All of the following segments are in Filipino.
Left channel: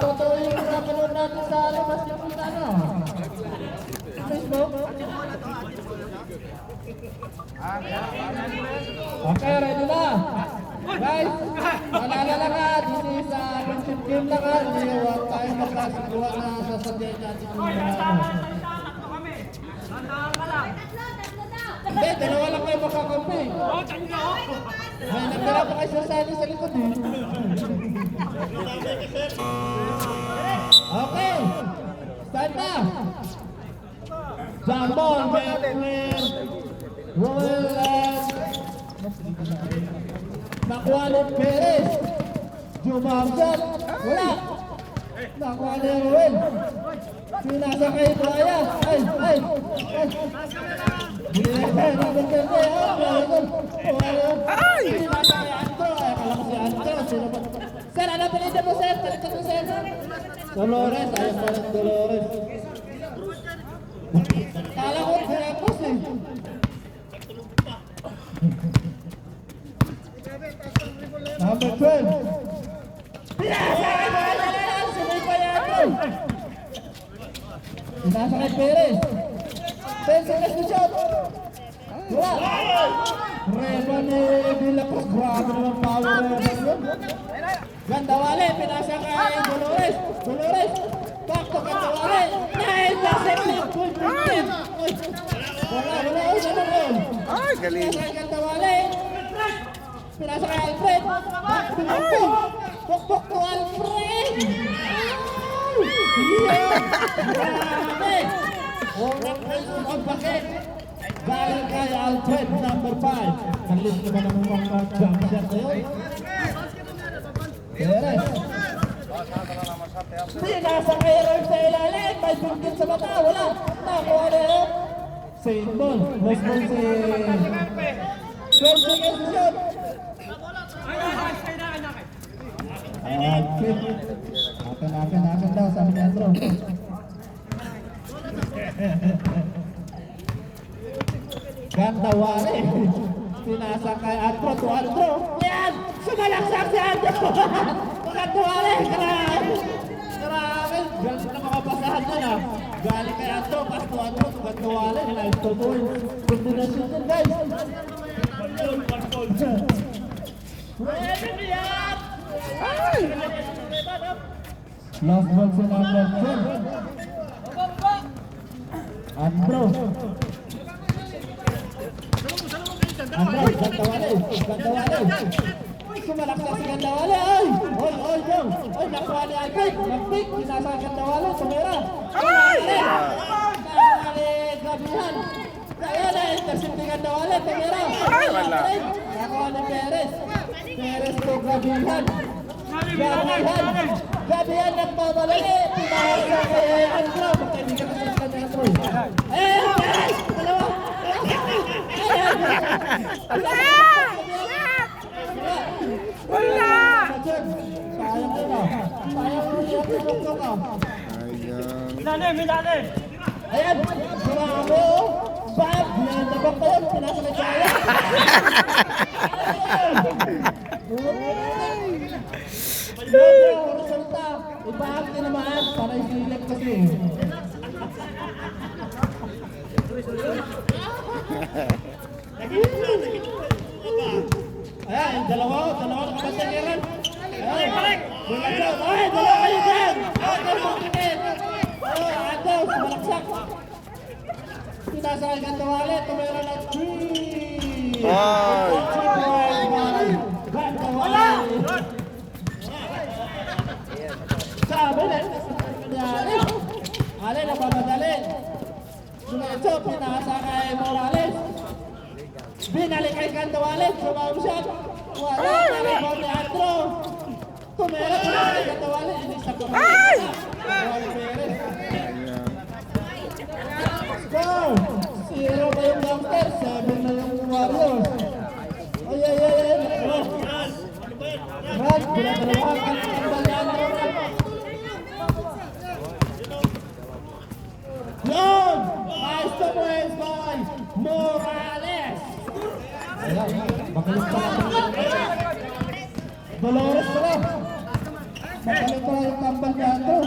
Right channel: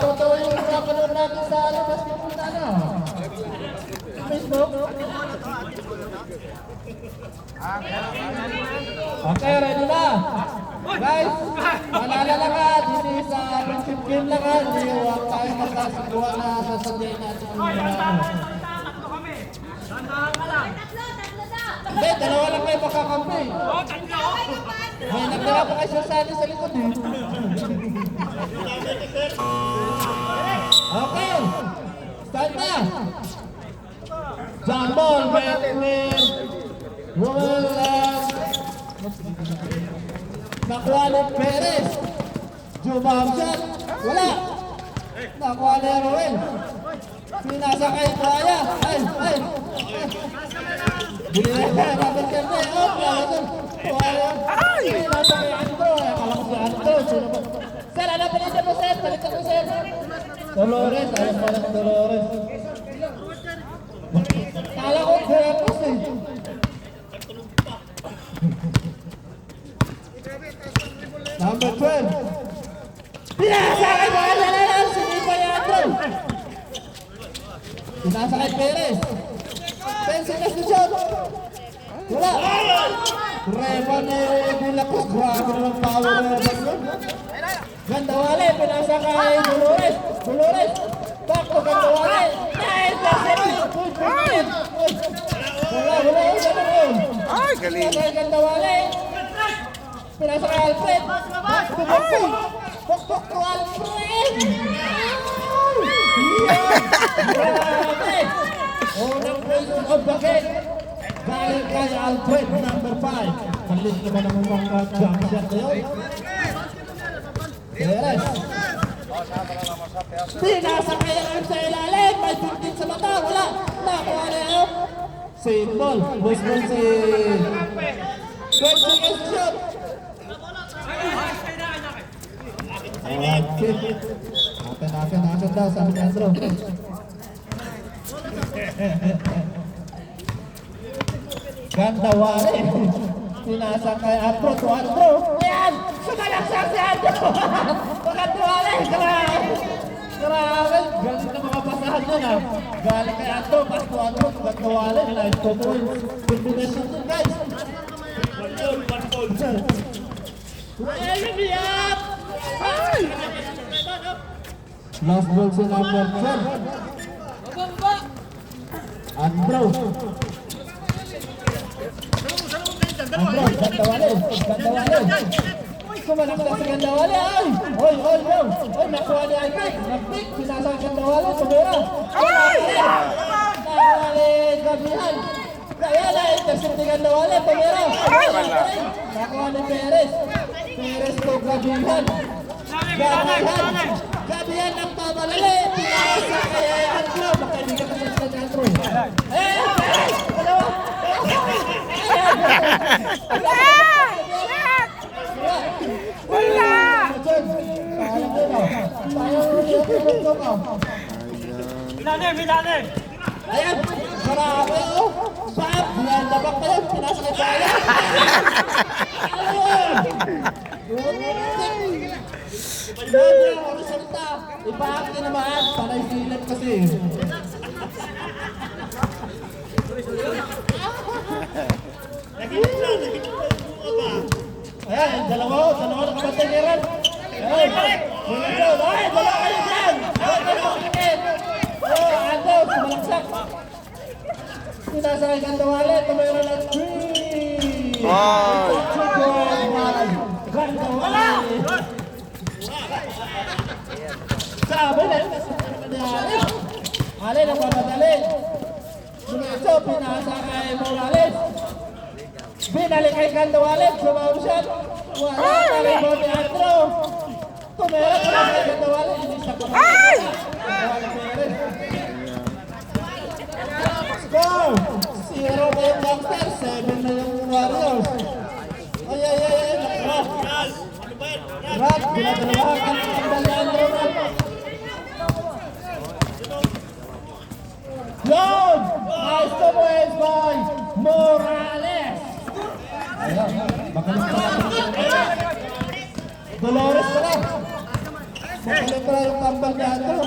totoo yung napanood natin sa basketball na Facebook. Okay, ready na? Guys, malala ka, this is friendship game lang ha. Hindi huwag tayo magkasagawa na sasadyain natin yung mga Hindi, dalawa lang kayo makakampi. May nagdala pa kayo sasali sa likod eh. Okay, start na. Jump ball between Roel nakuha ni Perez. Jump shot, wala. Nakuha ni Roel. Pinasa kay Brian. Ay. Pinasa kay Andro. Akala ko si Andro. Sir, ano palita mo sir? Palita mo sir. Dolores, ayaw pa ng Dolores. Kala ko Veracruz eh. Number 12. Pinasa kay Perez. Sinipa niya Andro. Pinasa kay Perez. Perez na shot. Wala. Revan ni Lacos. Grabe naman power na yun. Gandawale. Pinasa kay Dolores. Back to Gandawale. Nice. Wala. Ay, galing. Gandawale. Pinasa kay Alfred. Back to Alfred. Pokpok to Alfred. Grabe. Unang prison of the game. Galing kay Alfred, number 5. Kalit naman ang mga jump shot na yun. Perez. Hindi nasa kay Erwin sa ilalim. May 15 sa mata. Wala. Nakuha na yun. Same ball. Boss ball si... Perez shot. Okay. Nakan daw sabi ni Andro. Gandawale. Pinasa kay Andro to Andro. Yan! Sumalaksak si Andro! Gandawale! Grabe! Ganun na mga pasahan nun ha. Galing kay Andro. Pas to Andro. Gandawale. Nice to goal. Combination dun guys. Last ball si number 12. Andro, Gandawale. Sumalaksak si Gandawale. Ay, nakuha ni Alfred. Nag-pick, sinasa ka Gandawale. Tumira. Gandawale, gabihan. Kaya na-intercept ni Gandawale. Tumira. Nakuha ni Perez. Perez ko gabihan. Gabihan nagtabalali. Pinasa kay Andro. Baka hindi ka kasasya ni Andro. Perez! Dalawa! Wala! Ayan! Marami o! Bak! Nandabak pa yun! Pinasa kay Kaya! Resulta! Ipaaki naman! Para isilip kasi! Ayan! Dalawa nakabantay ni Ran! Ayan! Dalawa kayo dyan! Andro! Sumalaksak! Pinasa kay Gandawale! Tumira ng 3! Ay! Gandawale! Sabi na! Alin ang mamadali! Sumecho! Pinasa kay Morales! Binalik kay Gandawale! Sumausan! Wala! Talibon ni Andro! Tumira kay Gandawale! Inis na Ay! Score! 0 pa yung Gangster, 7 na yung Warriors. Ay! Rad, binadalawakan ang Andro. Yun! Nice to boys by Morales! Ayan, makalis pa natin. Dolores pala. Palitra yung tambal ni Andrew.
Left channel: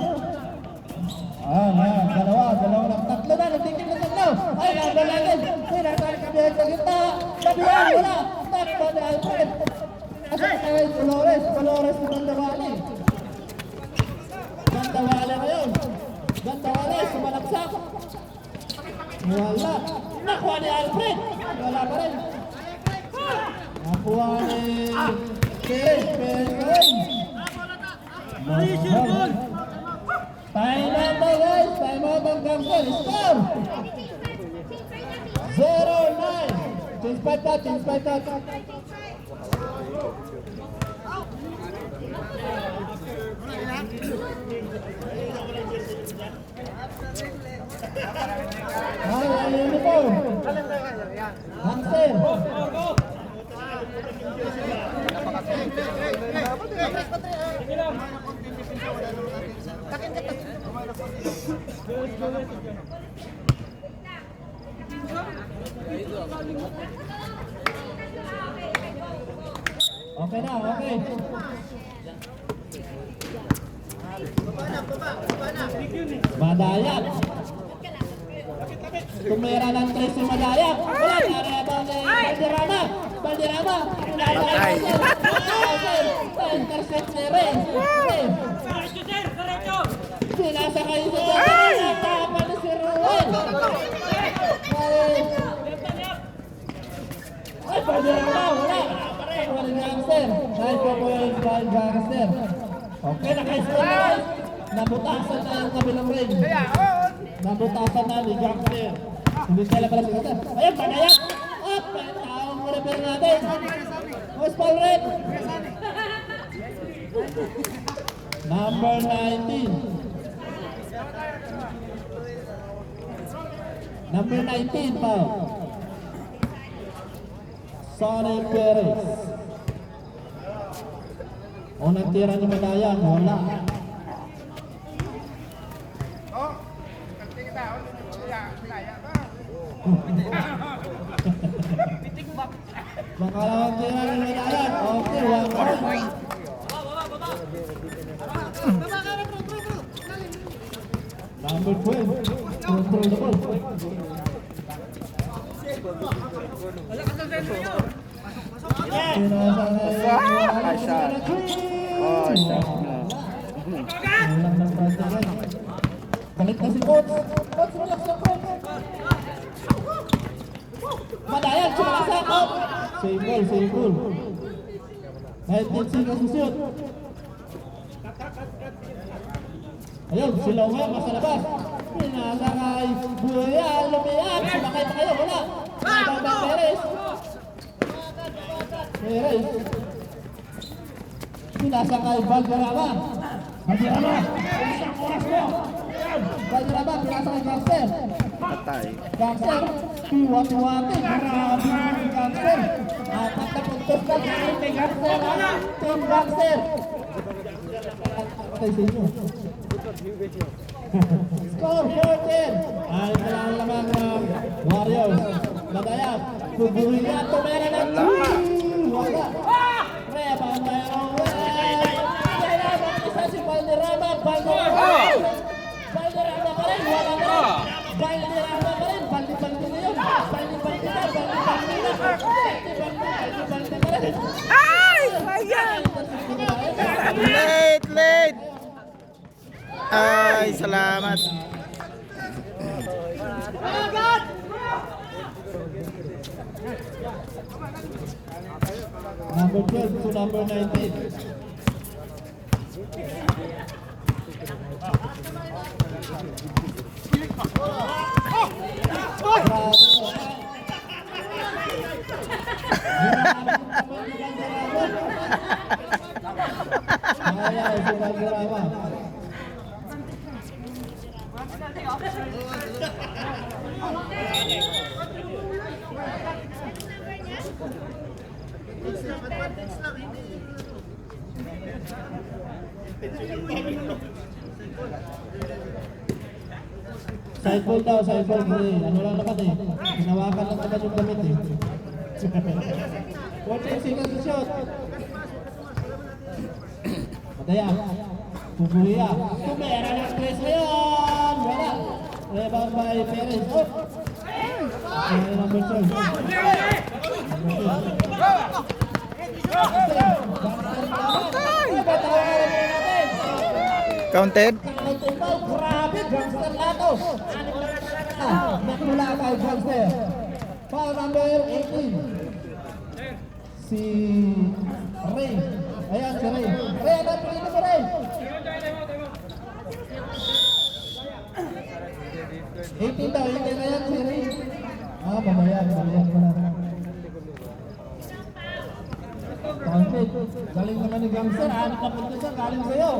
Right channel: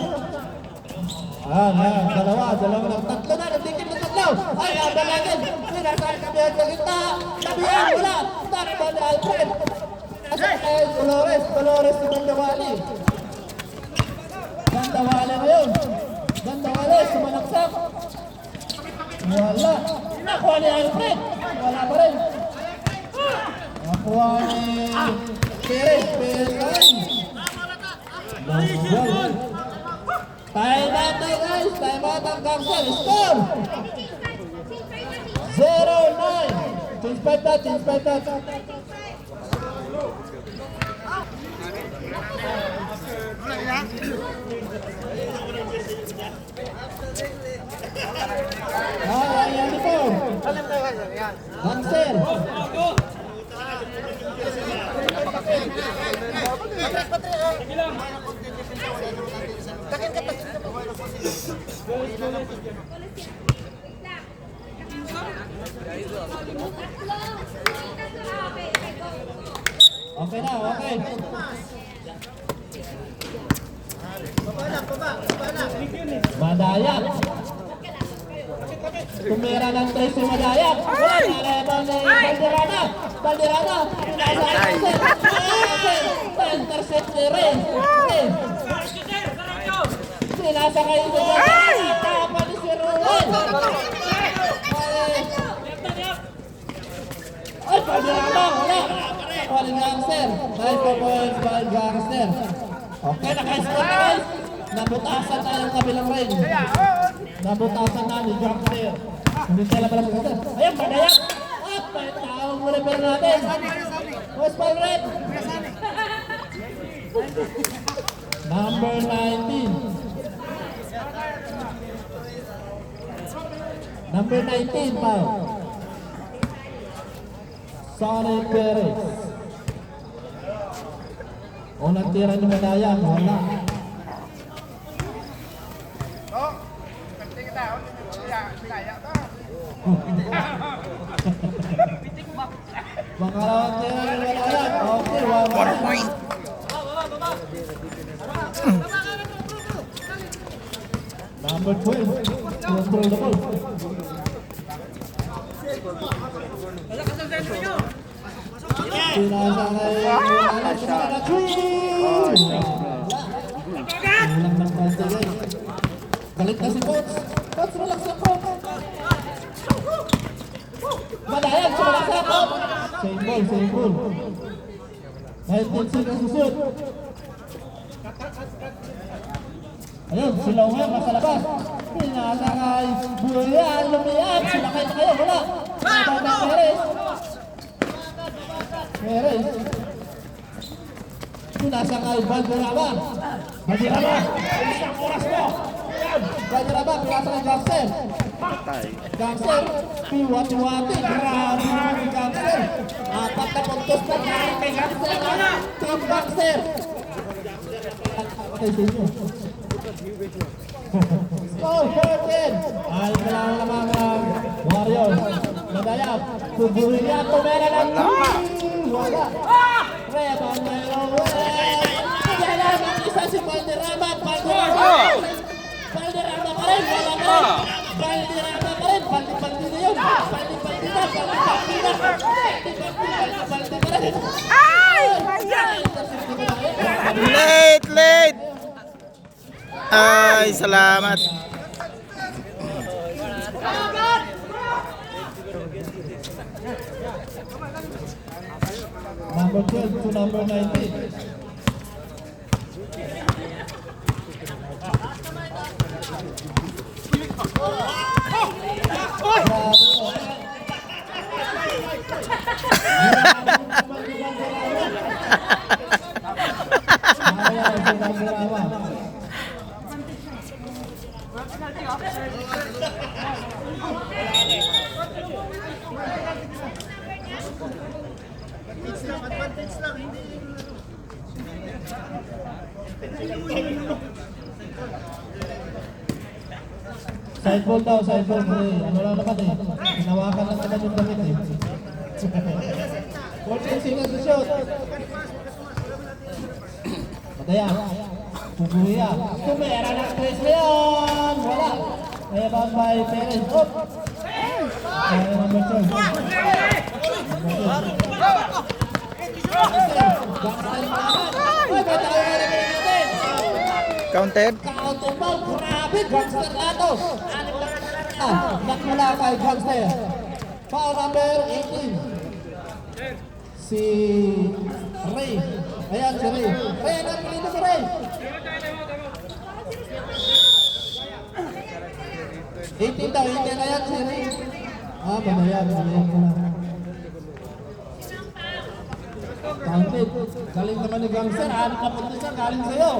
Dalawa lang. Tatlo na, nagdikit na tatlo. Ay, natin. Pinasal kami ang gitna. Labihan, wala. Tariban na Alfred. Nasa kay Dolores si Gandawali. Gandawali ngayon. Gandawali, sumalaksak. Wala. Nakuha ni Alfred. Wala pa rin. Nakuha ni Perez ngayon. Time out na guys. Time out ang Gangster. Score! 0-9. Change 5 na. Ayan ito. Gangster. Okay na, okay. Madaya. Tumira ng 3 si Madaya. Balderana. Intercept ni Rey. Sinasa kayo sa tama ni si Ruel. Ay, Balderana. Wala Gangster. Nice performance by Gangster. Okay, naka-score na guys. Nabutasan na ang kabilang ring. Nabutasan na ni Gangster. Hindi sila pala si Gangster. Ayan, Madaya. Up, ang muli-muli natin. West Ball Red. Number 19. Number 19 pa. Sonny Perez. Unang tira ni Madaya, wala. Pangalawang tira ni Madaya, okay, 1 point. Number 12, control the ball. Pinasa galit na si Coach. Coach, relax lang Coach. Madaya, sumalaksak Coach. Same ball. 19 seconds to shoot. Ayun, silaw nga, nasa labas. Pinasa kay Buyan, lumiyan. Sumakay na kayo, wala. Perez. Pinasa kay Balderama. Balderama, isang oras mo. Balderama, pinasa kay Gangster. Gangster, piwati-wati. Grabe naman si Gangster. 4 na puntos na galing kay Gangster. Team Gangster. Okay sa inyo. Score, 14. Ay, kailangan lamang ng Warriors. Madaya, Kuburiliato na lang ang wala. Rebound na yung kailangan isa si Balderama. Balderama pa rin. Balderama pa rin. Baldi-baldi na yun. Baldi-baldi na rin. Ay! Late! Ay, salamat. Number 12 to number 19. Sideball daw, sideball. Ano lang naman eh. Hinawakan lang naman yung damit eh. 14 seconds to shoot. Madaya. Kukuya. Tumera ng tres ngayon. Wala. Ebang by Perez. Up. Kaya number 12. Counted. Counted ball. Grabe. Gangster Lato. Anim na nakmula kay Gangster. Foul number 18. Si Ray. Ayan si Ray. Ray, ano pinito si Ray? 18 daw, 18 na yan si Ray. Manayan ko lang. Counted. Galing naman ni Gangster. Ano ka punta siya? Galing sa'yo.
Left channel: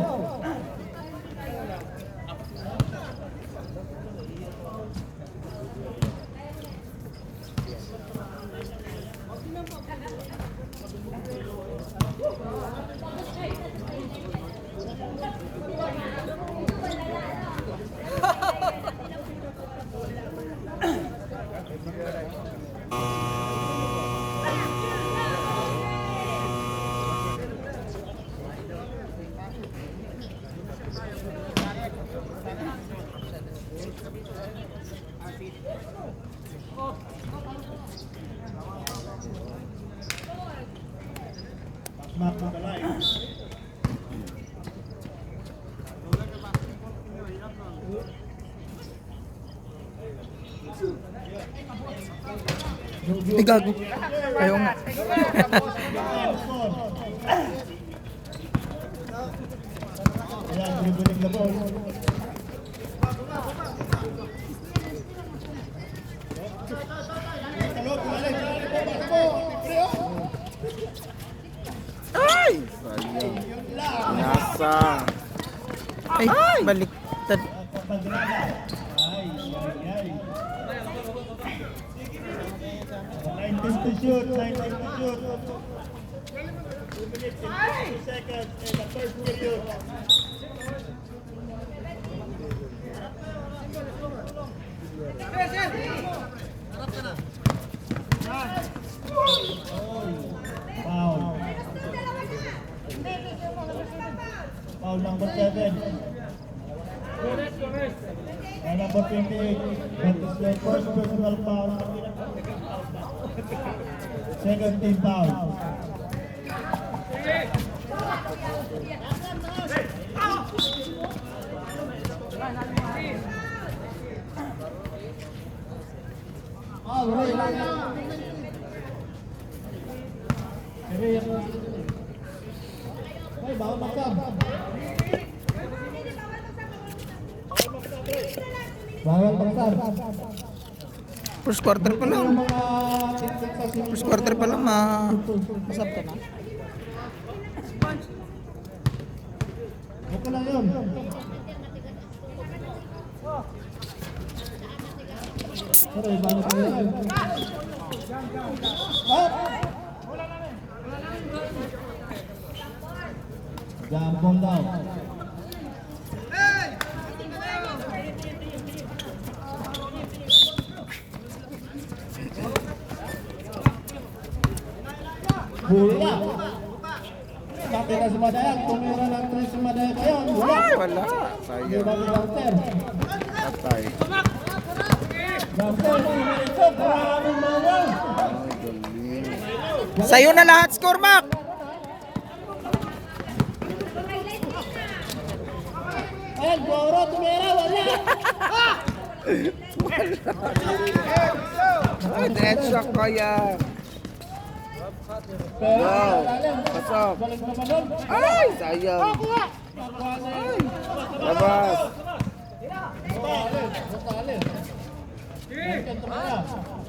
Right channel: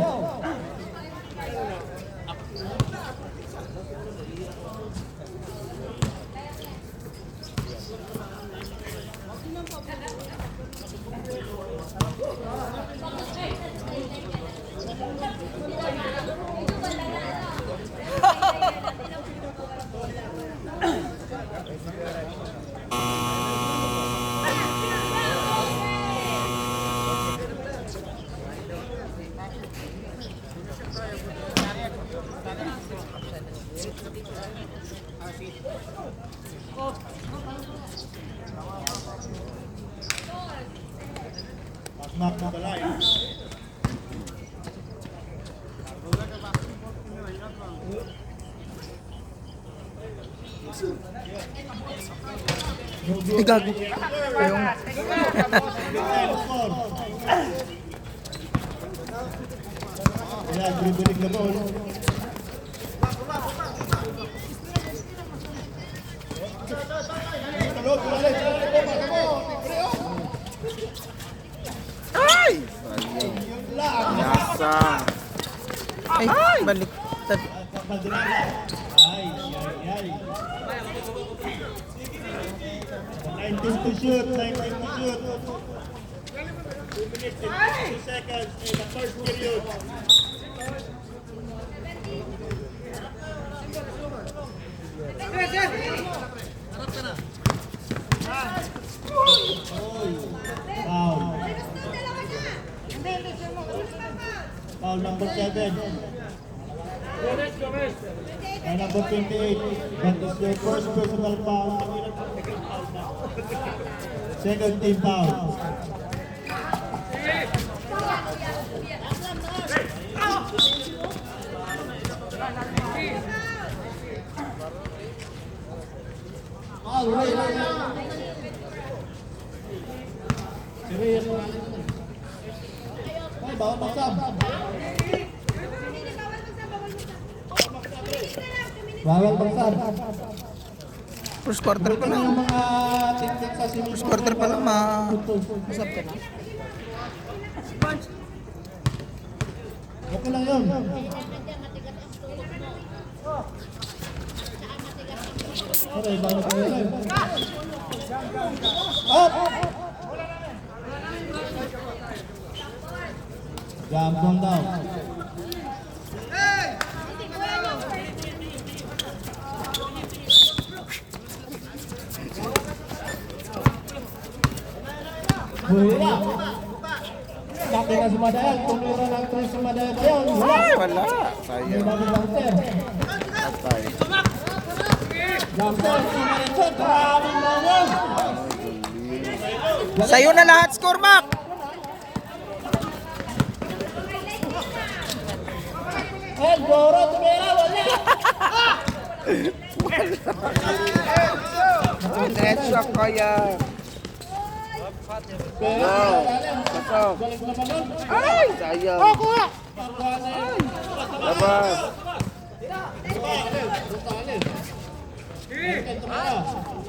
Mark to the line. Hindi gago. Ayaw nga. Ayan, dribbling the ball. Ay! Sayang. Nasa. Ay, baliktad. Ay. 19 to shoot, 19 to shoot. 2 minutes and 2 seconds in the first period. Foul number 7. And number 28. That is your first personal foul. Second team foul. Ay, bawal magsam. Bawal magsam. First quarter pa lang. Yung mga tinsik sa swimming First quarter pa lang masab ka na. Okay lang yun. Okay, bawal ka yun. Up! Jump ball down. Hula. Bakit na sumadayang? Tumira ng 3 sumadayang tayo. Ay, wala. Hindi Sayang. na Gangster. Atay. Gangster, sumaritso. Grabe naman. Sa'yo na lahat, score back. Ay, Goro, tumira. Wala. Netshot ko yan. Pero, Kasap. balik na naman. Ay, sayang. Labas.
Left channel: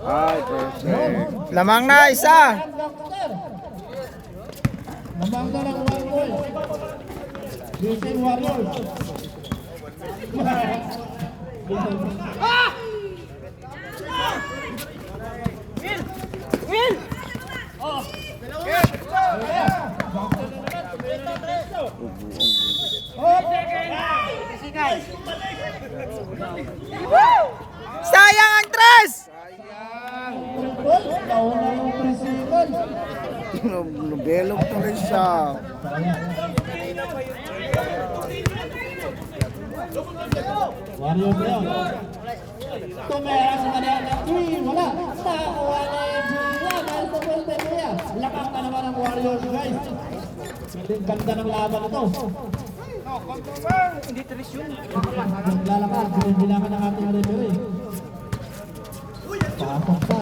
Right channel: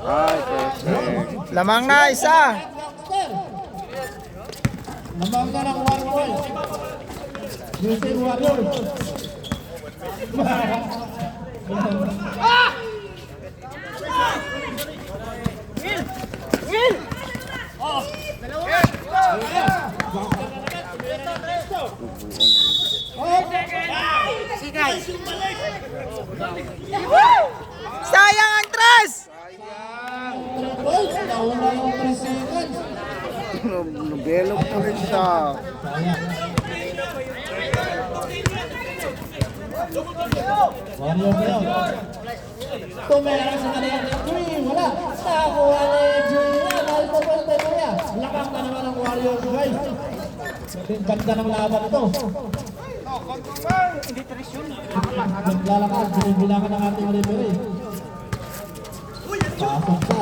Ay, perfect. Lamang na, isa. Lamang na ng 1 point. Losing Warriors. Sayang ang tres. Nauna yung 3 seconds. Nabelok pa rin siya. Warriors na yun. Tumera sa kanila ng 3. Wala. Nakakuha na yung Julia. Dahil po pwede niya. Lakang pa naman ng Warriors guys. Ganda ng laban ito. Naglalakad. Binibilangan ng ating referee. Pasok pa.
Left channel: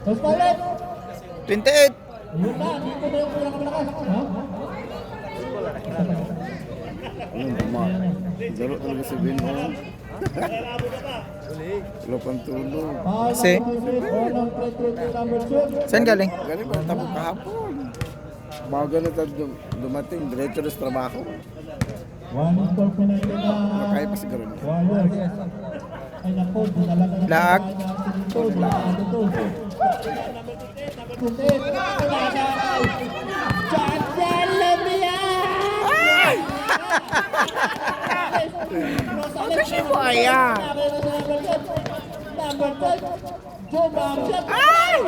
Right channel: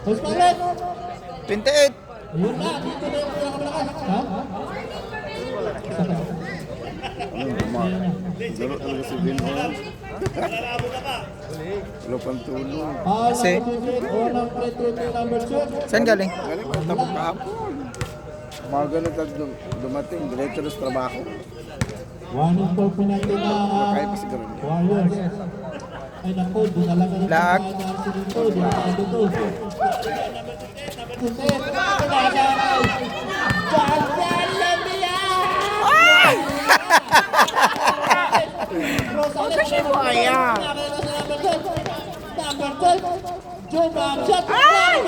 Espaget! 28. Yun na, dito na yung pinakamalakas. Ha? Dalo talaga si Vinho. Wala pang tulong. Kasi? Unang free throw to number 2. Saan galing? Galing pa tapos kahapon. Mga ganun at dumating, diretso na sa trabaho. One is for penalty na Kaya pa siguro niya. Warriors. Ay naku, dinalaga rin Lag. ang Darcy dito. Dinalaga dito. Kusit. Wala ay. Chantal Lamia! Ay! Ayan. Number 10. Jump shot. Ay!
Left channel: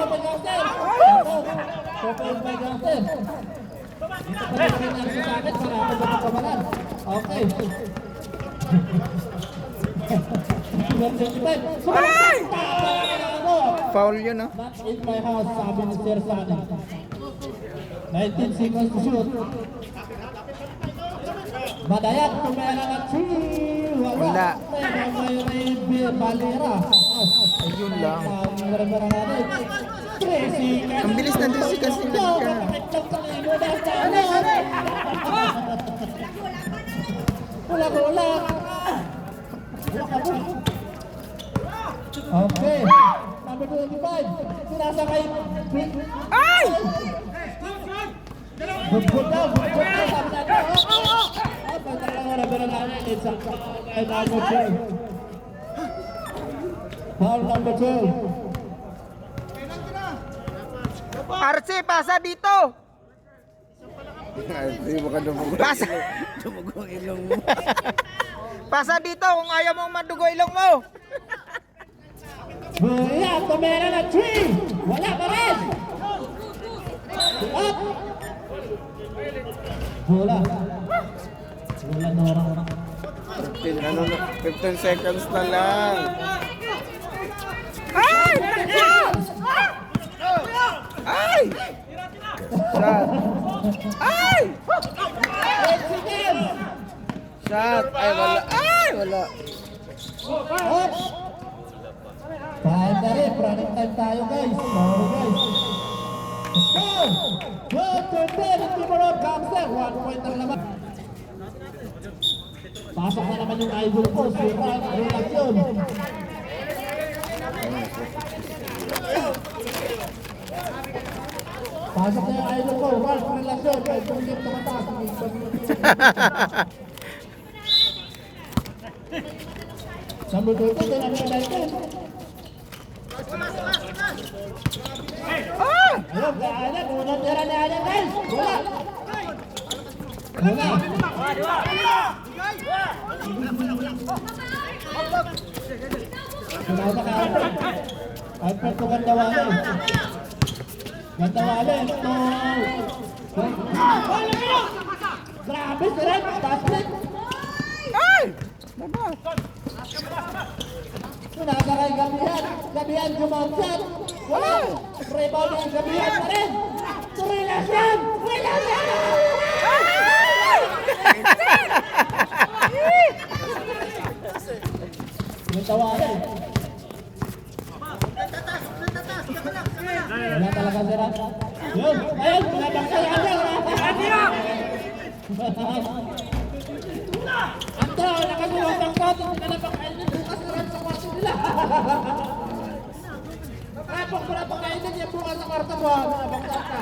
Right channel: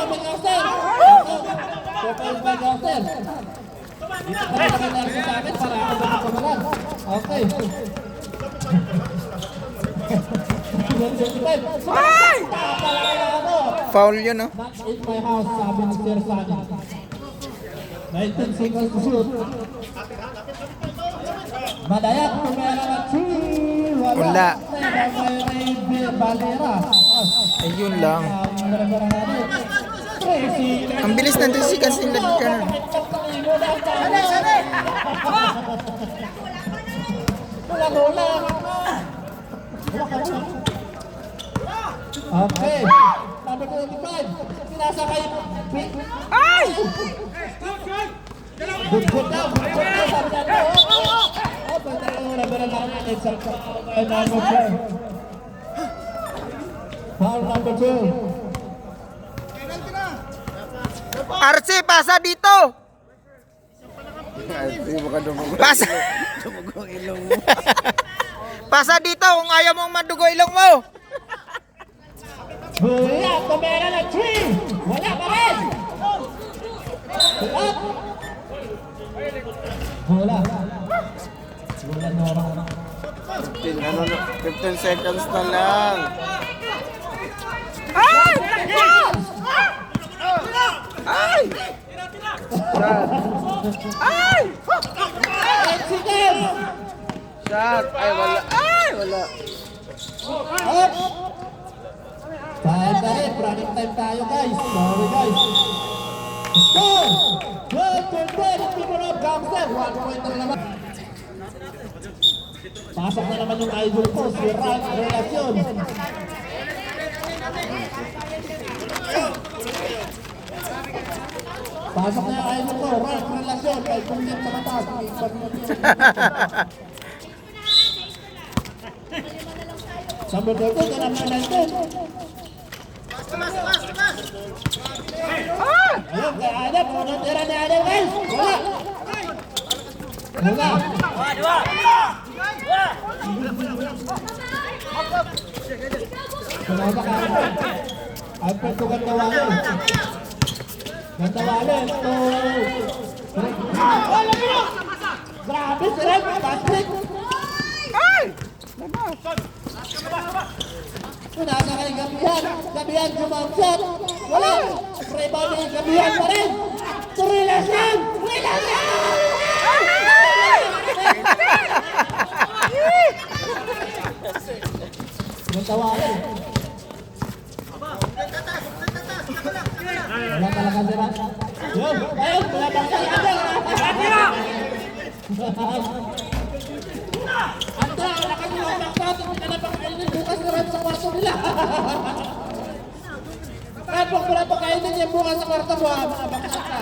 Tukay ba Gastel? Dito pa rin ang Darcy sa akin para ako makapamalan. Okay. Ay! Foul yun, no? Not in my house, sabi ni Sir Sani. 19 seconds to shoot. Madayat, tumera ng 3. Wala. May Ray Valera. Ayun lang. Ang Ang bilis ng 3 seconds nila dito. Okay. Number 25. Pinasa kay Ay! Good daw. Good daw. Sabi natin. Oh, pagtaka mo na ba lang natin sa kay number 12. Foul number 12. RC, pasa dito! Ay, hindi mo ka dumugo. Pasa! Dumugo ang ilong mo. Pasa dito kung ayaw mong madugo ilong mo! Wala, tumera ng 3. Wala pa rin. Up. Wala. Wala na orang. 15 seconds na lang. Ay! Ay! Shot! Ay! Mexican. Shot! Ay, wala! Ay, wala! Up. Time na rin. Running time tayo guys. Sorry guys. Score. 12-10 in favor of Gangster. 1 point na naman. Pasok na naman yung idol ko. Si Ran Relacion. Pasok na yung idol ko. Ran Relacion. Kay Tungit na matas. Number 13 na naman. Ayan, kaya Adam, unang tira ni Adam guys. Wala. Wala. Kumaba ka Adam. Alfred to Gandawale. Gandawale to... Wala mo na! Grabe si Red, basket. Ay! Pinasa kay Gabihan. Gabihan jumamsat. Wala. Rebound ni Gabihan pa rin. Turilas lang. Turilas lang. Yung tawanan. Wala talaga si Rat. Yun. Ayun. Wala bangkay ka dyan. Anta, nakagulong bangkot. Pinalapakainin. Bukas naman sa kwarto nila. Kapag wala pa kainin yung bukas sa kwarto mo, mga bangkot ka.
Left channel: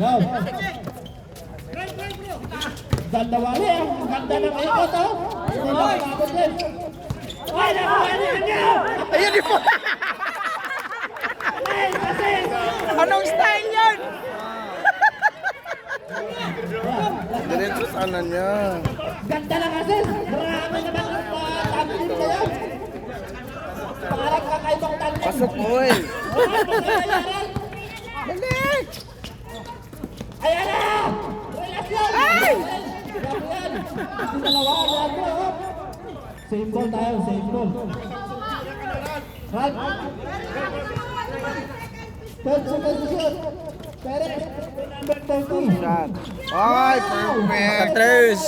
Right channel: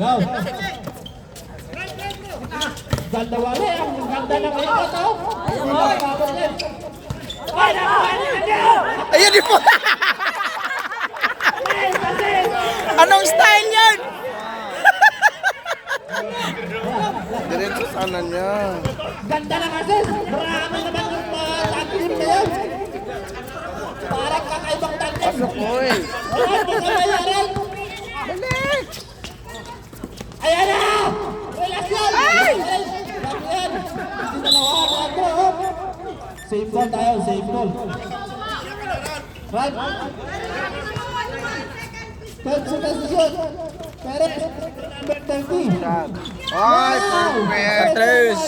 Go! Ganda wali, ang ganda ng ikot, oh! Wala! Ay, nakuha niya niya! Ayun di po! Anong style yan? Diretso sana niya. Ganda ng assist! Marami naman ang tapilim na yun! Parang kakaibang tandem. Pasok mo eh. Ayan, ayan. Dali! Ayan na! Relasyon! Ay! Relasyon! Dalawa na ako. Save ball tayo, save ball. Right? Konsultasyon. Pero, number 30. Ay, perfect! Tres.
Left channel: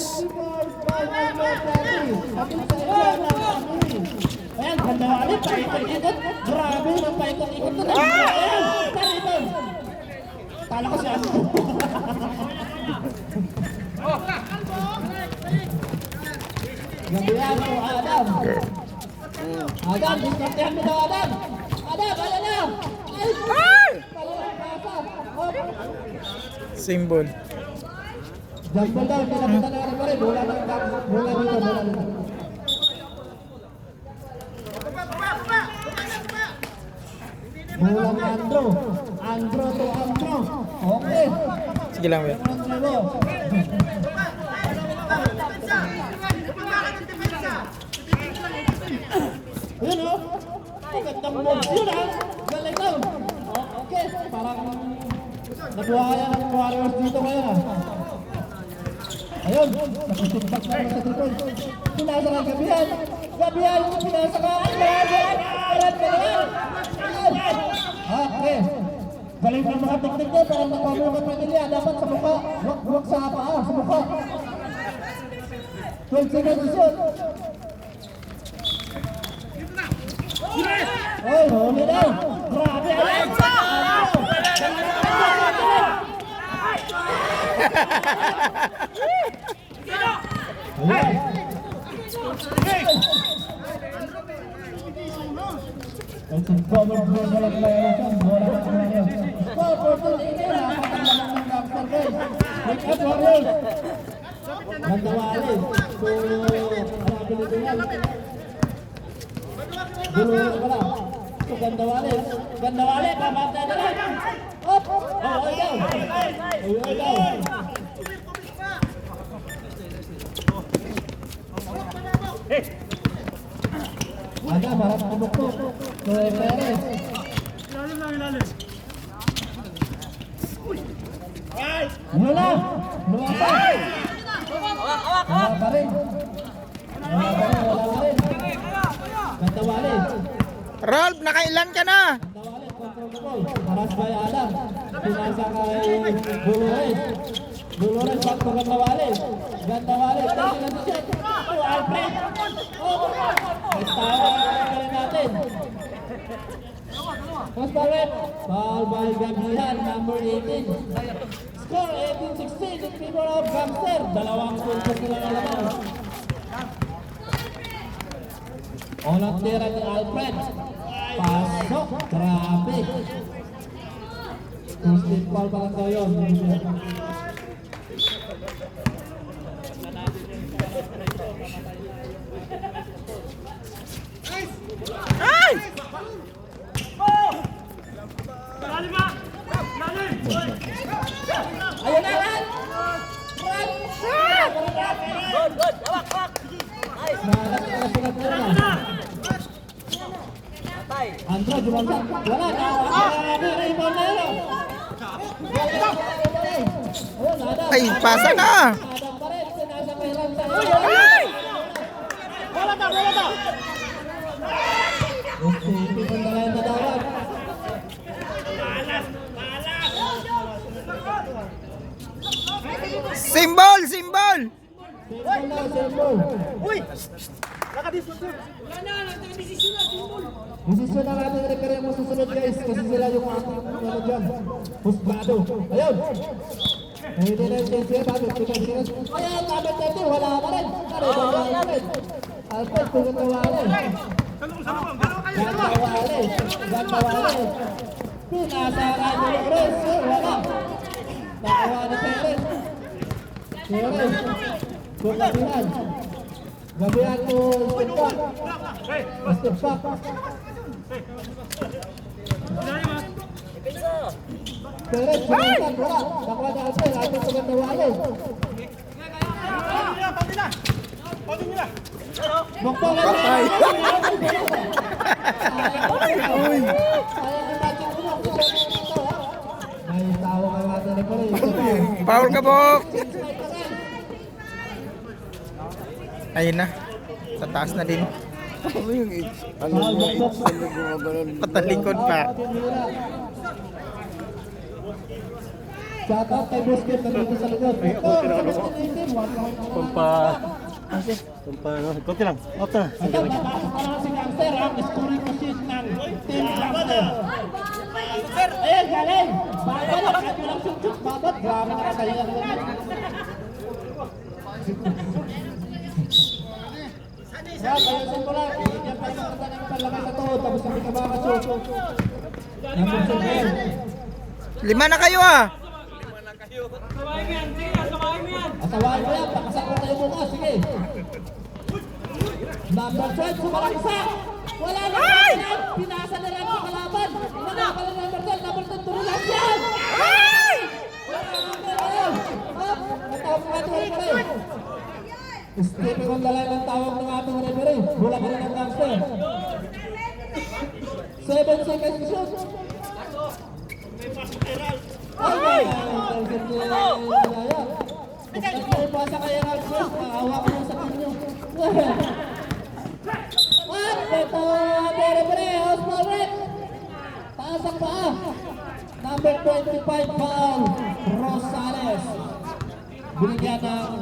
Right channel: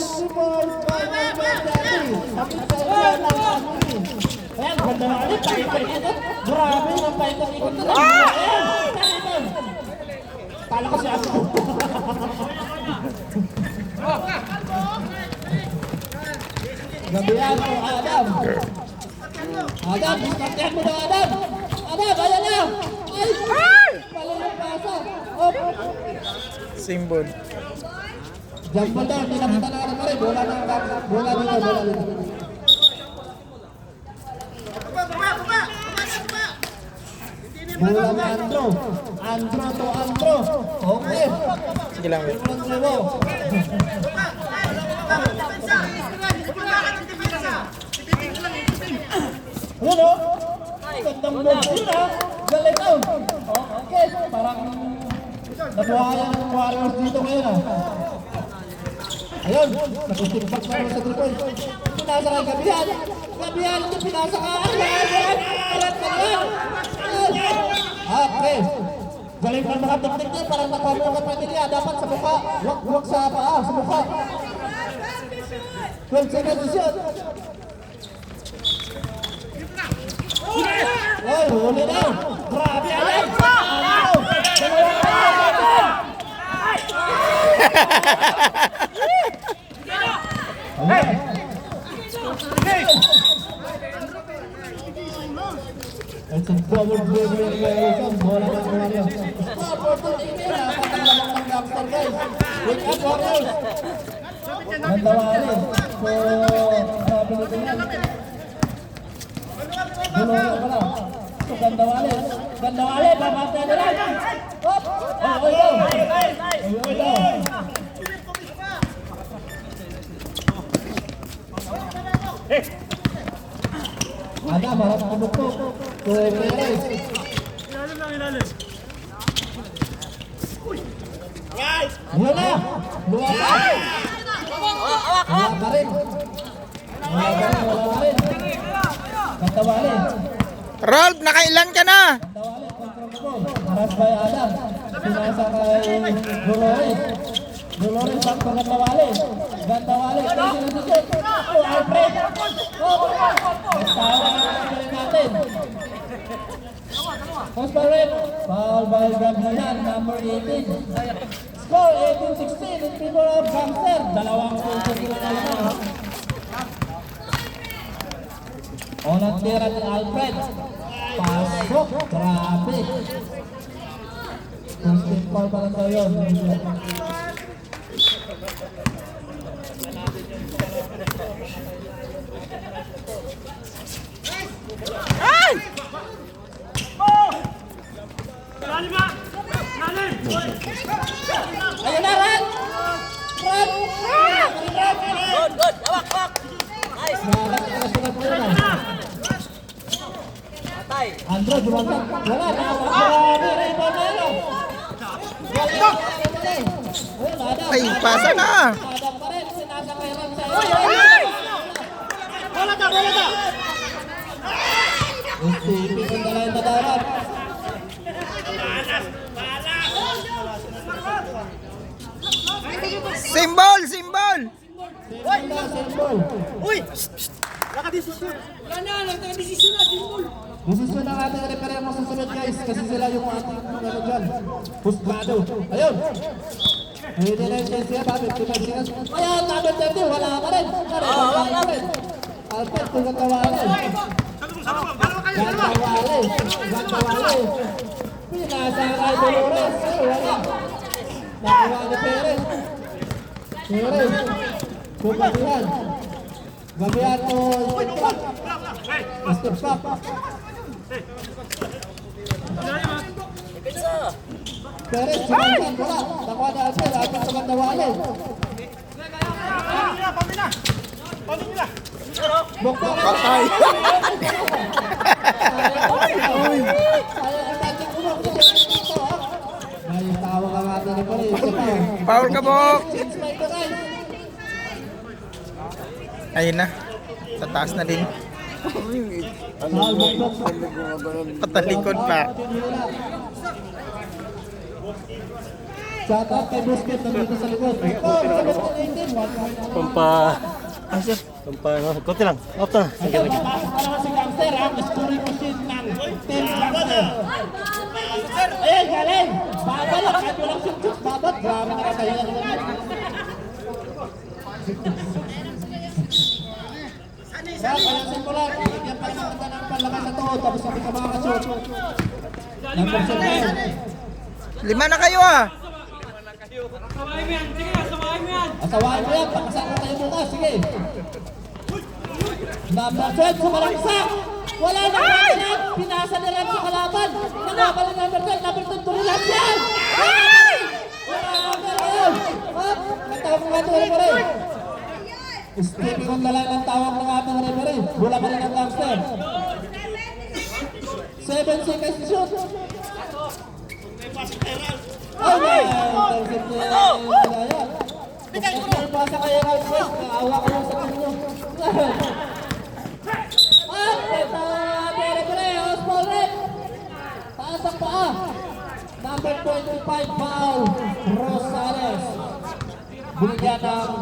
Ayan, ganda na ulit. Paikot-ikot. Grabe yung paikot-ikot. Ayan! Ayan! Kala ko si Ano. Gabihan mo, Adam. Adam, diskartehan mo na, Adam. Adam, ayan na. Ay! Symbol. Jambal na, hindi nakita na ano pa rin. Bola na, bola dito, bola dito. Bola na Andro. Andro to Andro. Okay. Sige lang, wait. Andro mo. Yun o. Gandang move yun ha. Galing yun. Okay. Parang nabuhayan ng Warriors dito ngayon ha. Ayun. Nagusipag na sa triple. Pinasa ka Gabihan. Gabihan. Pinasa ka. Okay. Galing pa mga teknik niya. Parang nakamukat na nila. Dapat sa mukha. Huwag sa paa. Sa mukha. 12 seconds yun. Oy, huli na. Grabe. Ayan. Ayan. It's a double dribble of players. Bola ng Warriors. Score for Tolini. Napatanggalan ng Gangster guys. Wake up Warriors. Nandawali. So, grabe nito yun. Duluyan ko lang. So, Gandawali. Gandawali. Babante na lang. What? Ay, daw. Ada marah pumukpok. So, Perez. Ilalim lang, ilalim. Yun na! Luwa pa! Wala pa rin. Wala pa rin. Gandawali. Rolf, nakailan ka na? Gandawali, control ball. Pass by Adam. Pinasa kay Dolores. Dolores ang Gandawali. Gandawali. Kasi na si Jet. Oh, Alfred. Bestahan ang natin. Pass by Red. Foul by Gabihan, number 18. Score 18-16 in favor of Gangster. Dalawang punto sila naman. Olang tira ni Alfred. Pasok. Grabe. First team foul pa lang daw yun. Ay! Ilalim ba? Ilalim! Ayun na, Ran! Ran! Good. Hawak. Nice. Sulat mo na. Andro, jumagan. Wala, nawak na ni Raymond na lang. Ay, pasa na. Adam pa rin, sinasa kay Ram sa Wala ka! Isipin ko na lang yung tadawan. Symbol, symbol. Symbol. Uy! Desisyon na natin referee mo susunod guys kasi sila yung ating ano dyan. Husgado. Ayun. Hindi na yung siya bakit? Ayan, namin natin. Wala ka rin. Alfred, kung gatawalan. Gantawale. Pinasa kay Dolores. Wala. Nakuha ni Perez. Perez. Kung Gabihan. Gabihan to step back. Step back. Ilalim ha! Perez, sumantan. Wala. Nakuha ni Alfred. Alfred sa Gantawale. Pabili na! Bukto. Patay. May tawag ang ating referee. Foul ka, Bok. Ayun na. Sa taas na din. Ano ba? Patalikod pa. Shout out kay Busquets na dito sa likod. Konti lang. Off na. Ito, papasok pa naman si Gangster, ang scoring machine ng Team Gangster. Eh, galing! Babalak at walang shoot babat. Grabe nakatalingan naman. Kaya simula, bigyan pa naman ka ng panlakas na to, tapos kami ka makakashoot. Number 7. 5 na kayo ah. Asawain mo yan, pakasama tayo bukas, sige. Number 12, sumalangsak! Wala na kalaban! Pinasa na lang sa kalaban! Nangabal na number 12, number 2, turilang yan! Natapos nga ito, referee! Skipping on na lang ang tawag ng ating referee. Bula pa rin ang Gangster. 7 seconds to shoot! Ay, kung may pasa kayo ng shoot, maawa ko sa kanyo. At ito, referee, Oswald Red. Taas ang paa. Number 25, Paul Rosales. Binigyan ng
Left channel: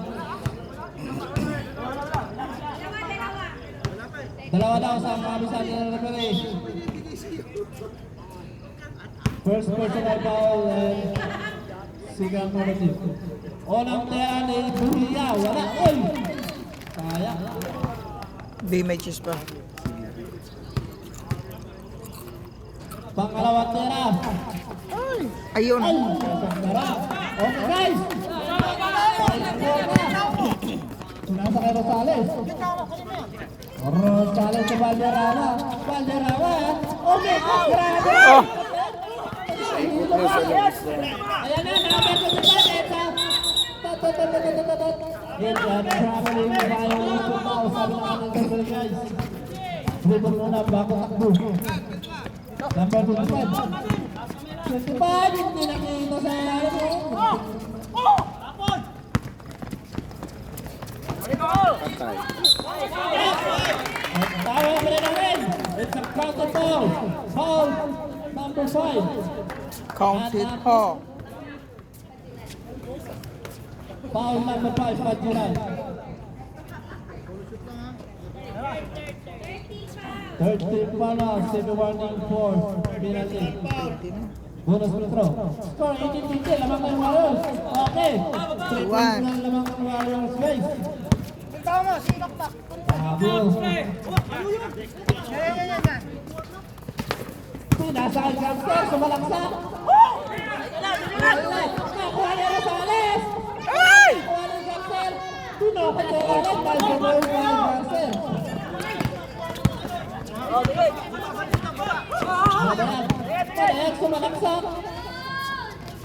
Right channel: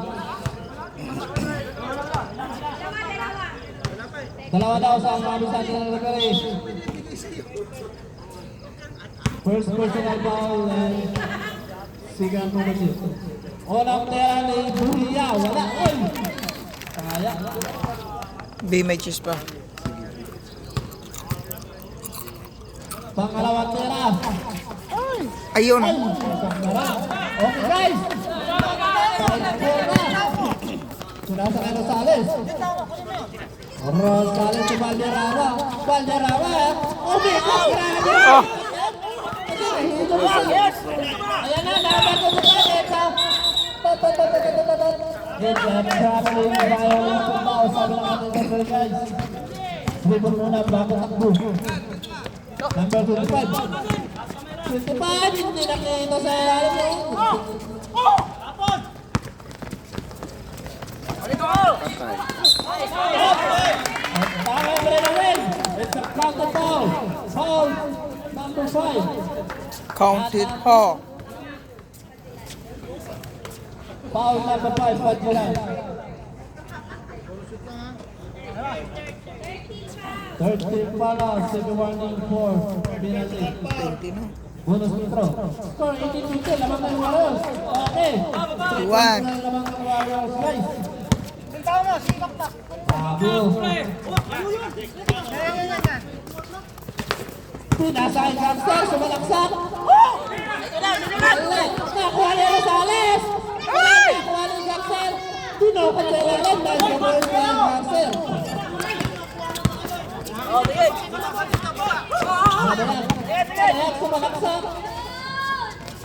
dalawa daw sa kabisan ng referee. First personal foul and second penalty. Unang tera ni Buhiya, wala. Oy! Kaya. B may cheese pa. Pangalawang tera. Ayun. Okay guys! Final four na. Sinasa kay Rosales. Rosales si Valderrama. Valderrama. Okay, grabe. Oh. Ayan na, nakabago sa planeta. And traveling violation daw, sabi ng ating referee guys. Dribble muna bago takbo. Number 25. 25, hindi nakita sa ilalim mo. Patay. At tawag pa rin ang win. It's a counted foul. Foul number 5. Counted ho. Foul number 5, Padjulan. Third team para, second warning for penalty. Bonus intro. Score 18-15, lamang ng Warriors. Okay. 3 points na lamang ng Warriors, guys. Bago. Pinasay Gangster, sumalaksak. Nakuha ni Rosales. Nakuha ni Gangster. Pinukot sa ilalim dahil sa boy ng Gangster. Kaya sumalaksak.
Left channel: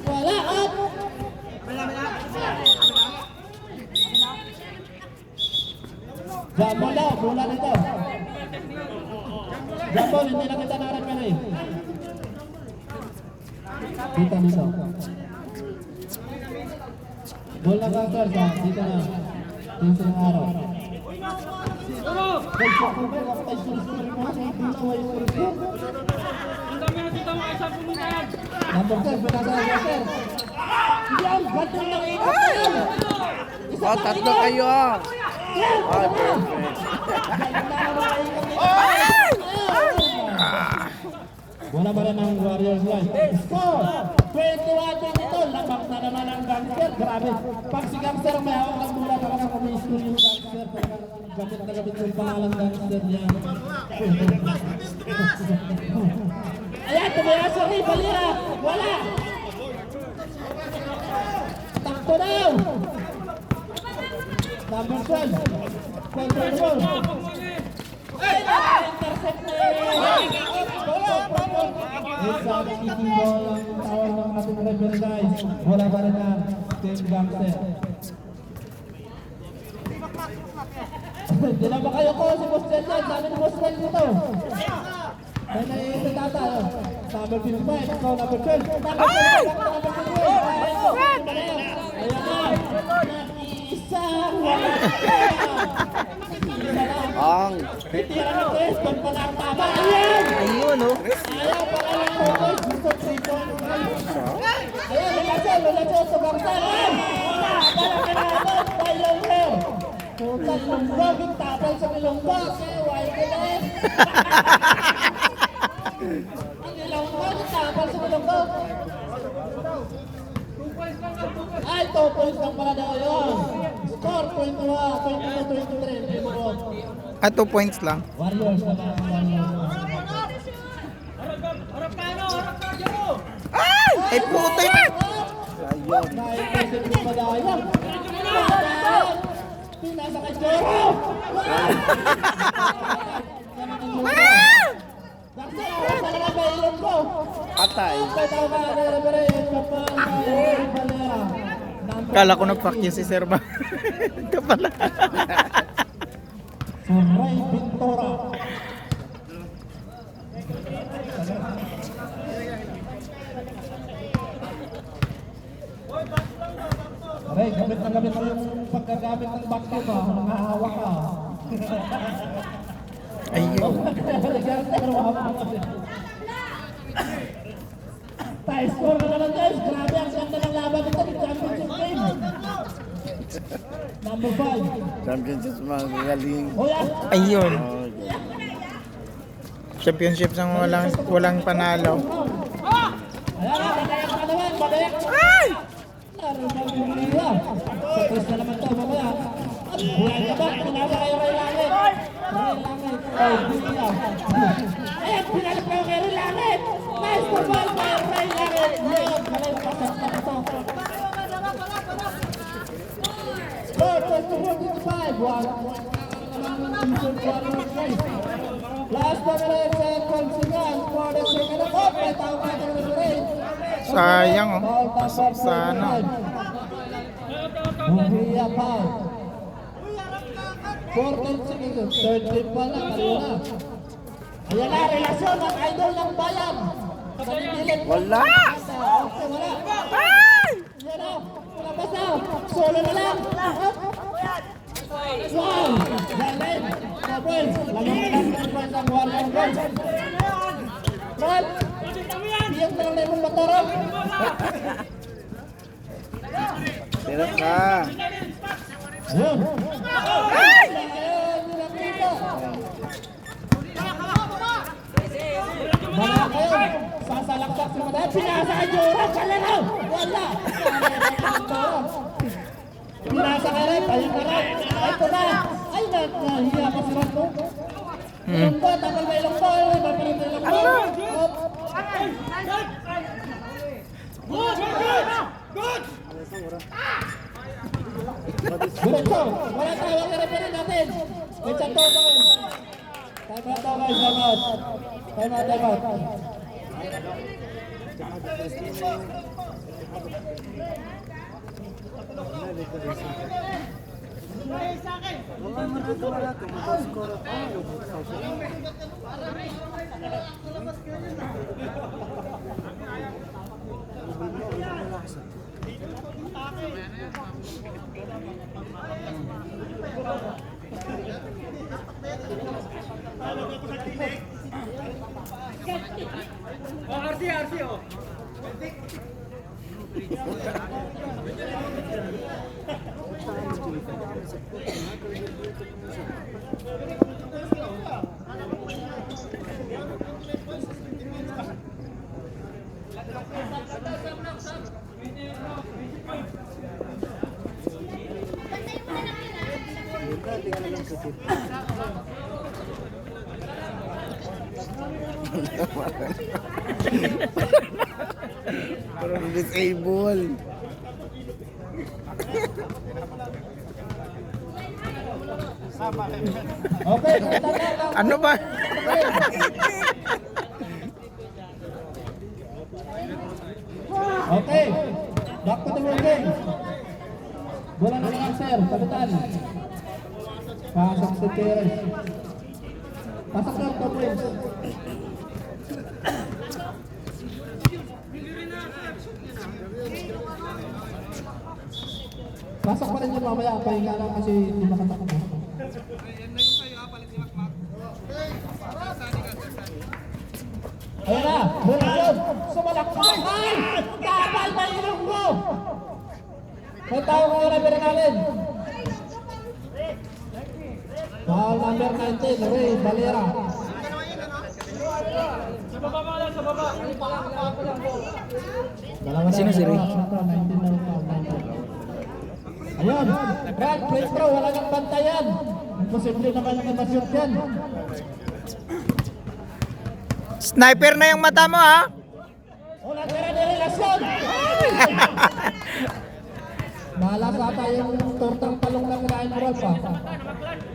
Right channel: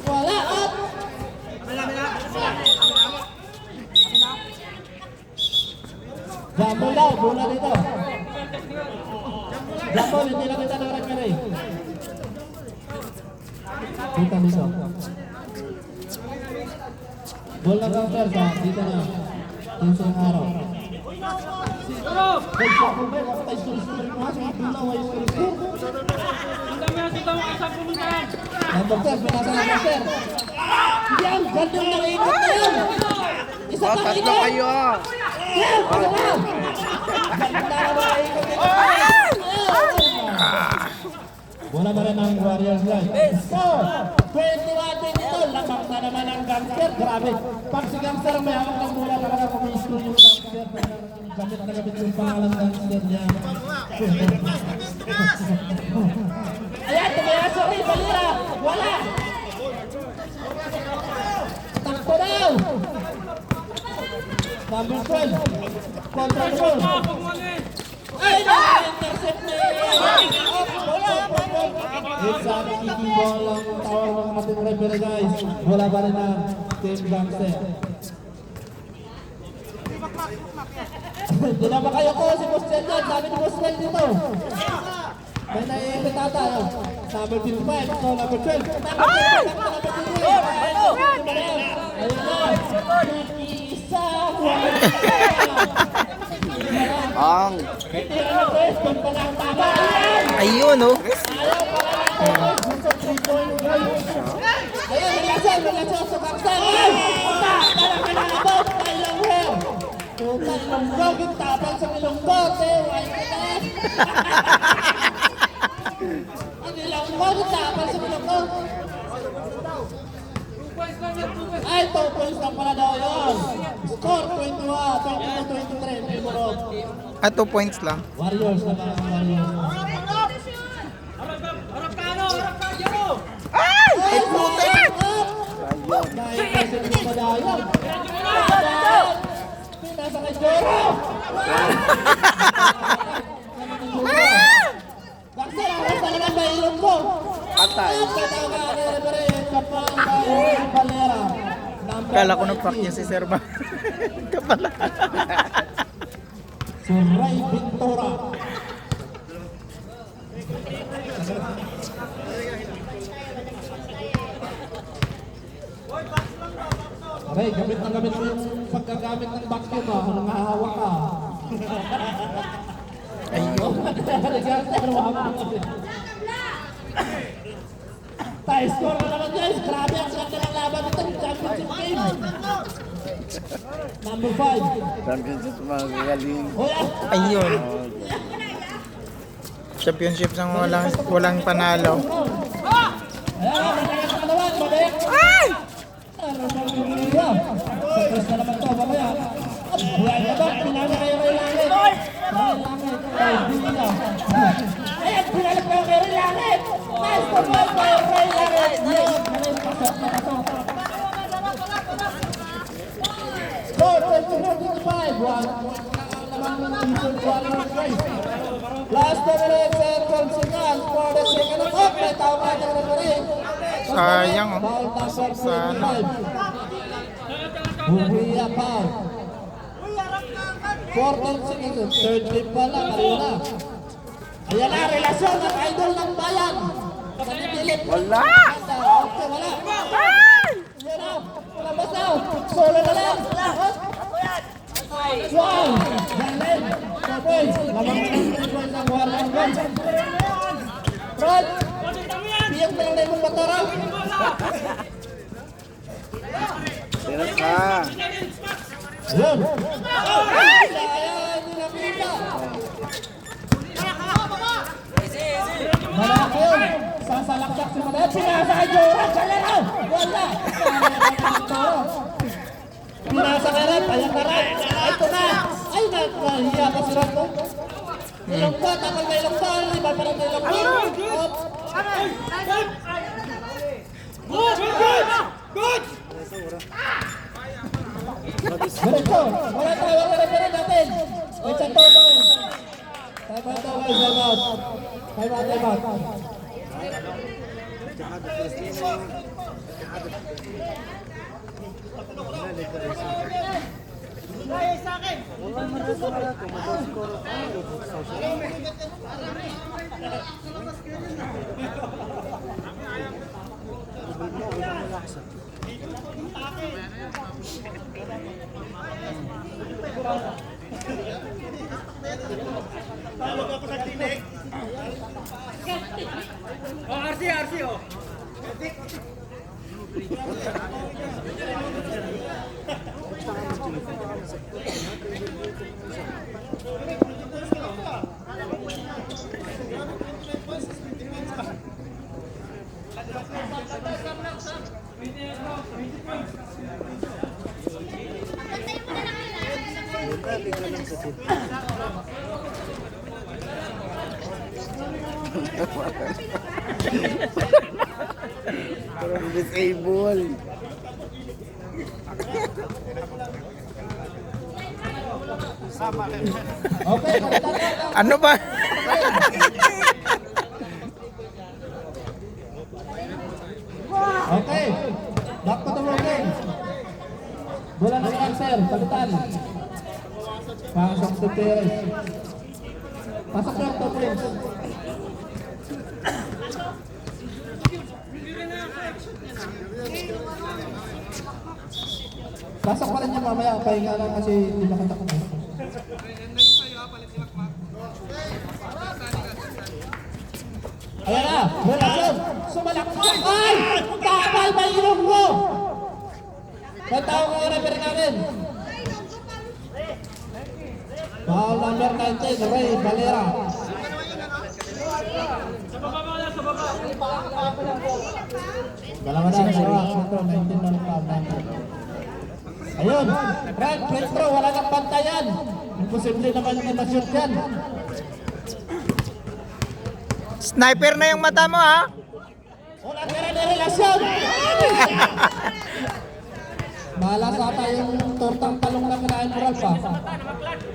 Wala up. Jumbo daw, bola dito. Jumbo, hindi na kita narakari. Dito. Bola Gangster sa dito na. Dito ng araw. Guys, kung may wakta iskuri-skuri mo, sa bola, way iskuri-skuri. Number 12, pinasa ng Gangster. Yan, gandang nakikot na yan. Isa pang Tatlo ikot. kayo. Wala ba na ng Warriors guys? Score! 21 din ito. Lapak na naman ang Gangster. Grabe. Pag si Gangster may hawak ng mula talaga kumiscore yung Gangster. Gamit na gamit yung pangalan ng Gangster niya. Ayan, tumaya sorry. Balira. Wala. Takbo daw. Number 12. Control ball. Ay, intercept na. It's a kicking ball ang tawag ng ating referee guys. Wala pa rin ang Team Gangster. Hindi na ba kayo ko si Boss Jan dyan? Sabi ni Boss Jan dito. May naiipitata. Number 55 to number 12. Ayun na. Nag-iisang Ang Ayun, oh. Ay, 2 points lang pala daw yun. Score 22-23. Libero. 2 points lang. Warriors na ba? Ay, putik! Dahil kasi ng padayan. Pinasa kay Jero. Bakit ako talaga sa ilong ko? atay. Kala ko nag-fuck niya si Sir Ma. Kapala. Si Ray Ventura. Ray, gamit mo yung pagkagamit ng vacuum ba? Kung nangahawak ka. Ayun. Tayo, score na naman guys. Grabe ang ganda ng laban ng championship game. Number 5. Championship mga gagaling. Ayun. Championship ng walang panalo. Ayan, magkayang kalawan, babek. Ay! Sa press na naman ito, mamaya. Buhay na ba? Pinasa kayo kay Langit. Langit. Ay, hindi lang. Ayan, pinalap kayo kay Langit. Nice to ball kayo kay Langit. Leon, kalay mo pasok na pasok. Score, 24-25. One point na ang lamang ng season 1 race. Last minutes and 12 seconds for the second half. May tawag ng referee. Sayang, oh. Foul number Sana. 25. Buhiya foul. 14 seconds. Third clip pala, kanina. Ayan na, relasyon ng idol ng bayan. Pagkakilip. Wala. Okay, wala. Ayan na, wala ba sa? Solo na lang. Wow! Galing. 2 points. Lamang ng 3 points ang Warrior Boys. Rod! Piyak na lang na yung motorol. Sino ka? Ayun! Ayun! Nilamita! Malakon! Sasalaksak si Madet. Pinasa kay Joran! Kalalaw! Wala! Pinasa ka rin! Payang ka rin! Ito na! Ay! Nahiya ka si Rod mo! Ilong ka! Tapal ka ilong ka! Iba pa rin ilong ka! Gusto! Wala tayo ang referee natin! It's a total! Time out daw guys! Time out! Time out! Time out! Tawag ako sa tinik. RC, oh. Parang disable. Okay! Ano ba? Okay! Back to the working! Bola na lang sir! Sagutan! Pasok si Perez! Pasok lang 2 points! Pasok pa rin niya mamaya, pahinga lang kasi hindi makatakbo. Ayan na, wala yun. Sumalakay! Ay! Tapal na ilong mo! Nagtawag ang referee namin. Foul number 19, Ray Valera. Sa baba mo lang, sa baba. Dalawa na, dalawa. Ito, 19 na lang foul number. Ayun, Frank, free throw, wala kang bantayan. Imposible naman hindi ma-shoot yan. Sniper na yung mata mo ha. Wala ka na relasyon. Malas ata yung tortang talong na kinain mo Rolf,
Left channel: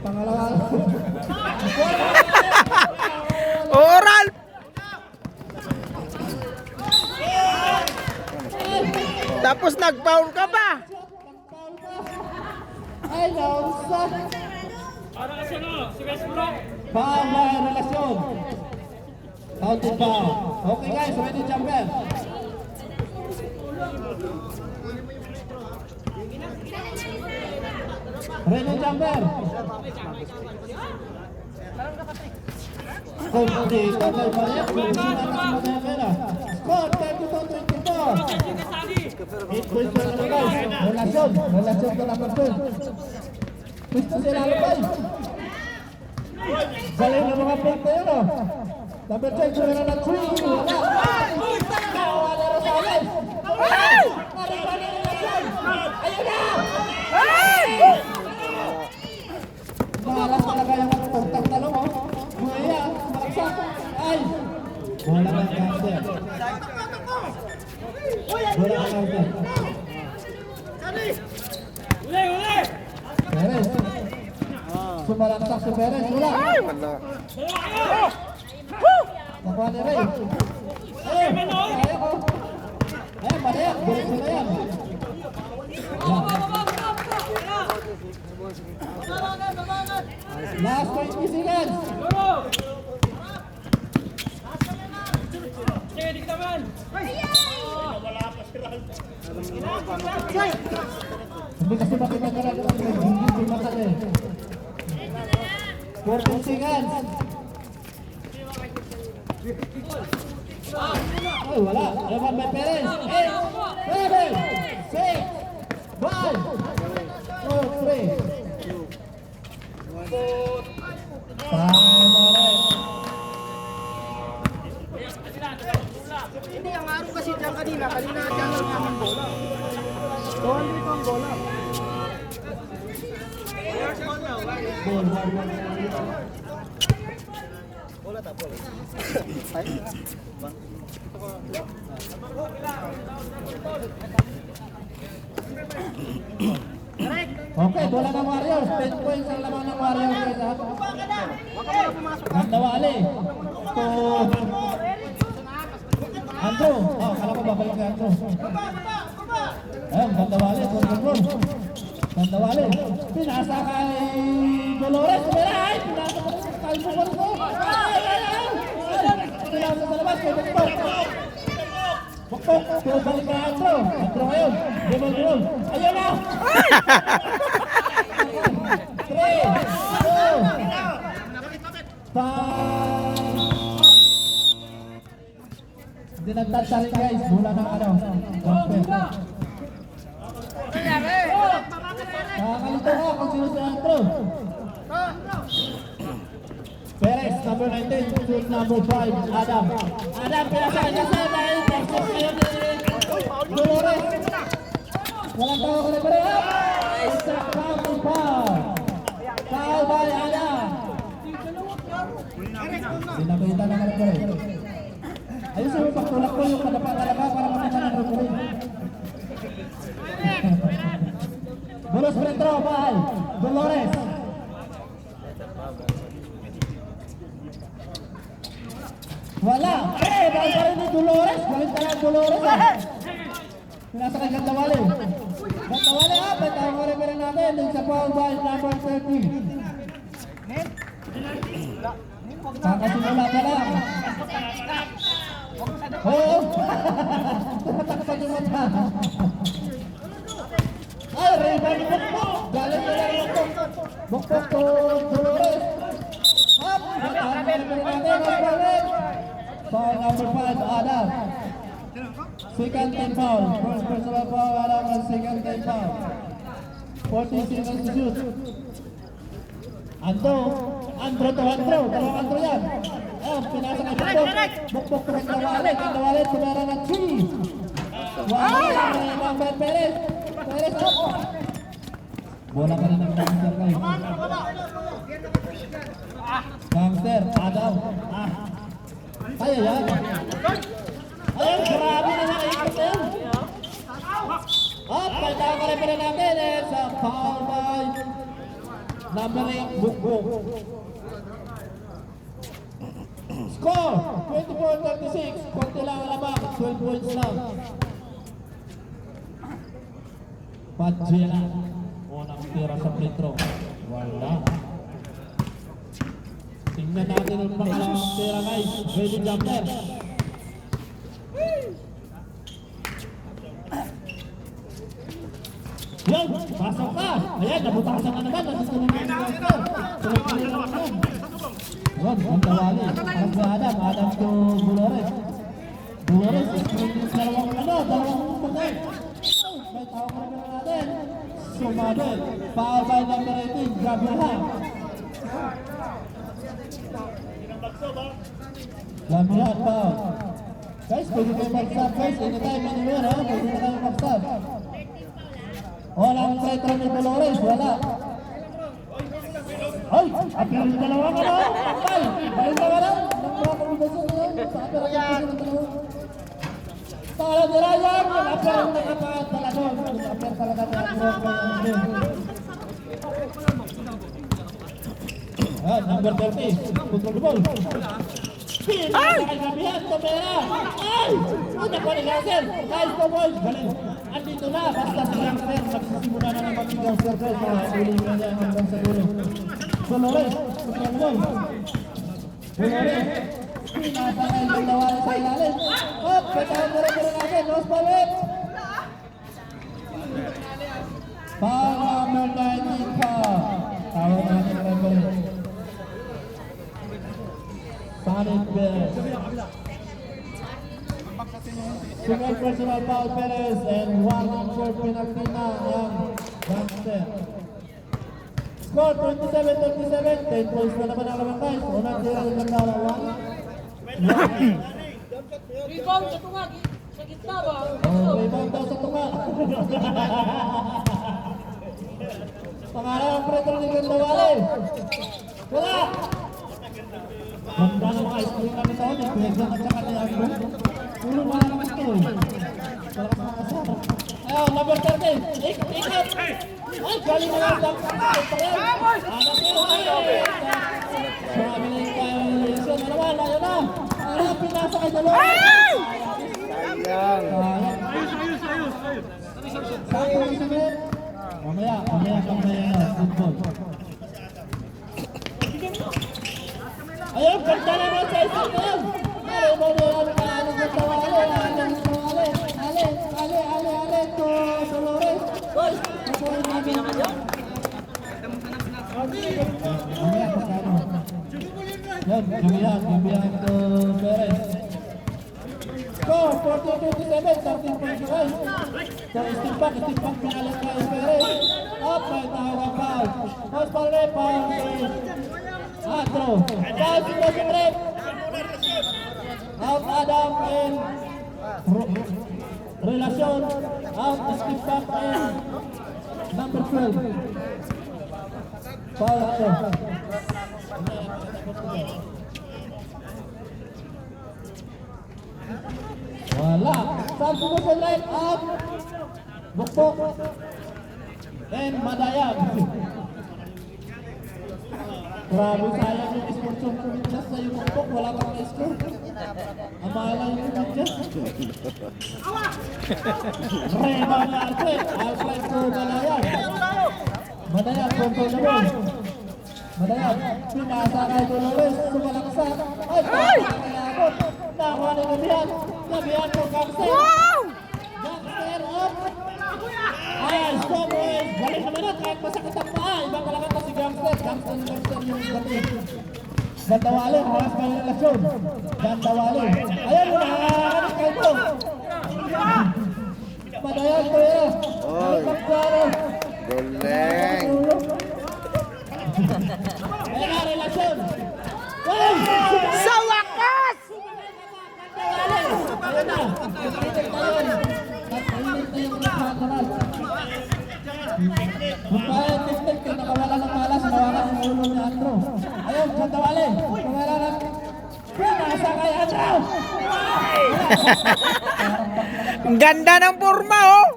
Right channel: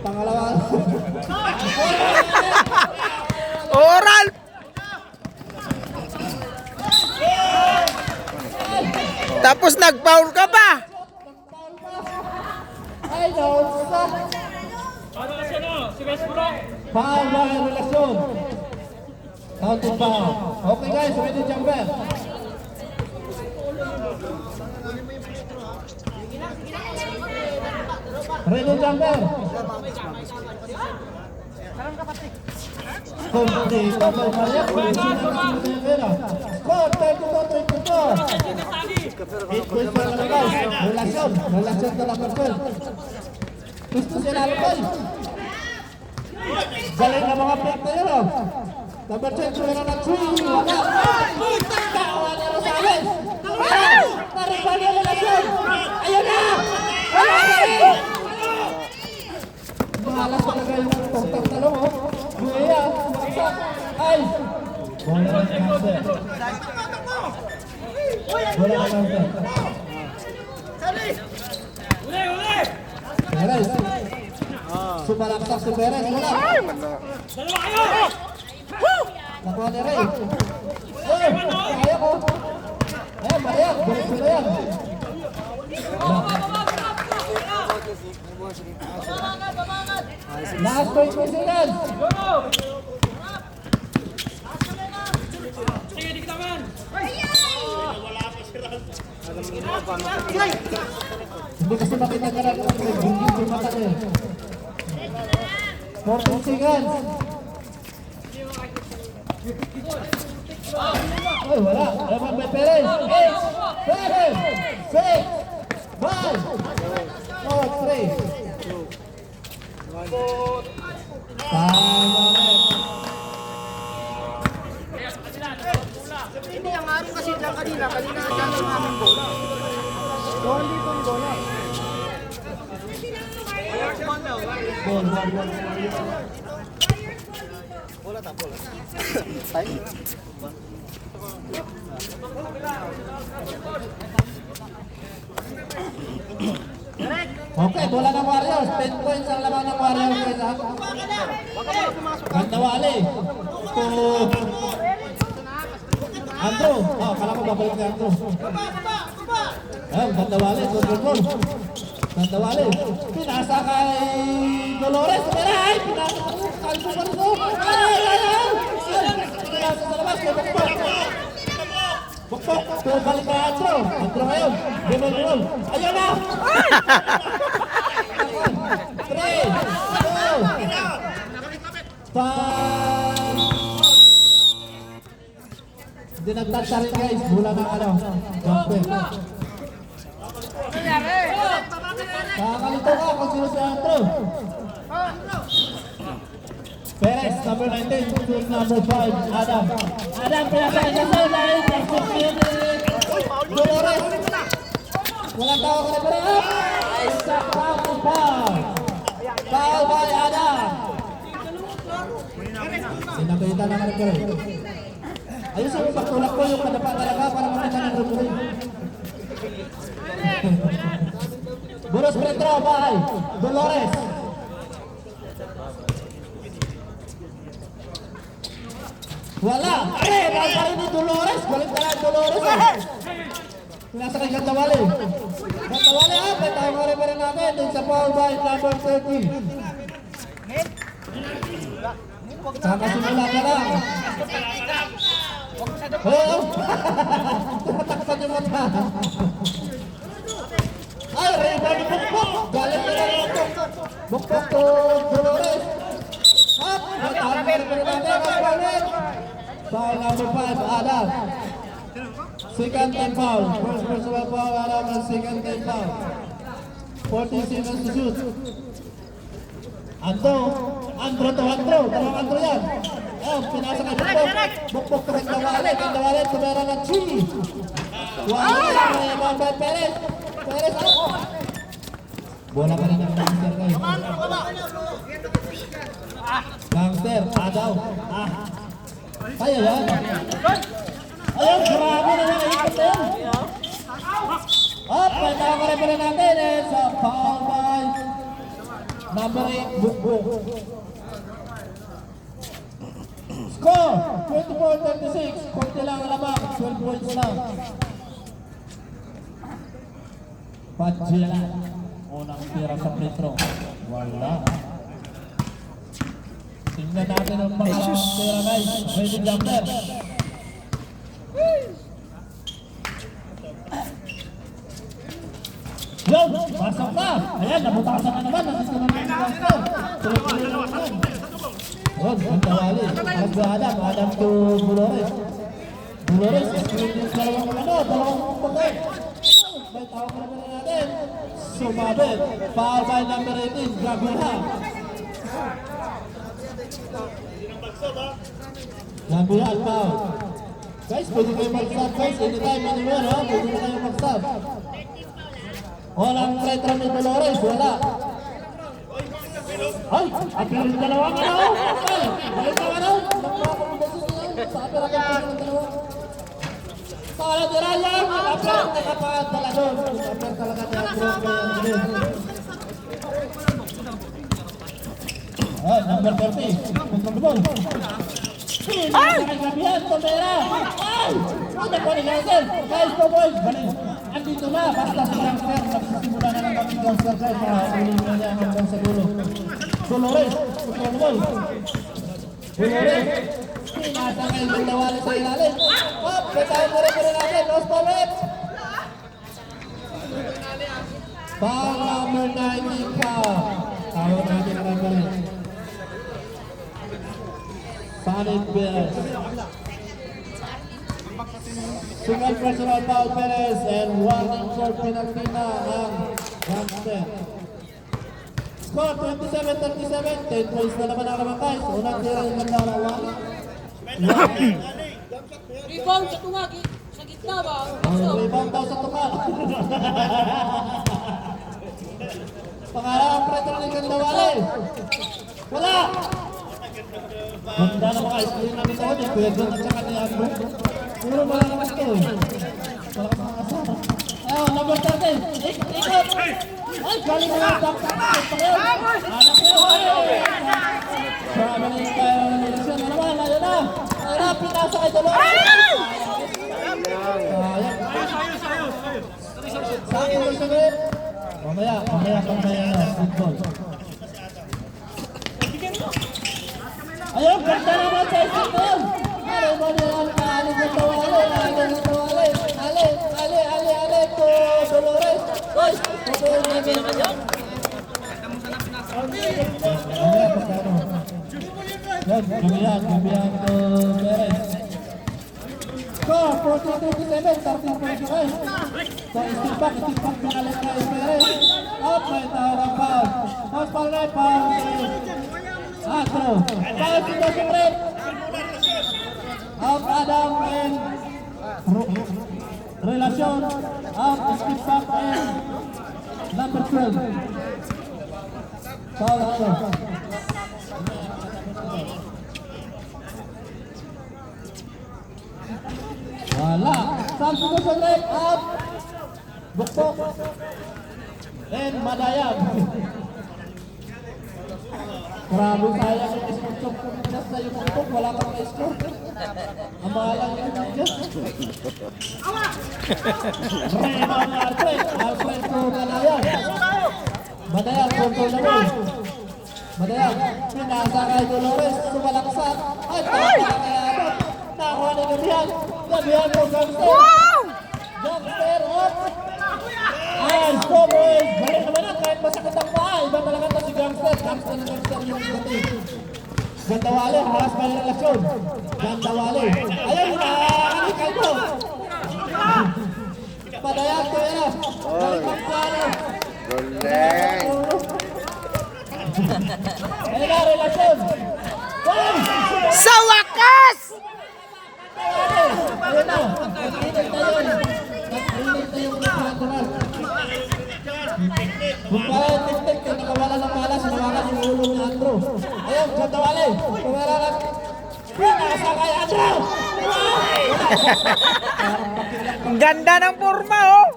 Pangalawa. Oral! Tapos nag-foul ka pa. Ay, nausa. Para kasi no, si Westbrook. Foul na relasyon. Counted foul. Okay guys, ready jumper. Ready jumper. Complete. Okay, Maria. Kondisyon na kasi magkakera. Score, 32-24. 8 points para ng guys. Relasyon. Relasyon ka na control. Gusto sila lupay. Galing na mga plate na yun, oh. Number 10, sumira ng swing. Wala. Tawa na Rosales. Naribal yung relasyon. Ayun na! Mahalas talaga yung tugtang talong, oh. Buhay, makaksak. Ay! Bola ng counter. Bola ng counter. Uli, uli! Perez. Sumalaksak si Perez. Wala. Dalawa kayo! Nakuha ni Ray. Ayun, kaya ko. Ay, mahiyak. Bulit ko na yan. Wala. Last point po seconds. Sige, di ka man! Hindi kasi makita ka na kung nagbunggit yung mata ko eh. 14 seconds. Ay, wala. Evan by Perez. 8, 7, 6, 5, 4, 3. Tama rin. Hindi, ang araw kasi dyan kanina dyan lang namin bola. Doon dito ang bola. Ball. Okay, bola ng Warriors. 10 points ang laman ng Warriors. Gandawali. To Andrew. Oh, kala ko babalik ka Andrew. Ayun, Gandawali. Gandawali. Pinasa kay Dolores. Ay, pinasa kay Dolores. Pinasa sa labas. Bukbok. Balik kay Andrew. Andrew ngayon. Binul. Ayun na. 3, 2, 5. Dinagtag rin guys, mula ng ano, jumper. Nakakalito ka kung sino si Andrew. Perez, number 19, shoot number 5, Adam. Adam, pinasa rin kasi Dolores. Walang tawag ka na pa rin. Isa foul. Foul by Adam. Sinabitan naman ang gawin. Ayun sa upang tulak ko yung madapa talaga para makita ng rupuhin. Buros Petro by Dolores. Wala! Eh, baka pa rin ni Dolores. Galit talaga Dolores eh. Nasa kay Gandawali. Gandawali ha, patay mo rin namin. Din sa foul by number 30. Kakasimula ka lang. Oo! Tumatakpan yung mata. Ay, rebound ni Bukbok! Galing na lang ito. Bukbok to Dolores. Up! Natahan na rin natin ang ballin. Foul number 5, Adam. Second team foul. First personal foul, Adam, and second team foul. 14 seconds to shoot. Andro to Andro. Dalawang Andro yan. Oh, pinasa kay Bukbok. Bukbok to Kandawale. Kandawale, tumera ng Chini. Wala na Perez. Perez, out. Bola ka rin ang gangster kayo. Gangster, Adaw. Kaya yan. Ayun, grabe na yan. Ikot na yan. At may nakakarepere natin sa foul by number 8, Bukbok. Score, 24-36. Konti lang ang lamang, 12 points lang. Padjela. Unang tira sa free throw. Wala. Tingnan natin ang mga tira guys. Ready jumper. Yo! Pasok na! Ayan, nabutasan na naman. Nasusunod na yung gangster. Tuloy-tuloy na naman. Ayan, Kandawale. Adam. Adam to Dolores. Dolores, screen yung dalawang pagkain. May tawag na naman natin. Sumabit. Foul by number 18, Gabriela. Gabriela, foul. Guys, pwede kayo mag-stop guys. Anytime, anywhere ha. Pwede kayo mag-stop. Walang retro ni Dolores, wala. Ay, apil yung dalawa ka na. Ay, ka na. Nang mga kombinasyon na yan. Sa apil ang kombinasyon ng dalawa. Para nila yan, apil ang nakapaat nila doon. Apil talaga na ang drop na yan doon. Ay, number 30. Control the ball. Ay! Gabihan, Tomera! Ay! Ito po ni Gangster! Guys po boys! Galing! Andito na! Basta si Gangster! Magsisimula na ng maging Gangster guys! Makakulingan niya hanggang sa dulo. Dolores! Control the ball! Dolores! Pinasa kayo ng nawala sa ilalim! Hop! Betahan mo rin natin! Los Palet! Para mo na ka! Tawag natin ang galing! Solid Bears. Second personal foul Perez and one injured penalty na ang Gangster. Score 27-37. 10 points na naman ang naman guys. Unang tira yung nagdarawa. Rebound sa tuwag. Sa gitna ba? Rebound daw sa tukal. Pangarang pretro ni Kandawale. Wala! Ganda na mga screen namin taon eh. Pwede at saka ni Agbo. Puro mga naman ito. Parang mga kasama. Ayaw, number 13. Ikot! Ay, galing na yung daksa. Anak ko. Marami na yung tayo ng eleksyon. Ayun na. Ayun na, pinasa kay Dolores. Saan yung sagot? Mamaya na. Football. Ayun, ganda naman sa isang na yun. Ali mo na yan, Ali to Dolores. Ay, patuloy namin. Yan, gabihan to Perez. Score, 42-7, 13 points guys. So, istipak pangalan kayo Perez. Up, may tawag foul. House foul red, foul. Astro, foul situation red. Out Adam and Relasyon. Out skip back and number 12. Foul Astro. Wala. Substitution red up. Bukbok. And Madayag. Grabe sayang yung instruction ko just na yung bukbok. Wala kang na-score. Ang mahalang yung just. Raymond Alfred. Alfred to Madayag. Madayag to Dolores. Madayag. Pinasa kay Dolores. Sumalaksak. Ay, tama kay Abot. Nakakuha ni Gabriel. Gabriel po, Gangster. Wow! Gangster, up. Nice, go boys. Balik naman na, kahit masakit ang paa. Iba talaga ito si Gangster. Gangster na Gangster yung dati. Gandawali, haras pa yung relasyon. Gandawali. Ayan mo na, kanikay mo. Padayan, Toya. Oy. Galing. Ayan na, relasyon. Sa wakas! Ayun na, nag-init na yun. Nag-init na yung natural. Magpahal, tek-tek, nakawala ng palas, nawala ang ulo ni Andrew. Ayun, Gandawali. Tumira na. Nasa kay Andrew. Ang ganda ng forma, oh!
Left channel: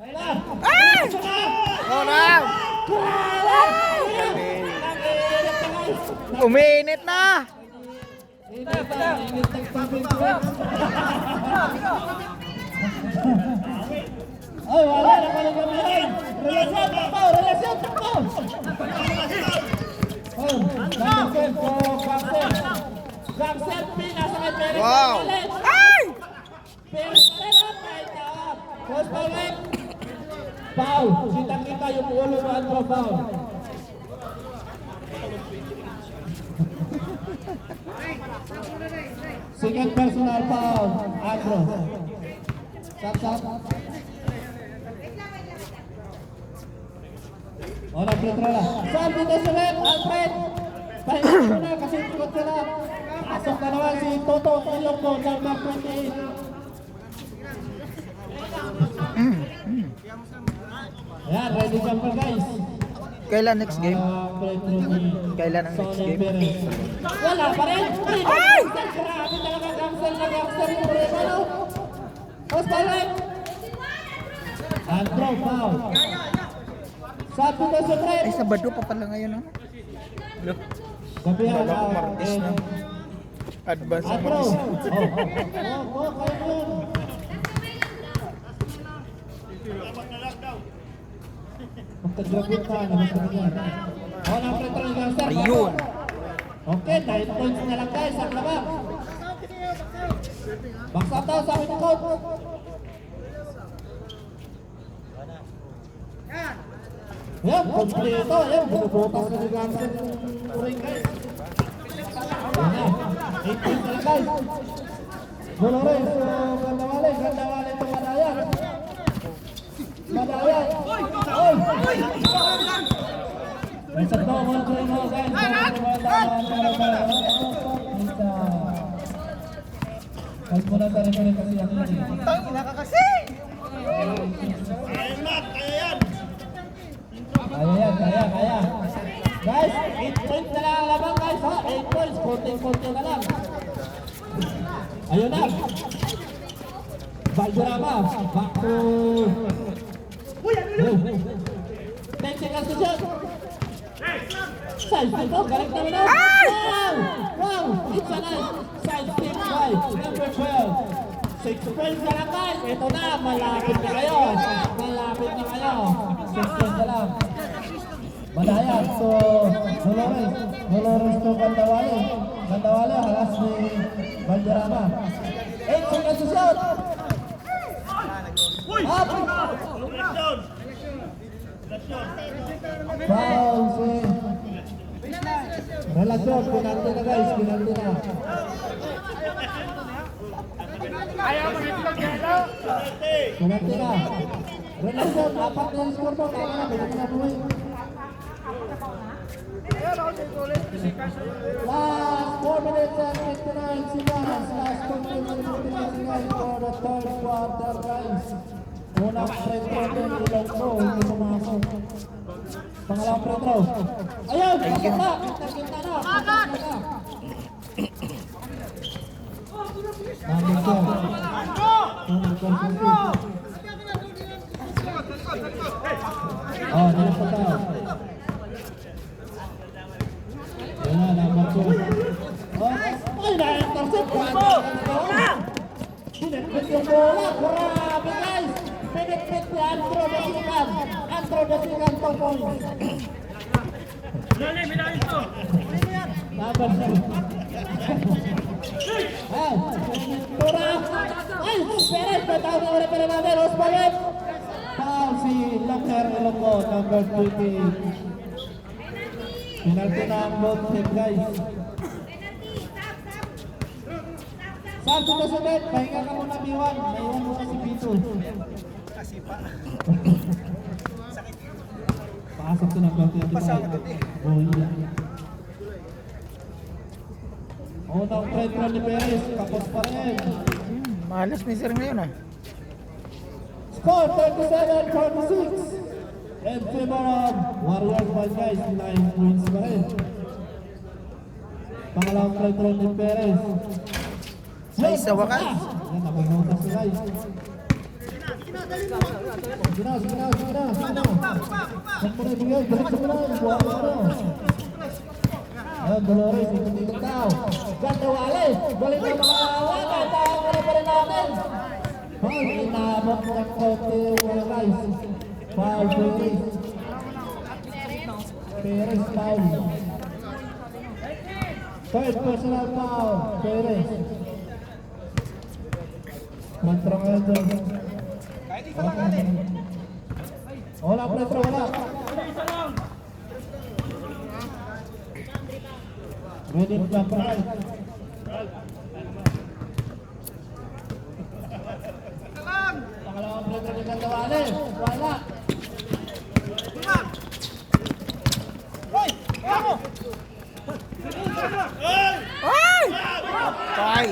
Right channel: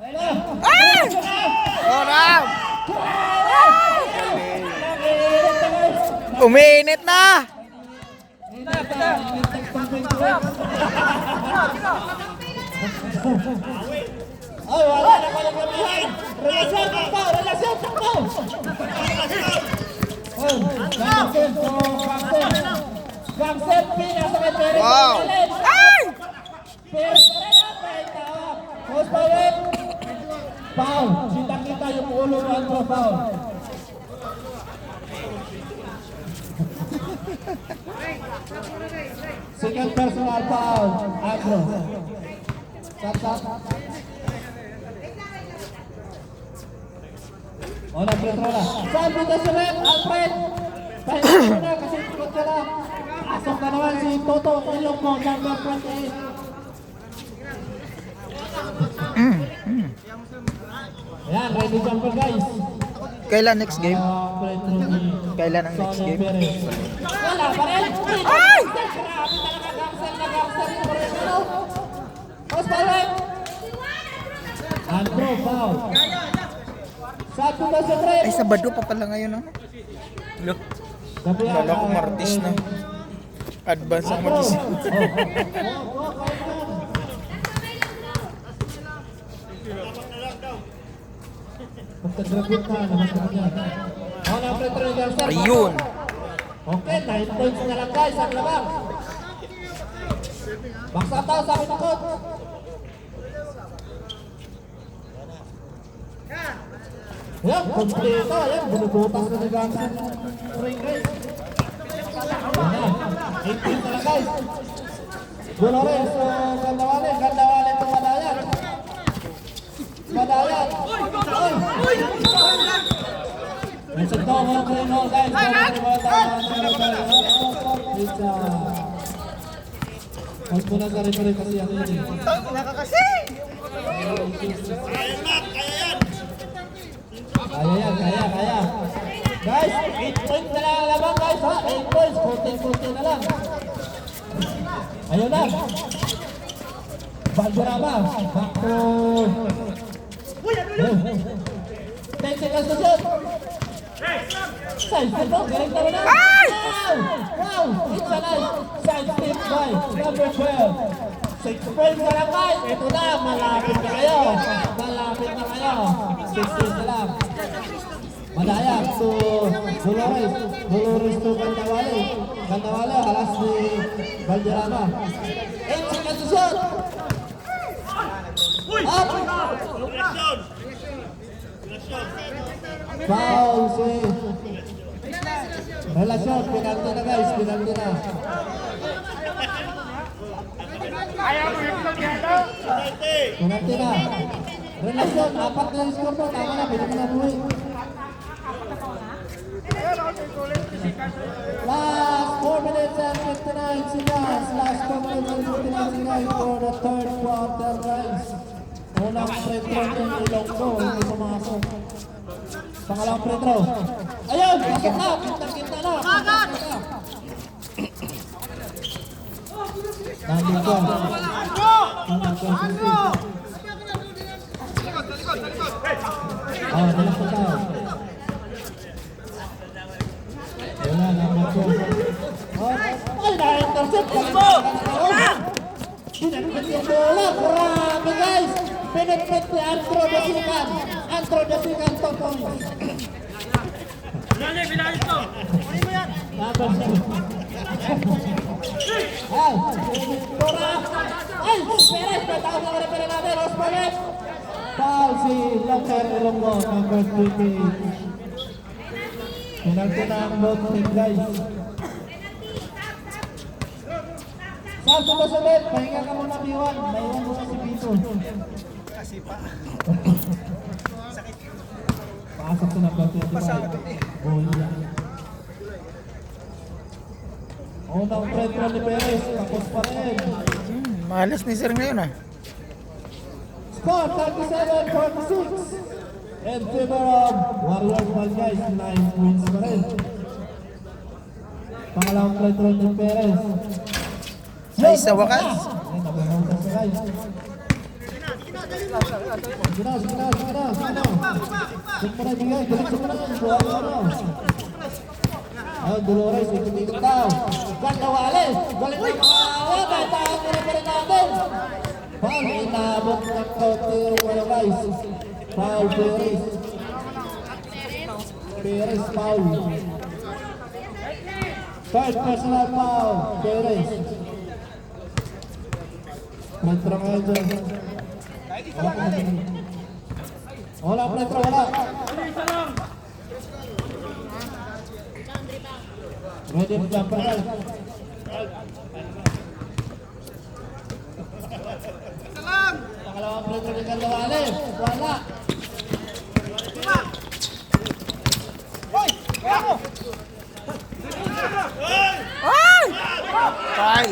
Ayun na. Ah! Oh, Ram! Ah! Nag-init na guys. Uminit na! Ay, wala na pala kami. Relasyon, takpaw, relasyon, takpaw. Oh, Gangster po, Gangster. Gangster, pinasa kay Perez. Wow! Ay! Perez, tawag. Post balik. Foul. Kita-kita yung ulo ng Andrew, foul. Second personal foul, Andrew. Sat. Wala Petrola. Saan dito si Red? Alfred! Pahinga mo na kasi ikot ka na. Pasok ka naman si Toto Ilocco, number 28. Ayan, ready jumper guys. Kailan next game? Kailan ang next game? Wala pa rin. Ay! Grabe talaga cancel na cancel yung Brevano. Post balik. Andrew, foul. Sabi na si Fred. Ay, Sabado pa pala ngayon, oh. Sabi na Kala ko Martes na. Advance ang Andrew. Martes. Pagkagrabit ka, namasakit yan. Wala pre talaga sir. Ayun! Okay, 9 points na lang guys ang labang. Baksa tao, sabi ng coach. Yan, kompleto. Ayan, bulubutas na ni Gamson. Ring guys. Yan na, 8 points na lang guys. Bulores, Gandawali itong Madayan. Madayan. Ay! It's a double play now, guys. Mas muna sa rin kasi ang ini. Kaya. Guys, 8 points na lang ang labang guys ha. 8 points, 14 na lang. Ayun na. Valderrama, back to... 10 seconds to shoot. Side step, galing naman na. Wow! It's a nice side step by number 12. 6 points na lang guys. Ito na, malapit na kayo. 6 points na lang. Madaya to Dolores to Gandawali, halas ni Valderrama. 8 seconds to shoot. Foul si Relasyon, pinanto na guys, pinanto na. Pinanto na. Relasyon, apat na yung score mo, tama na, pwede na buhay. Last 4 minutes and 59 seconds. Last 4 minutes and 59 seconds for the third quarter guys. Unang free throw ng Ilonggo, hindi pumasok. Pangalang free throw. Ayun, kita na. Nandito. Oh, dalang pataw. Wala, number 2. Ay, na-intercept ko. Pinagpit yung bola. Grabe guys. Pinagpit ni Andrew Dasikan. 2 points. Number 2. Ay, Ay, Perez, patama ulit pa rin natin. Los Perez. Foul si Locker Ilonggo, number 20. Penalty na ang both team, guys. Saan po ba sulit? Pahinga ka muna, B1. Maiwan mo si Pito. Kasi pa. Pasok sa number 25. Bola. Unang front row ni Perez. Tapos pa rin. Malas ni sir ngayon ah. Score 37-46. In favor of Warriors 1, guys. 9 points pa rin. Pangalawang front row ni Perez. Ay, sa wakas. Ay, nabuhutas na, guys. Sige na. Check mo na, bigay. Diretso mo na. Dolores, ikot-ikot daw. Ganda Wales. Galing mo mga tataas na pa rin natin. Foul, inabot ng kote, guys. Foul, Perez. Perez, foul. Third personal foul, Perez. Metro ngayon dyan. Wala, Metro, wala. Ready to jump out. Pangalawang Metro ni Candawales. Wala. Ay! Patay!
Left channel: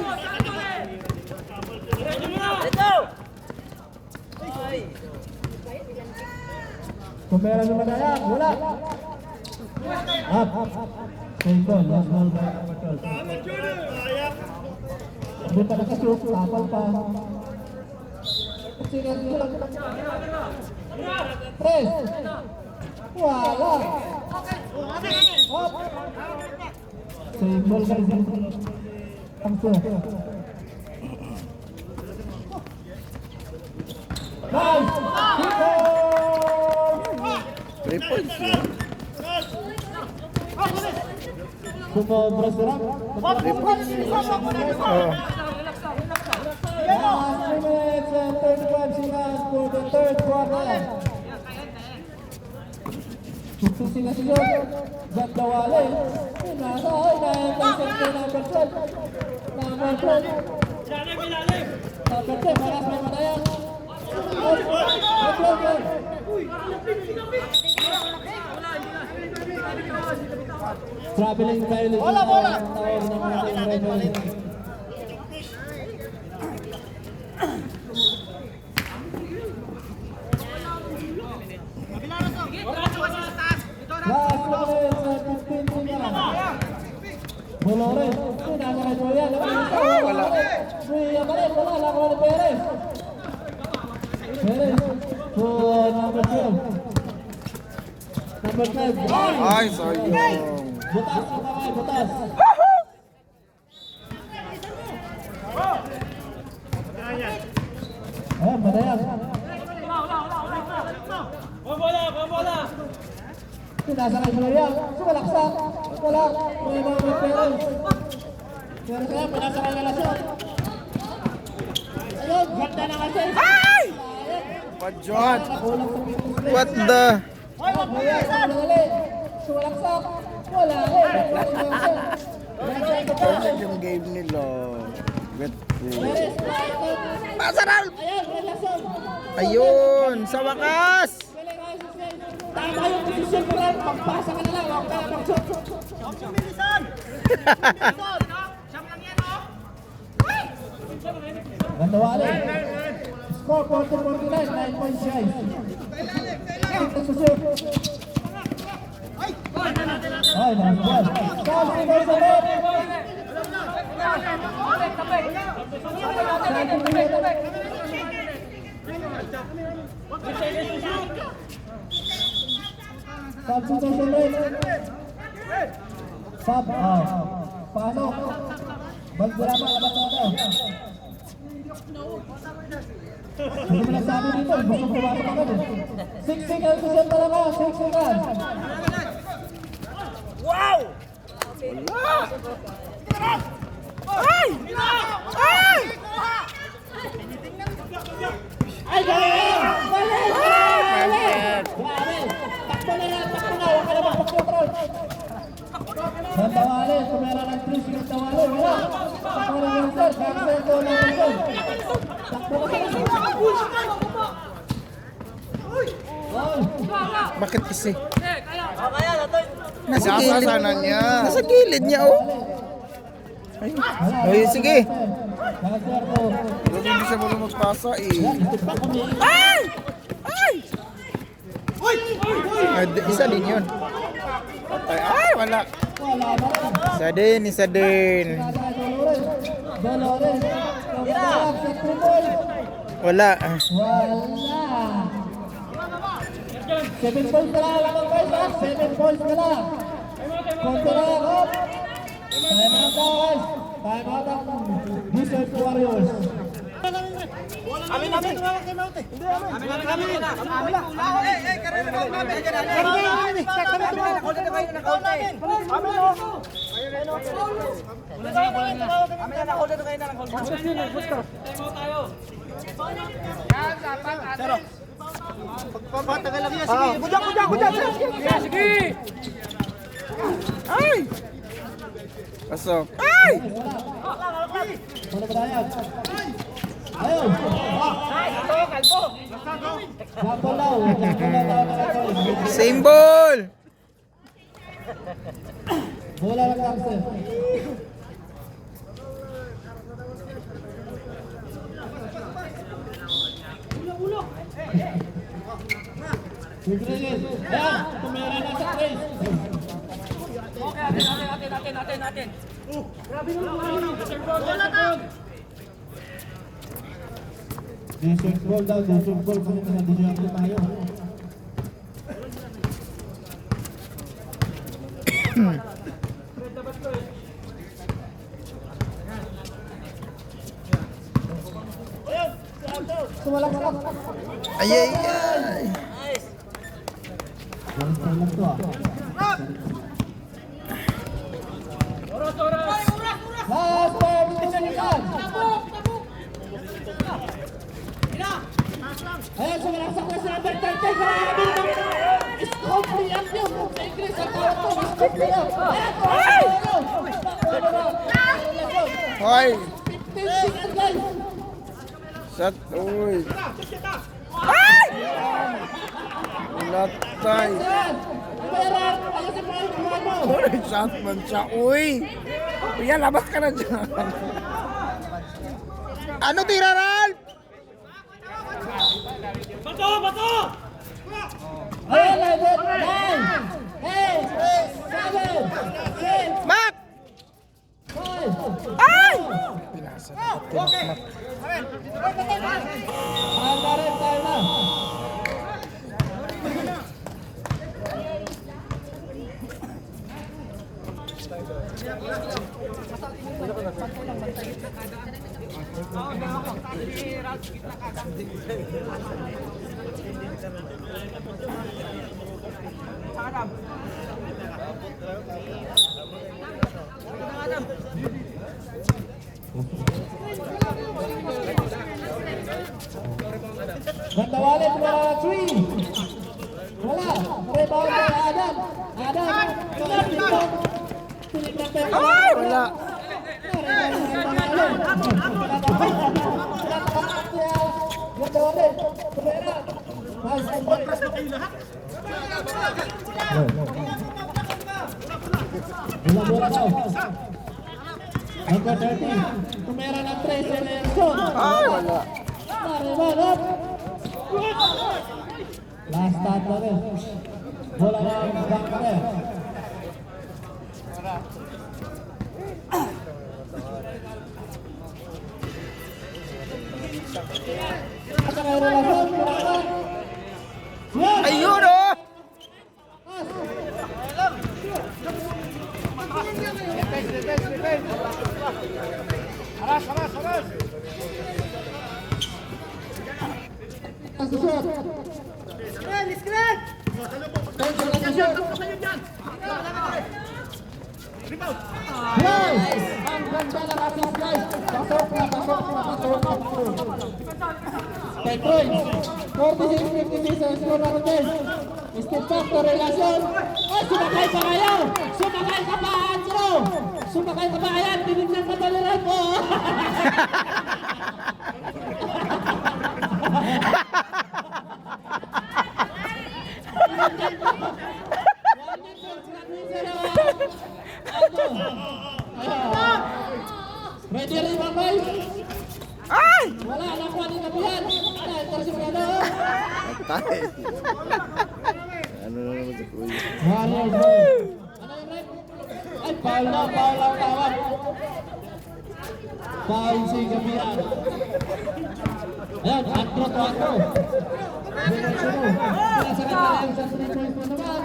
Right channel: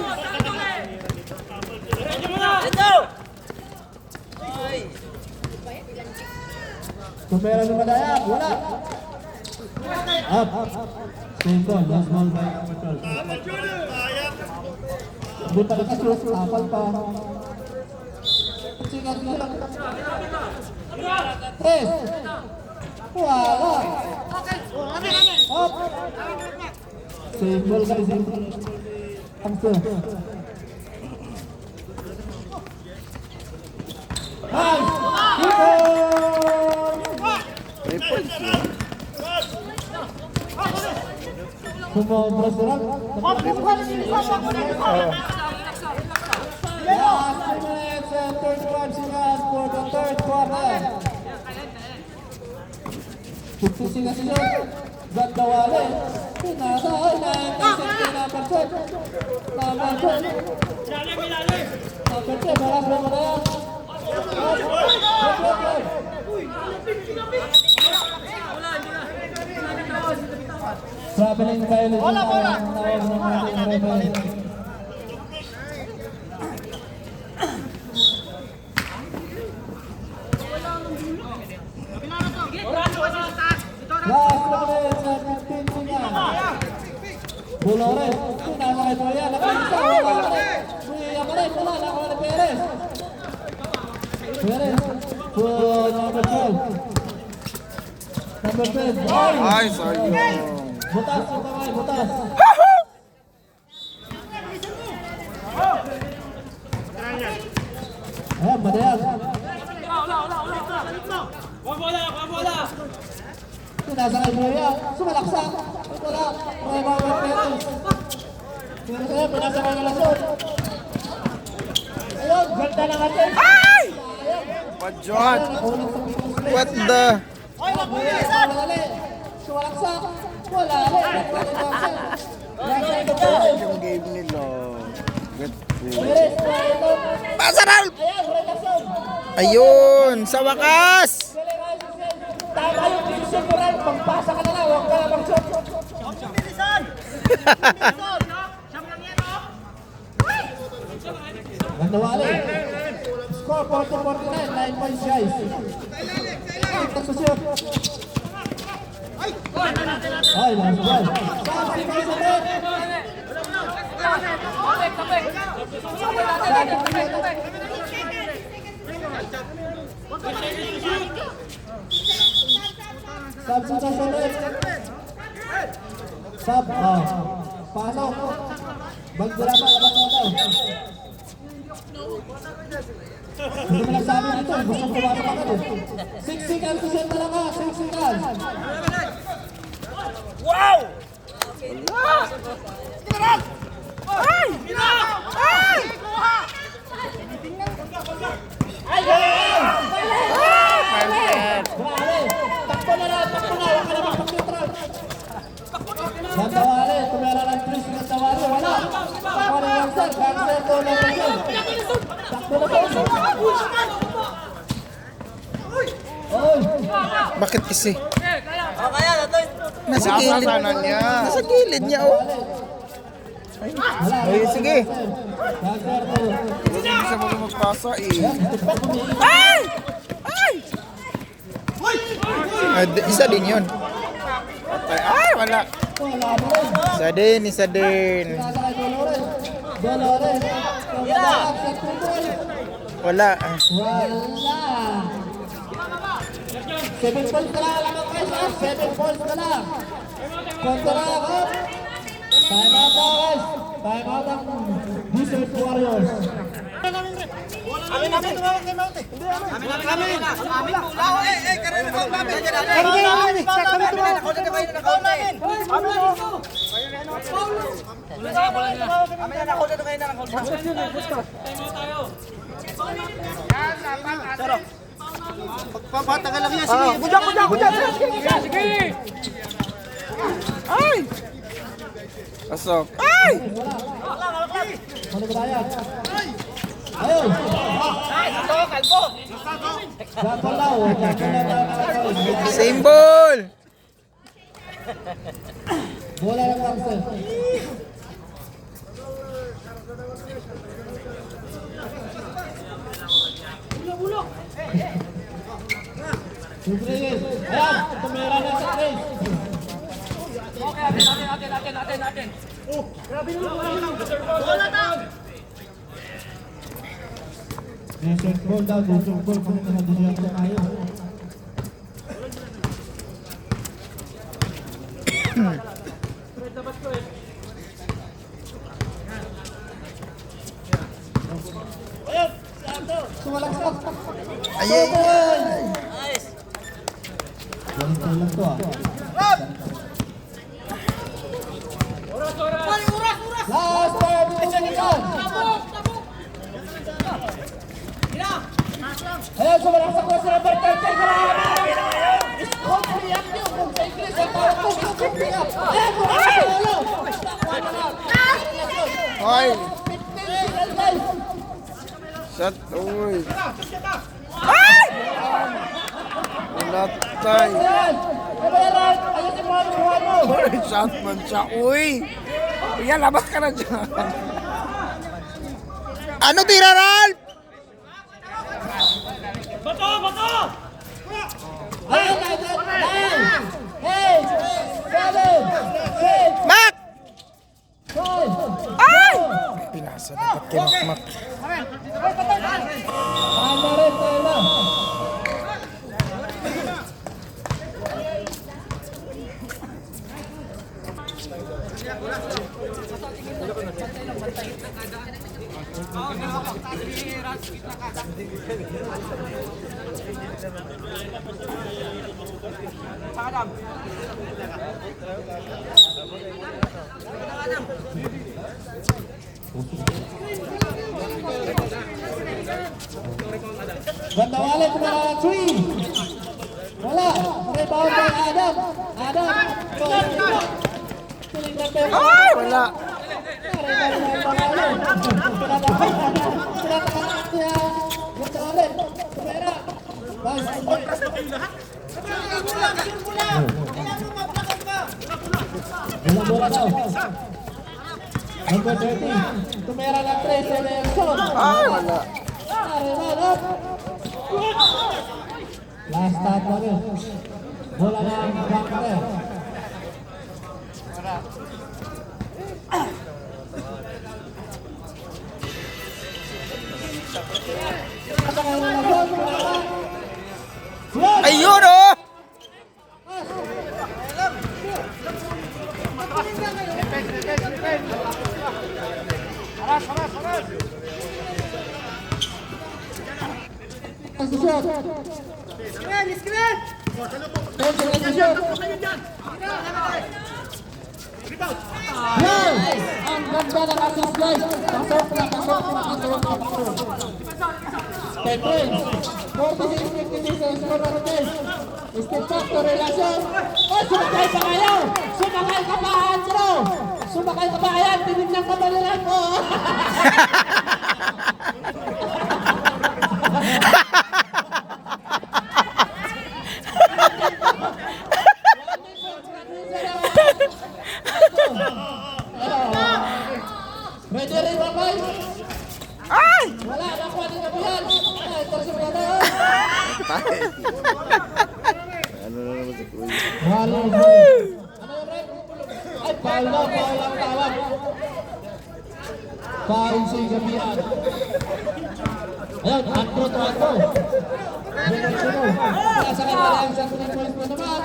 Kumera ni Madayag. Wala. Up. Second. Last ball by Amateur. Hindi pa nakashoot. Tapal pa. Sigat na lang. Press. Wala. Simple guys. Angso. May points na. Sumobras lang. Oo. Last minutes and 31 seconds for the third quarter. 50 seconds yun. Ganda Wales. Pinasaan na yung kasi naperson. Naperson. Naperson. Malas mo na yan. Traveling violation. Bola. Last minutes and 15 seconds. Dolores. Nasa kay Joya. Wala. Joya pa rin. Wala. Nakuha ni Perez. Perez. For number 12. Number 5. Ay, sayang. Butas yung kamay. Butas. Ayan, Madayag. Nasa kay Joya. Sumalaksak. Wala. May mga Perez. Pero kaya, nasa kay Alasot. Ayun, ganda na kasi. Ay! Padjot. Nakulang sa Picos. What the? Buya, wala. Sumalaksak. Wala. Nasa ito Perez. Gave nila. Get through. Perez, ito. Pasarap! Ayan, relasyon. Ayun! Sa wakas! Tama yung decision ko lang. Pagpasa ka na lang. Huwag ka na mag-shot. Ganda Wales. Score 4-49. 9 points, guys. Ito sa shoot. Ay, lang ba? Stop, guys, ulit. Substitute ulit. Sub, pasok. Bagdala pa, Hindi mo nagsabi dito, gusto ko pumasok agad eh. 6 seconds, susunod talaga, 6 seconds. Wow! Ay! Ay! takbo na, huwag ka na magpakit, Ralph. Gandawali, tumera ng 3, Gandawali, wala. Takbo ng Gandawali, Gandawali, bola ng Gandawali. Takbo na bola. Oy! Bakit kasi? Nasa Nasa gilid. sana niya. Nasa gilid niya, oh. Ay, sige. Hindi siya magpasa eh. Ay! Ay! Isa din yun. Patay. Ay, wala. Isa din, isa din. Dolores. Wala. Wala. 7 points ka lang, lamang guys, ha? 7 points ka lang. Kontra, ha? Time out, guys. Time out ang Desert Warriors. Ay! Pasok. Ay! Ano ba yan? Ayaw! Jumble daw, Same ball! bola ng Gangster. Rodriguez, ayan, tumira na sa place. Desert ball daw, desert ball po na dinyan ko tayo. Sumalak-salak. Ay, ay, ay. Galing to ah. Last 10 seconds. Ayan, sumalaksak na sa number 13. Scoop me up yun. Kung sa English, ang tawag ko, scoop me up. Ayan, sumalaksak na yun. Ano lang? Ay! 15 seconds, guys. Shot. Uy. Ay! Ulatay. Ayan. Ayan, ayusin mo ang buwan mo. Uy, shot man siya. Uy. Kuya, labas ka na dyan. Ano tira, Ralph? Ayan, guys. 9, 8, 7, 6, Mac! 5, Ay! Pinasa dapat kinakmak. Tahan na rin, tayo na. Gandawali na 3. Wala. Rebound na Adam. Adam. Ay! Wala. Bola daw. Number 30. Tumera ng 3 sa Nelson. Ay! Wala. Last stop na rin. Bola ng Gangster. Ayun, oh! Kay Prince. 46-56 ang score ng Rodez. Step back to relasyon. Sumakay pa kayo! Sumakay ka pa, Andrew! Sumakay ka pa, ayan! Tinignan ka pa nila mo! Ready rin ba, guys? Ay! Wala, nakuha din kami yan. Ay, tersok na na. Tayo. Ano na naman sa kuya? Wala, ano yung rep? Ay, foul lang tawag. Foul si Gabian. Ayan, atro. Sunod. Nasa kanila ang sa 3 points na naman.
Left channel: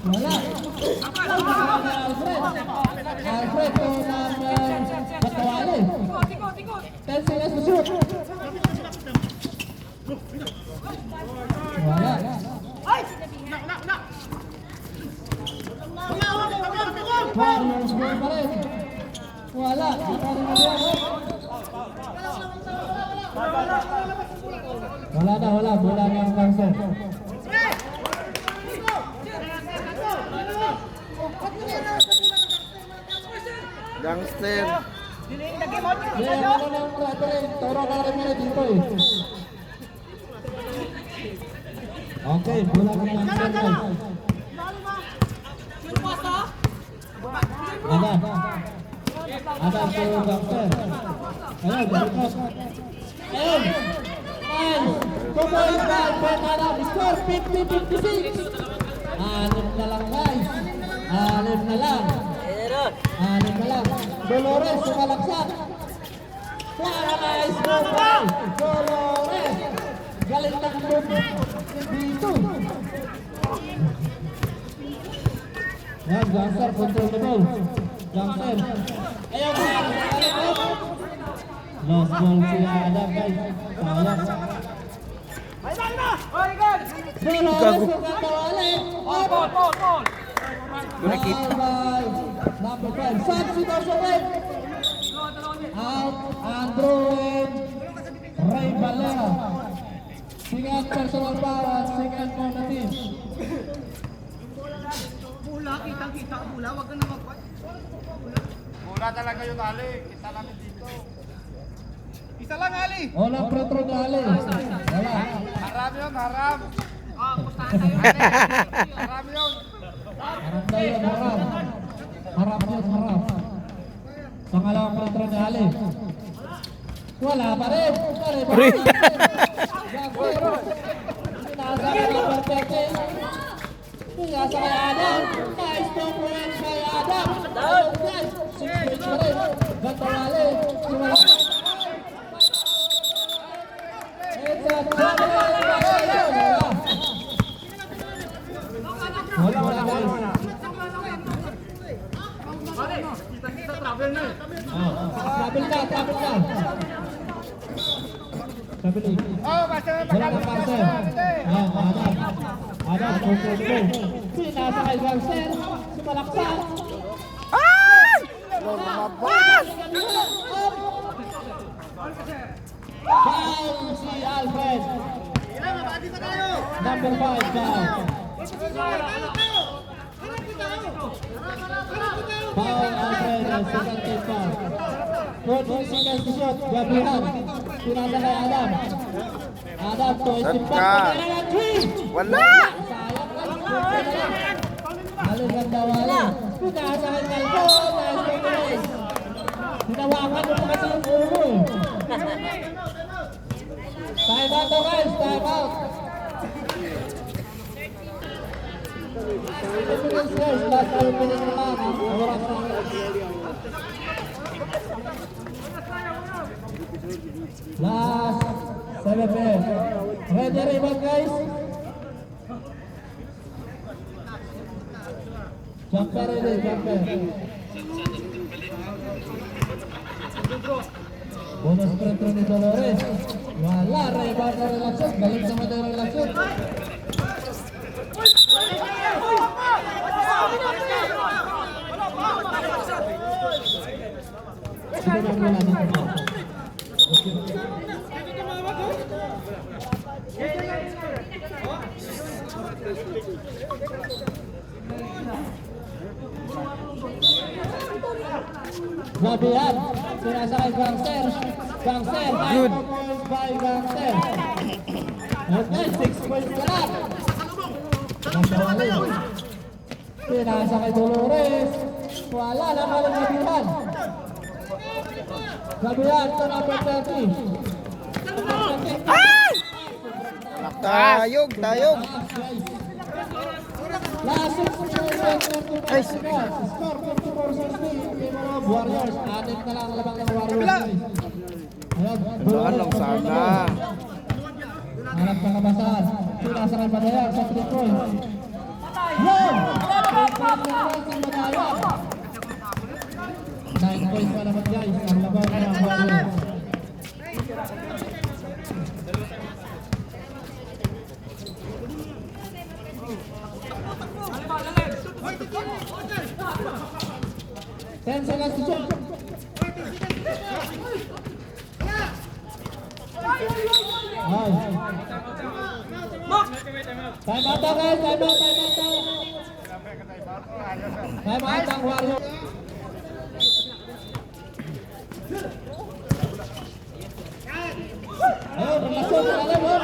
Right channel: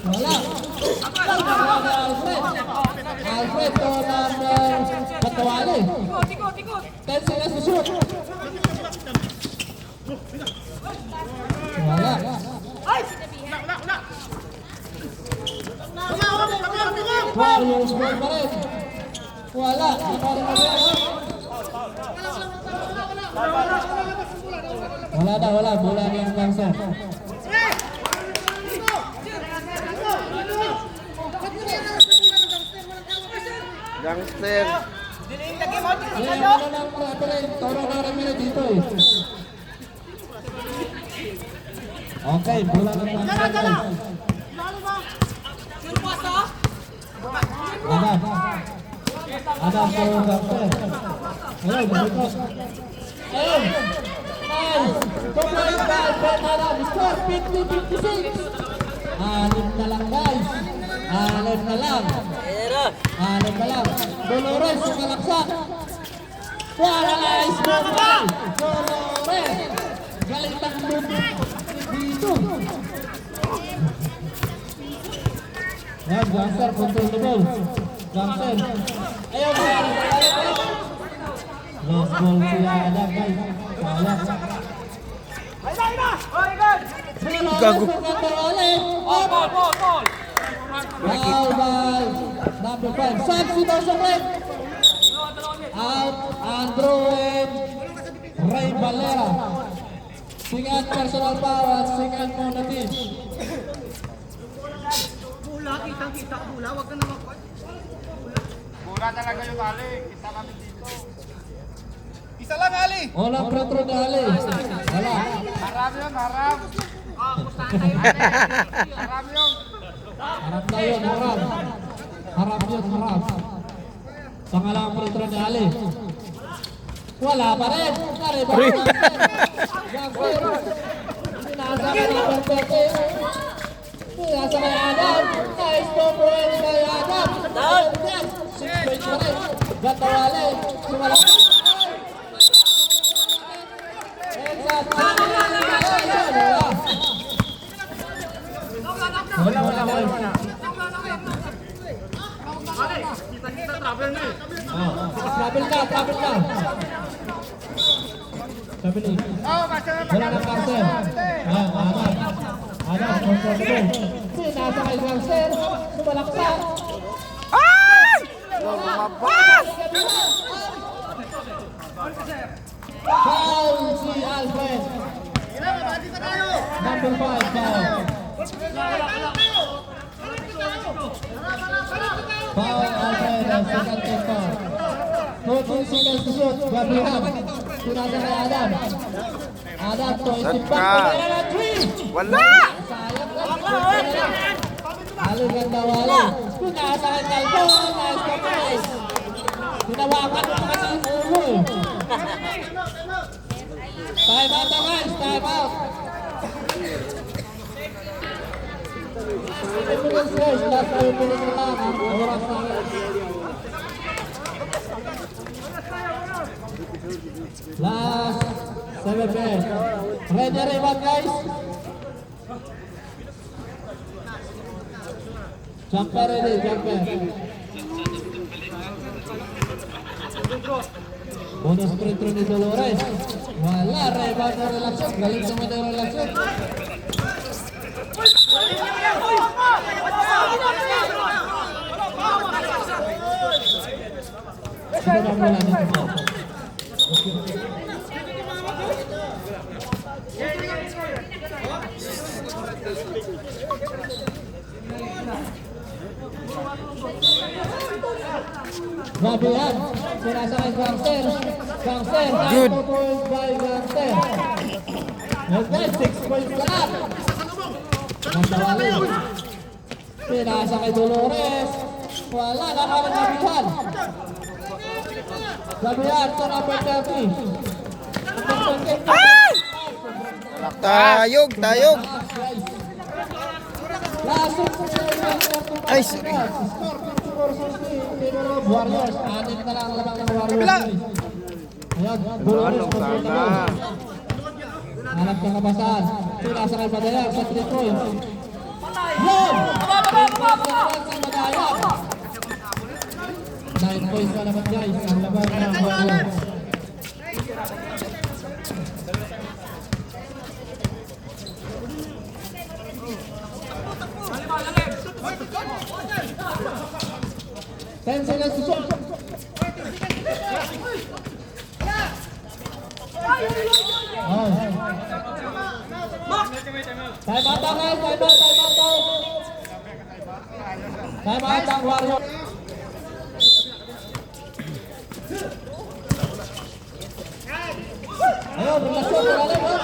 Wala. Alfred to ng Patawali. 10 seconds to shoot. Wala. Warriors ball pa rin. Wala. Wala. Bola na ang Langson. Gangster. Kaya ano nang referee, Toro Caramelo dito eh. Okay, bola ng Langson guys. Ada sa Langson. Ayun, balikas. Ayun. Score 50-56. Anim na lang guys. Anim na lang. Dolores sumalaksak. Wala na ismail. Dolores. Galing ng mundo. Dito. Yan, Gangster, control the ball. Gangster. Ayun. Lost ball siya Adam guys. Wala. Gago. Number 5. Substitution rin. Out Andrew and Ray Valera. Singan personal power. Singan mo na team. Bula, kitang-kita ka bula. Huwag ka na magpad. Bula talaga yung ali. Kita kami dito. Isa lang ali. Walang pro-pro na ali. Wala. Harap yun, harap. Kustahan tayo. Harap yun. Harap na yun, harap. Harap. Saka lang pro-pro na ali. Wala pa rin. Gangster. Nasa ka na pro-pro. Nasa kay Adam. Nice performance kay Adam. Ayaw yan. 6 points pa rin. Ganda wali. Wala guys. Travel ka. Travel. Wala na Carter. Adam, comfortable. Nasa kay Gangster. Sumalaksak. Ay! Lumabas! Foul si Alfred. Number 5, foul. Foul Alfred, second team foul. 14 seconds to shoot. Gabriel. Tunang kay Adam. Adam to isip back. Wala! Halos ganda wala. Pinasa kay Galdo. Nice guys. Tinawakan mo kasi yung ulo. Time out guys, time out. Last 7 minutes na lang ang oras namin. Last 7 minutes. Ready ba guys? Jumper ready, jumper. Bonus free throw ni Dolores. Wala, rebound na relasyon. Galing naman na relasyon. Sige na wala dito. Okay. Grabe yan. Sinasakay gangster. Gangster. Good. 9 points by gangster. Okay, 6 points pa lang. Sinasakay Dolores. Wala na ka rin nabihan. Nabihan to number 30. Tayog, tayog. Last 6 points. Ay, Score 54-60 in favor of Warriors. Atin na lang ang labang ng Warriors. Ayan, Dolores. Hanap ng kabasan. Sinasakay Madayan sa 3 points. Yan! 3 points na naman si Madayan. 9 points pa naman guys. Ang laban ng Warriors. Ten seconds to shoot. Time out daw guys, time out daw. Time out ang Warriors. Ayun, relasyon na alam mo.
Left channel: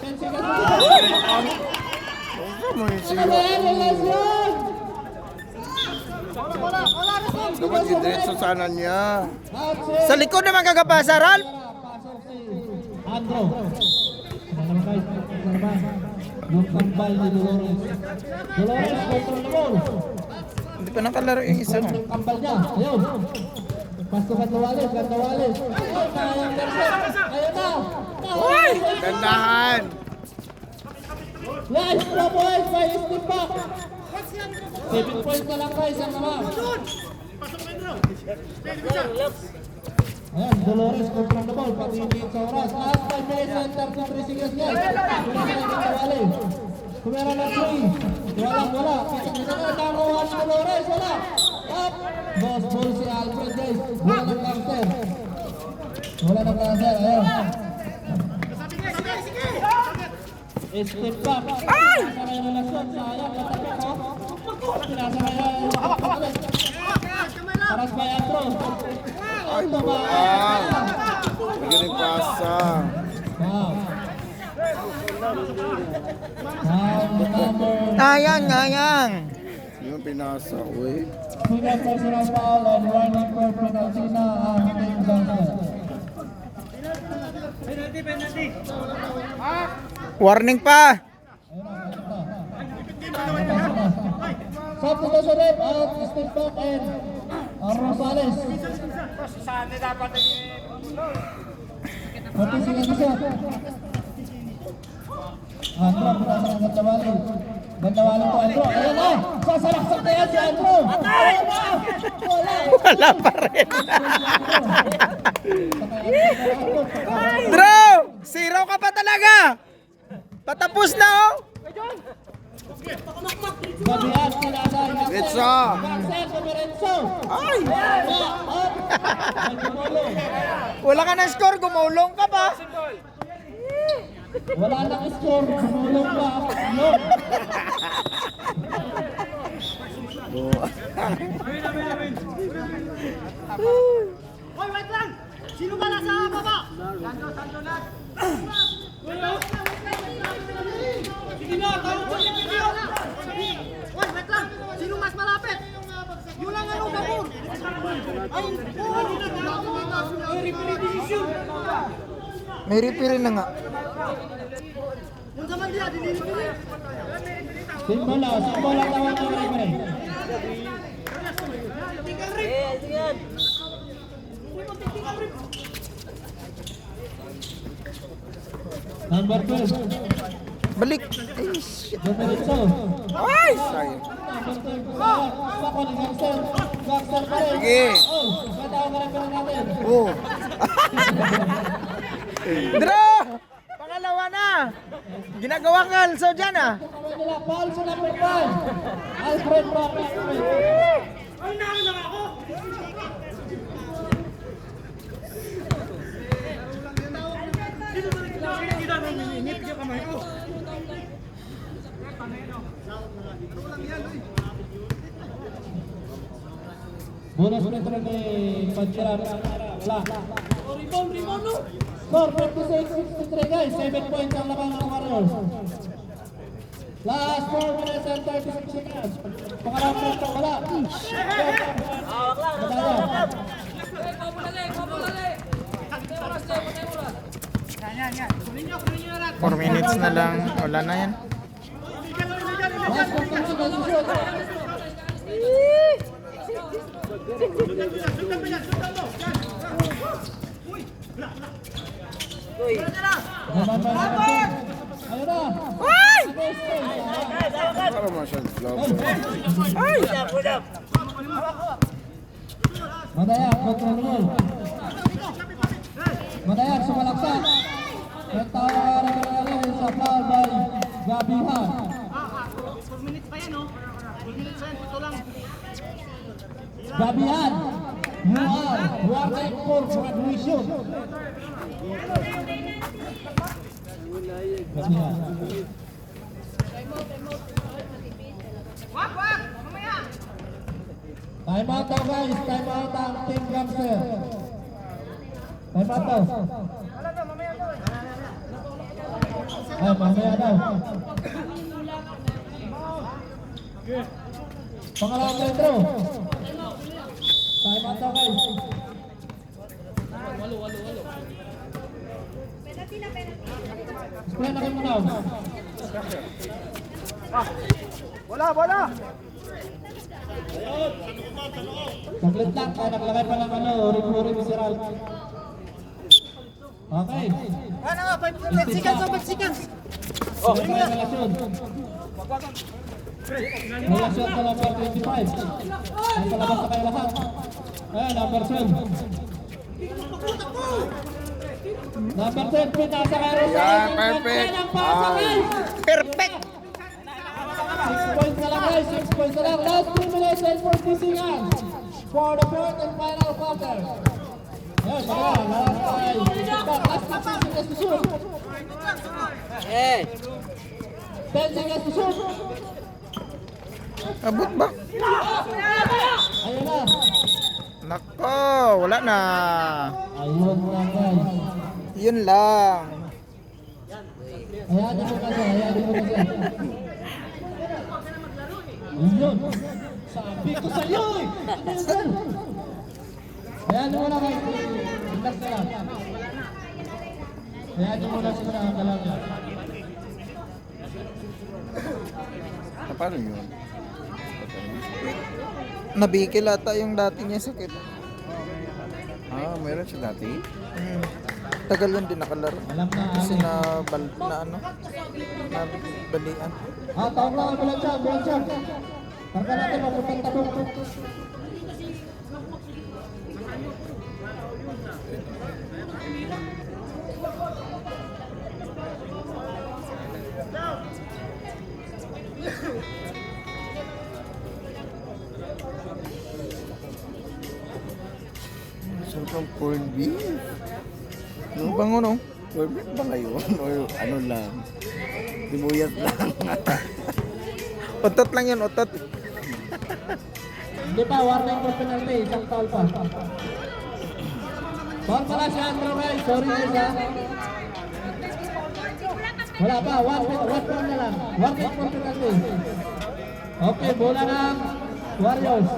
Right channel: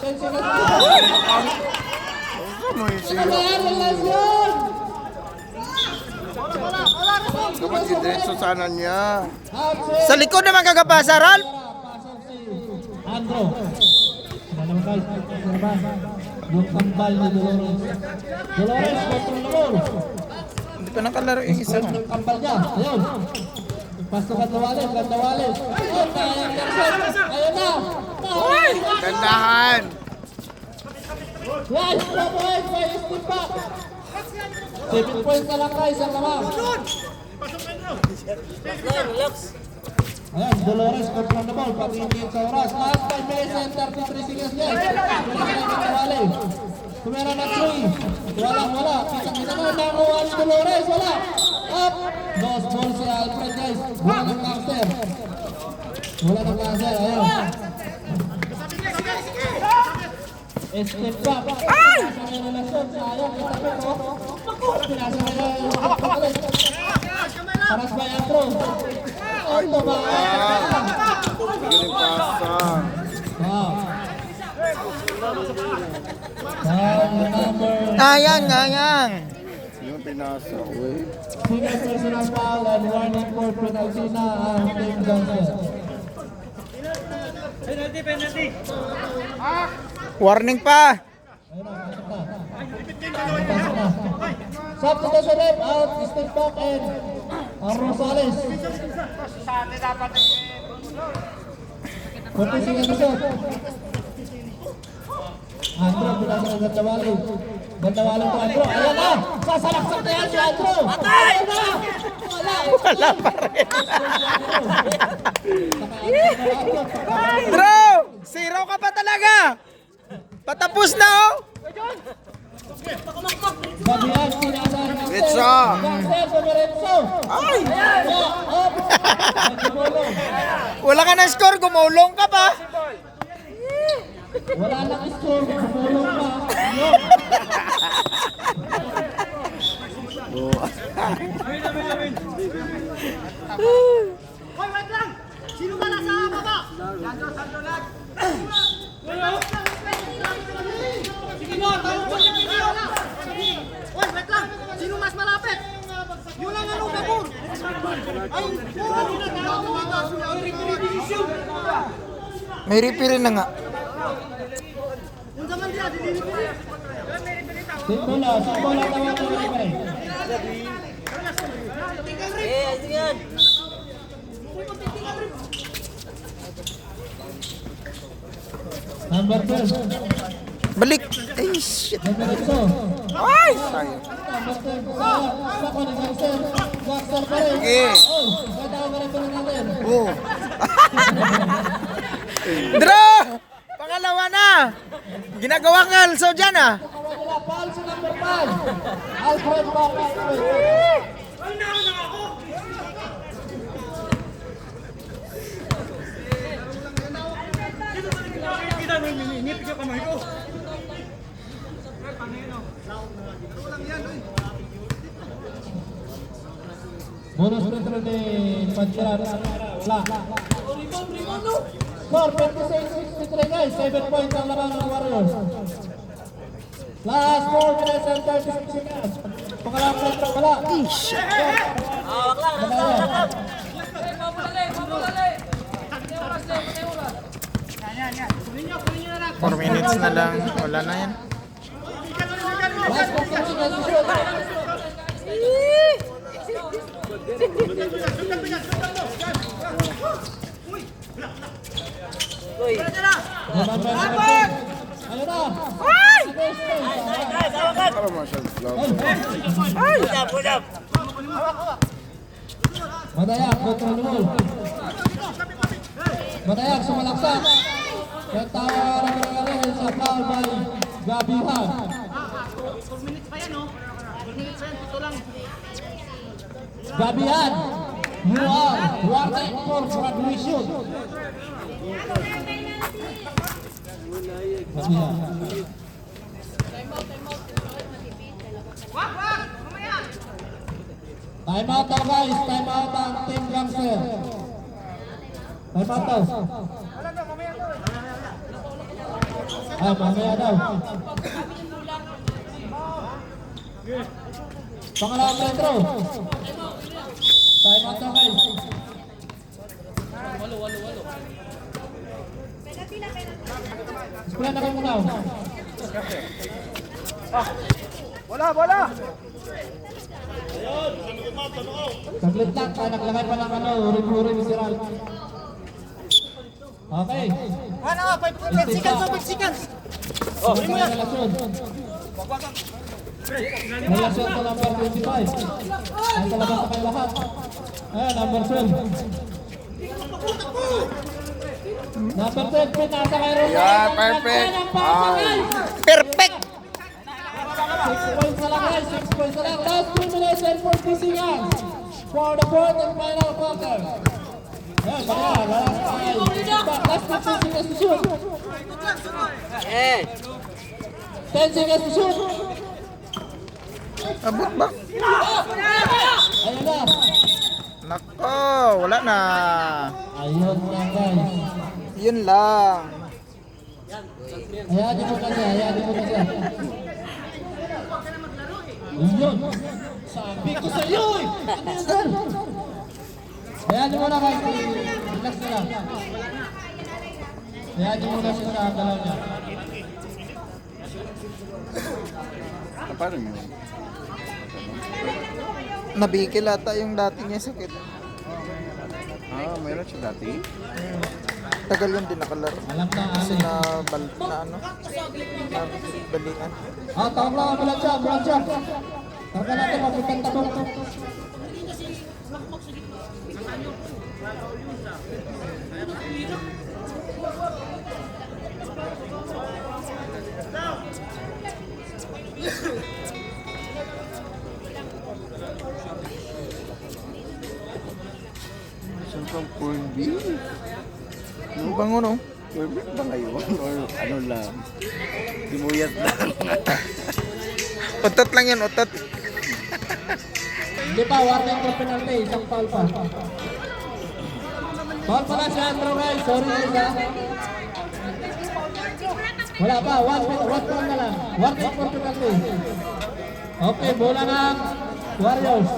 10 seconds to shoot. Ano ba yan, relasyon? Dapat si Dretso sana niya. Sa likod naman kagapasa, Ralph. pasok si Andro. Ano naman guys, ano naman? Yung kambal ni Dolores. Dolores, control na ball. Hindi pa nakalaro yung isa. Yung kambal niya, ayun. Pasukan na Walis, ganda Walis. Ayun na, ayun na. Gandahan. Yes, the boys, by step back. 7 points na lang guys, ang naman. Ayan, Dolores, control the ball, pag-ibig sa oras. Last 5 minutes and 33 seconds left. Tumera na 3. Wala. Kita na damo ang Dolores, wala. Up. Lost ball si Alfred guys. Wala ng gangster. Ayan. Step back. Ay! Pinasakay na relasyon. Sayang, katapit o. Pinasakay na Paras by Andro. Ay, Galing pasa. Ayang. Yung pinasa, wait. Single personal foul and warning for penalty na ang Team Gangster. Penalty. Warning pa. Substitution rep out, step back and Rosales. Continuing to shoot. Andro, pinasakay Gandawalo. Gandawalo to Andro. Ayan na! Sasalaksak na yan si Andro! Patay! Wala pa rin. Bro! Zero ka pa talaga! Patapos na oh! Babihan, pinasakay Retso! Retso! Ay! Wala ka na score, gumulong ka pa! Wala nang score, gumulong pa. Wait lang! Sino ba nasa baba? Sando na! Oy, wait lang! Sino mas malapit? Yun lang ano, Babur! Ay, May referee na nga. Simbola naman ang referee. Number 12. Balik! Ay, shit! Diretso. Ay! Sayang. Sako ni Jackson. Jackson pa rin. Sige. Oh, pwede ka rin natin. Oh! Dra! Pangalawa na! Ginagawa ka also dyan ah! Wala, foul sa number 5. Alfred Barra. ay, naman lang ako! Kita mo, minipig yung kamay ko. Bonus free throw ni Panchiran. Wala. Score 56-63 guys. 7 points ang laban ng Warriors. Last 4 minutes and 36 seconds. Pangalawang free throw. Wala. Madaya. 4 minutes na lang. Wala na yan. Last 4 minutes and 36 Ayun na. Para masyad flop. Madayak kontra Lumol. Madayak sumalaksak. Kaya nangyari sa foul by Gabihan. 4 minutes pa yan, oh. 4 minutes pa yan, ito lang. Gabihan, you are working for graduation. Gabihan. Wag! Mamaya! Time out daw guys, time out ang Team Gangster. Time out daw. Ay, mamaya daw. Pangalawang metro. Time out daw guys. Sekolah na kayo muna. Bola! Saglit lang, naglagay pa ng uring-uring si Ralph. Okay. 5 seconds! Oh, relasyon. Relasyon sa number 25. Nasa labas na kayo lahat. Ayan, number 12. Number 12, pinasa kayo. Yeah, perfect. Ay. Perfect! 6 points na lang guys, 6 points na lang. Last 3 minutes and 40 seconds. For the fourth and final quarter. Ayan, baka, last 5 seconds to shoot. 10 seconds to shoot. Abot ba? Ayun na. Nako, wala na. Ayun na guys. Yun lang. Hayaan mo kasi. Ayun. Sabi ko sa iyo eh. Hayaan mo na guys. Relax na lang. Hayaan mo na siya sa galaw niya. Paano yun? Nabikil ata yung dati niya sakit. Meron siya dati? Tagal yun din nakalaro. Alam na Kasi Ali. nabalian. Tawag na. Bulan siya. Tawag natin mabutan tabong. Saan kang corned beef? Ang bango no? Corned beef ba ngayon? Or ano lang? Simuyat lang. Utot lang yun, utot. Hindi pa, warning for penalty. Isang foul pa. Foul pala si Andrew guys. Sorry guys ha. Wala pa, one foul na lang. Warning for penalty. Okay, bola ng Warriors.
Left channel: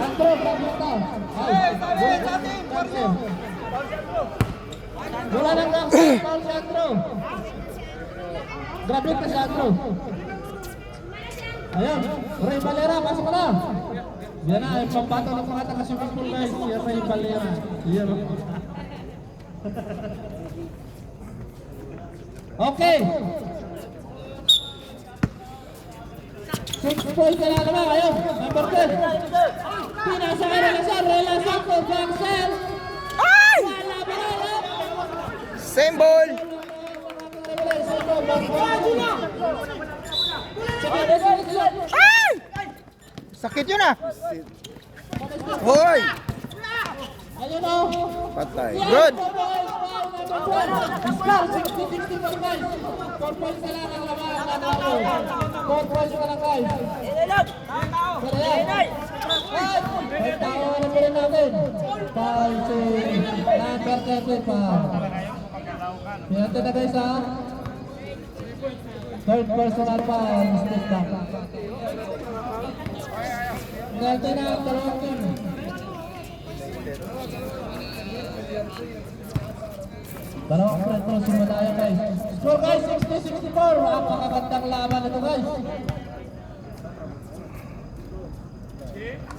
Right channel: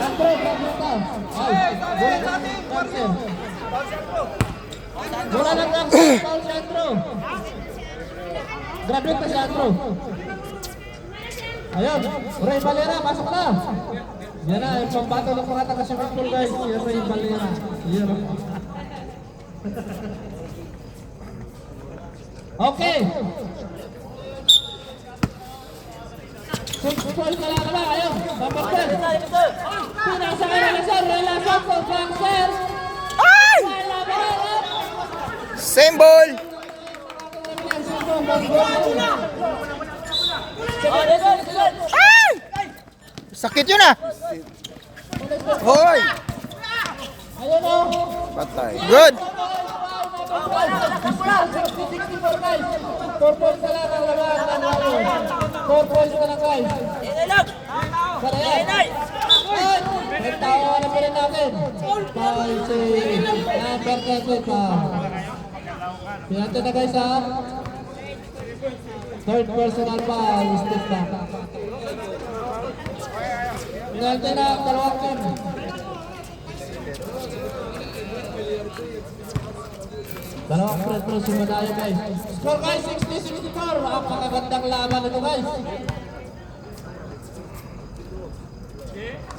Andrew, pagpunta. Ay, bola ng Gangster. Bola ng Gangster. Foul si Andrew. Graduate pa si Andrew. Ayan, Ray Valera, masuk na. Yan na, yung pambato ng mga taga-swimming pool guys. Yan Ray Valera. Yan. Okay. 6 points na lang naman. Ayun, number 10. Pinasa ka relasyon ko, Gangster. Ay! Same ball! Ay! Sakit yun ah! Hoy! Ayun o. Patay. Good! 4 points na lang ang laban ng Warriors. 4 points na lang guys. Saraya. tawagan na pa rin natin. Foul si number 30 pa. Pinati na guys ha. Third personal foul, step back. Pinati na ang dalawang team. Dalawang front row si Madaya guys. Score guys, 60-64. Ang pakagandang laban ito guys.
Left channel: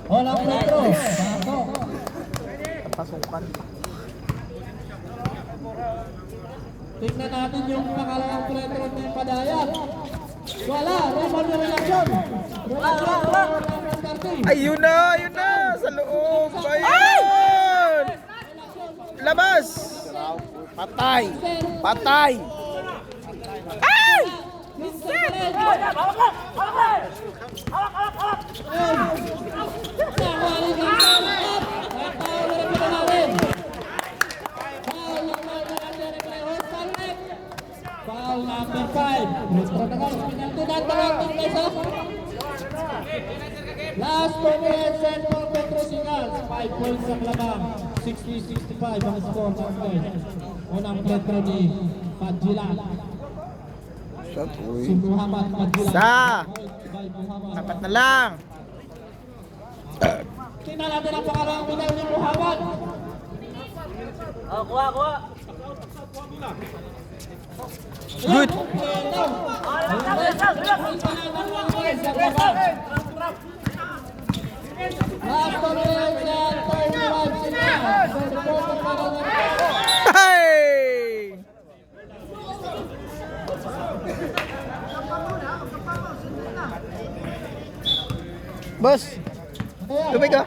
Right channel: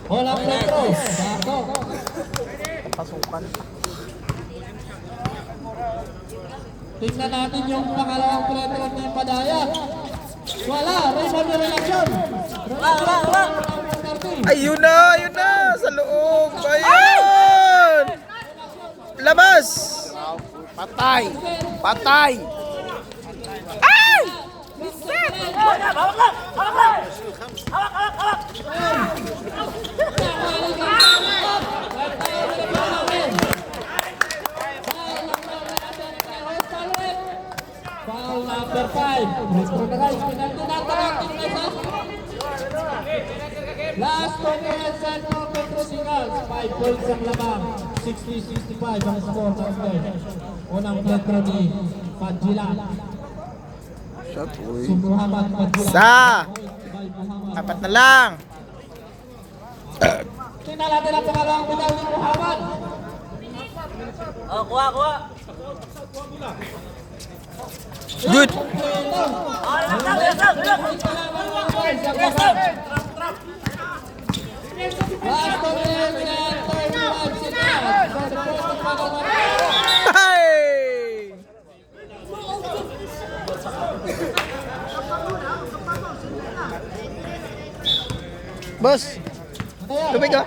Walang front row. Ako. Pasukan. Tingnan natin yung pangalawang front row ni Madaya. Wala, rebound ni reaction. Ayun na, sa loob. Ayun! Labas! Patay! Patay! Ay! Foul number 5. Retro na guys, penalty natin. Last 2 minutes and for Petro Singals. 5 points ang labang. 60-65 ang score ng guys. Unang Petro ni Padjilan. Shot, uy. Si Muhammad Padjilan. Sa! By Muhammad. Apat na lang. Tingnan natin ang pangalawang medal ni Muhammad. Good! Last 2 minutes and 31 seconds. For the first of all, Hey! Boss, tubig ka?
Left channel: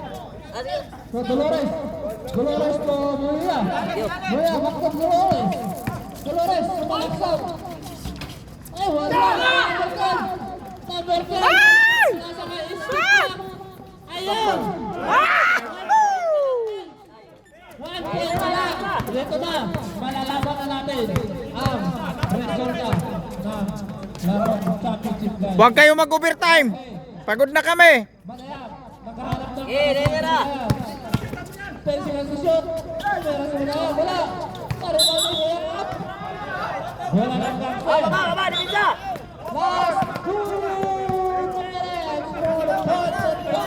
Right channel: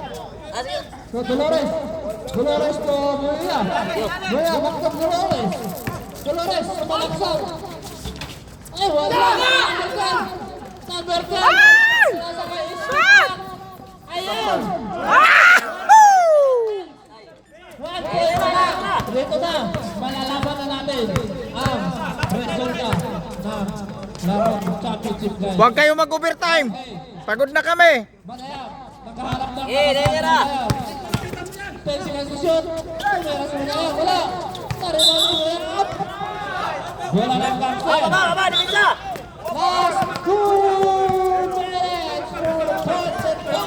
So Dolores. Dolores to Muya. Muya, maktong Dolores. Dolores, sumalaksaw. Ay, wala. Number 5. Nasa may isip. Ayun. Dito na, malalaban na natin ang resulta ng Larong Championship game. Huwag kayo mag-overtime. Pagod na kami. Magaya, nagkaharap ng Magaya. Fencing ang susyon. Meron sa Magaya, wala. Narinig si Magaya. Wala ng gangsa. Last 2 minutes for the points of the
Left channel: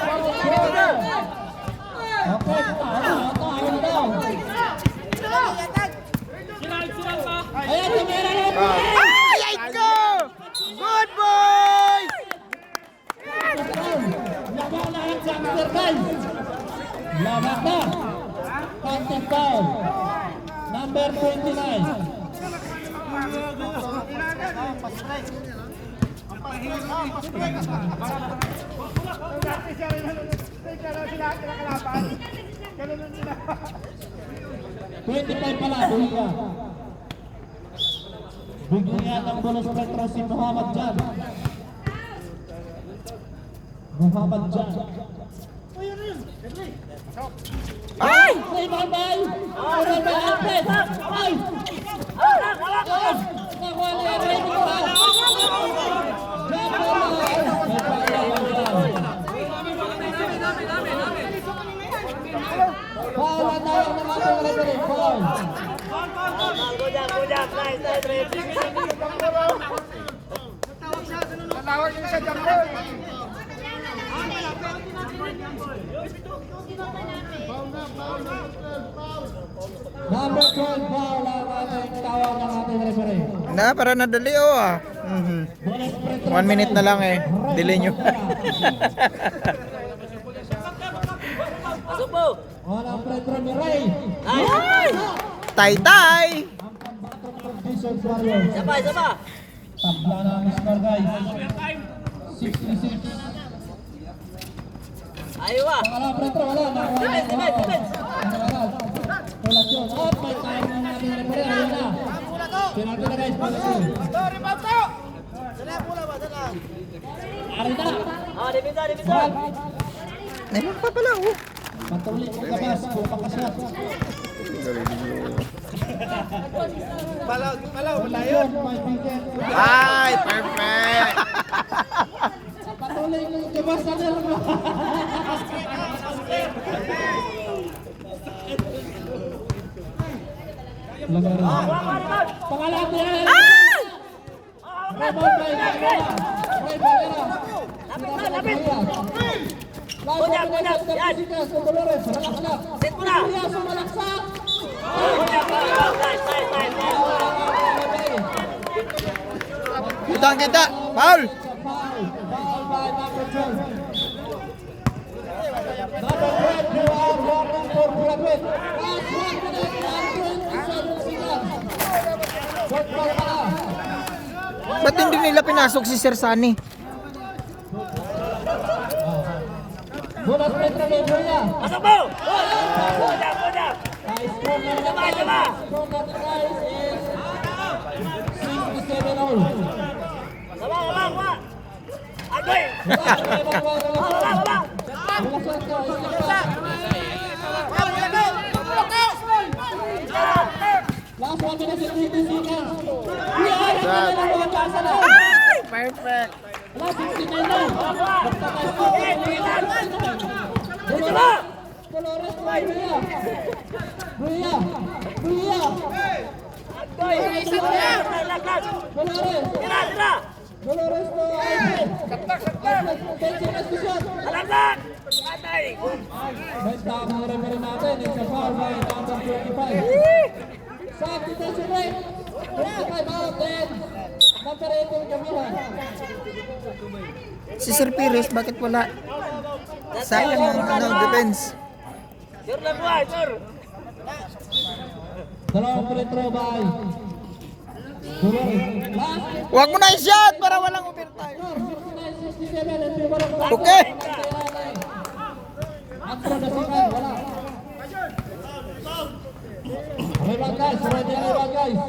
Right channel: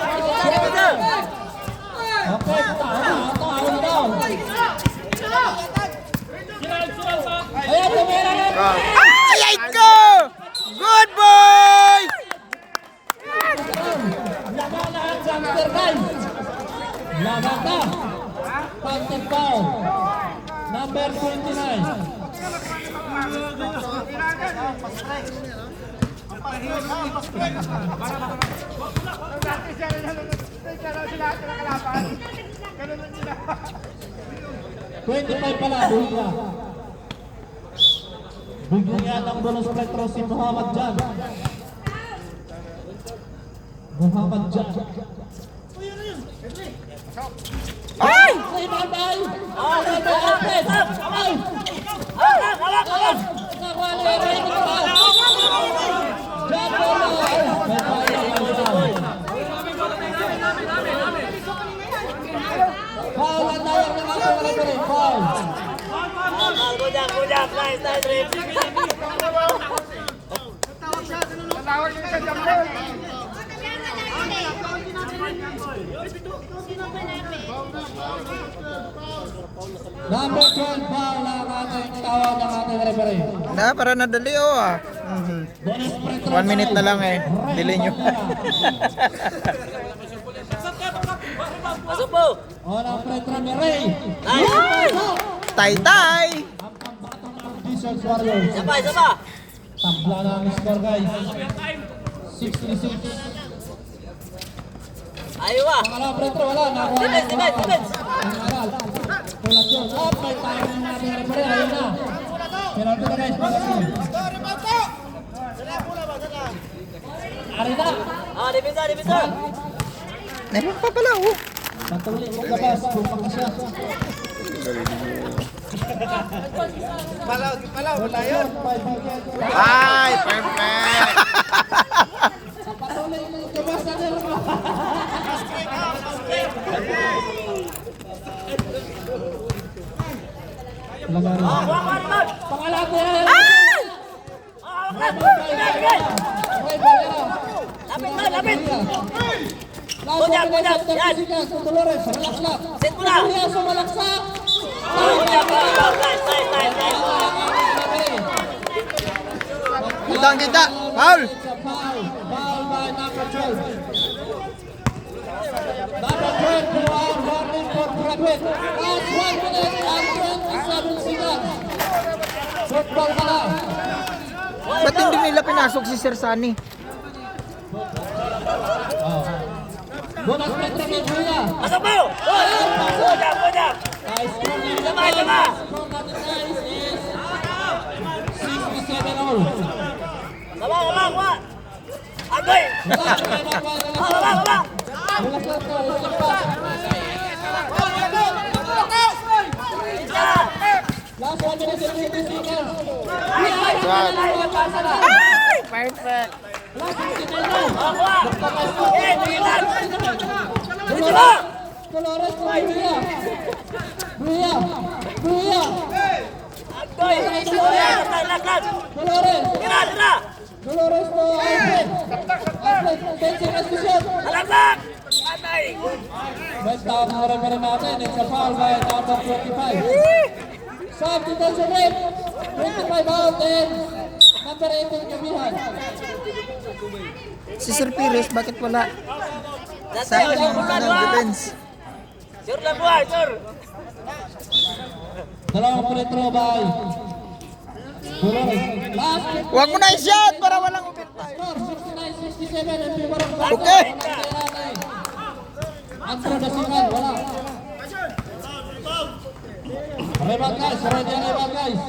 okay, taon na daw. Ayan, tumira na. Ay, ay ko! Good boy! Laban na ang Sander guys. Laban na. Panting foul. Number 29. Ganun lang nila. 25 pala, Buhiya. Buhiya ng bonus retro si Muhammad Jan. Muhammad Jan. Ay! Rebound by Alfred. Ay! Nakuha na yung rebound. Jan Bola. Foul ang tawag ng ating referee. Foul. Tawag yung isa dyan, bro. Number 12 foul ang ating tawag ng ating referee. Na, para nadali ah. Bonus retro. 1 minute na lang eh. Delay nyo. Orang retro ni Ray. Tay-tay! Ang pambato ng Wizards Warriors. Tabla na ang score guys. 66. Pangalang retro wala. Nakuha na Pangalang. Kolasyon. Up. May tayo ng ating referee. Ayun na. Penalty na guys. Kolasyon. Ari na. Ball. Meron pa pala oh. Patuloy ang labas. Kung pakasya. Palaw, wala yun. Ay, perfect! Patuloy ang labas na nila. Pangalawa po yan. Rebound by Valera. Roy Valera. Lapit. Dolores. Set mo na. Sumalaksak. Kita. Foul. Foul by number 12. Number 12, they are running for profit. As 1 minute and 27 seconds. Set back na. Ba't hindi nila pinasok si Sir Sunny? Bonus point na kay Julia. Pasok mo! Nice score na. Tama! Score na ni Nice is 67 all. Kuha! Agoy! Wala sa ito. Step back. Last 1 minute and 20 seconds. Ay! Perfect. Last 50 na. Magpapasok. Dito ba? Dolores po, Julia. Dolores po, Alfred, 10 seconds to shoot. Alaglag! Atay! First down na rin natin. It's a foul by number 25. Sub detention rate. 25 out and number 18 Kamihan. Si Sir Pires, bakit wala? Silent ng defense. Sure lang buhay, sure! Dalawang free throw by Dolores. Last Huwag mo na i-shot para walang overtime. score, 69-67 in favor of Baco. Okay. Answer the second, wala. Rebound guys, ready ang rebound guys.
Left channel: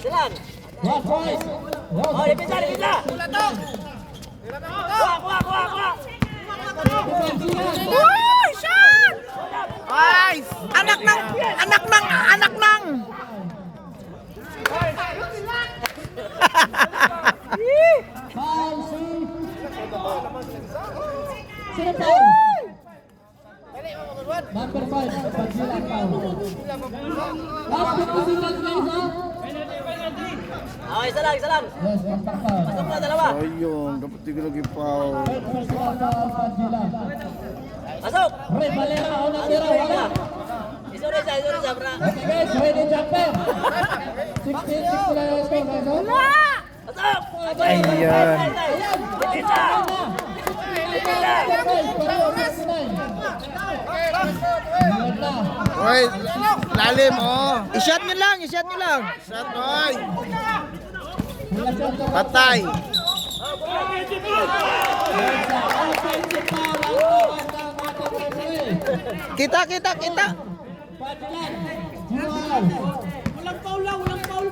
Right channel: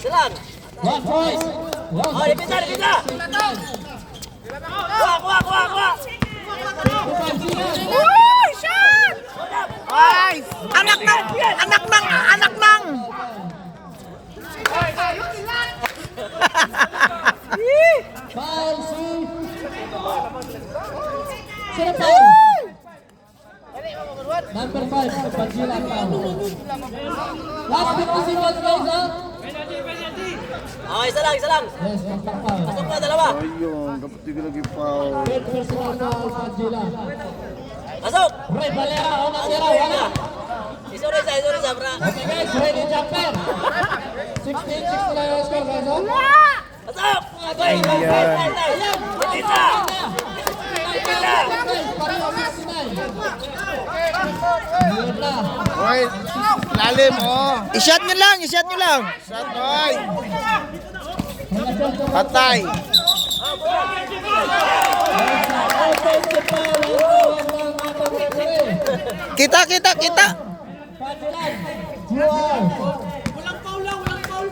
Silang! One point. Oh, dipisa! Kuha! Nice! Anak ng! Foul, see. Sino foul? Number 5, Pagila foul. Last 50 seconds guys, ha? Oh, isa lang! Yes, contact foul. Pasok mo, dalawa! Ayun, dapat di ko lagi foul. Third personal foul, Pagila. Pasok! Ray Valera, unang tira, wala. Isuri sa, bra! Okay guys, ready jumper. 16-6 na yung score guys, ha? Pasok! Agoy! Dipisa! Okay, lalim oh. I-shot nyo lang. Shot boy. Patay. Kita. Walang foul lang, walang foul.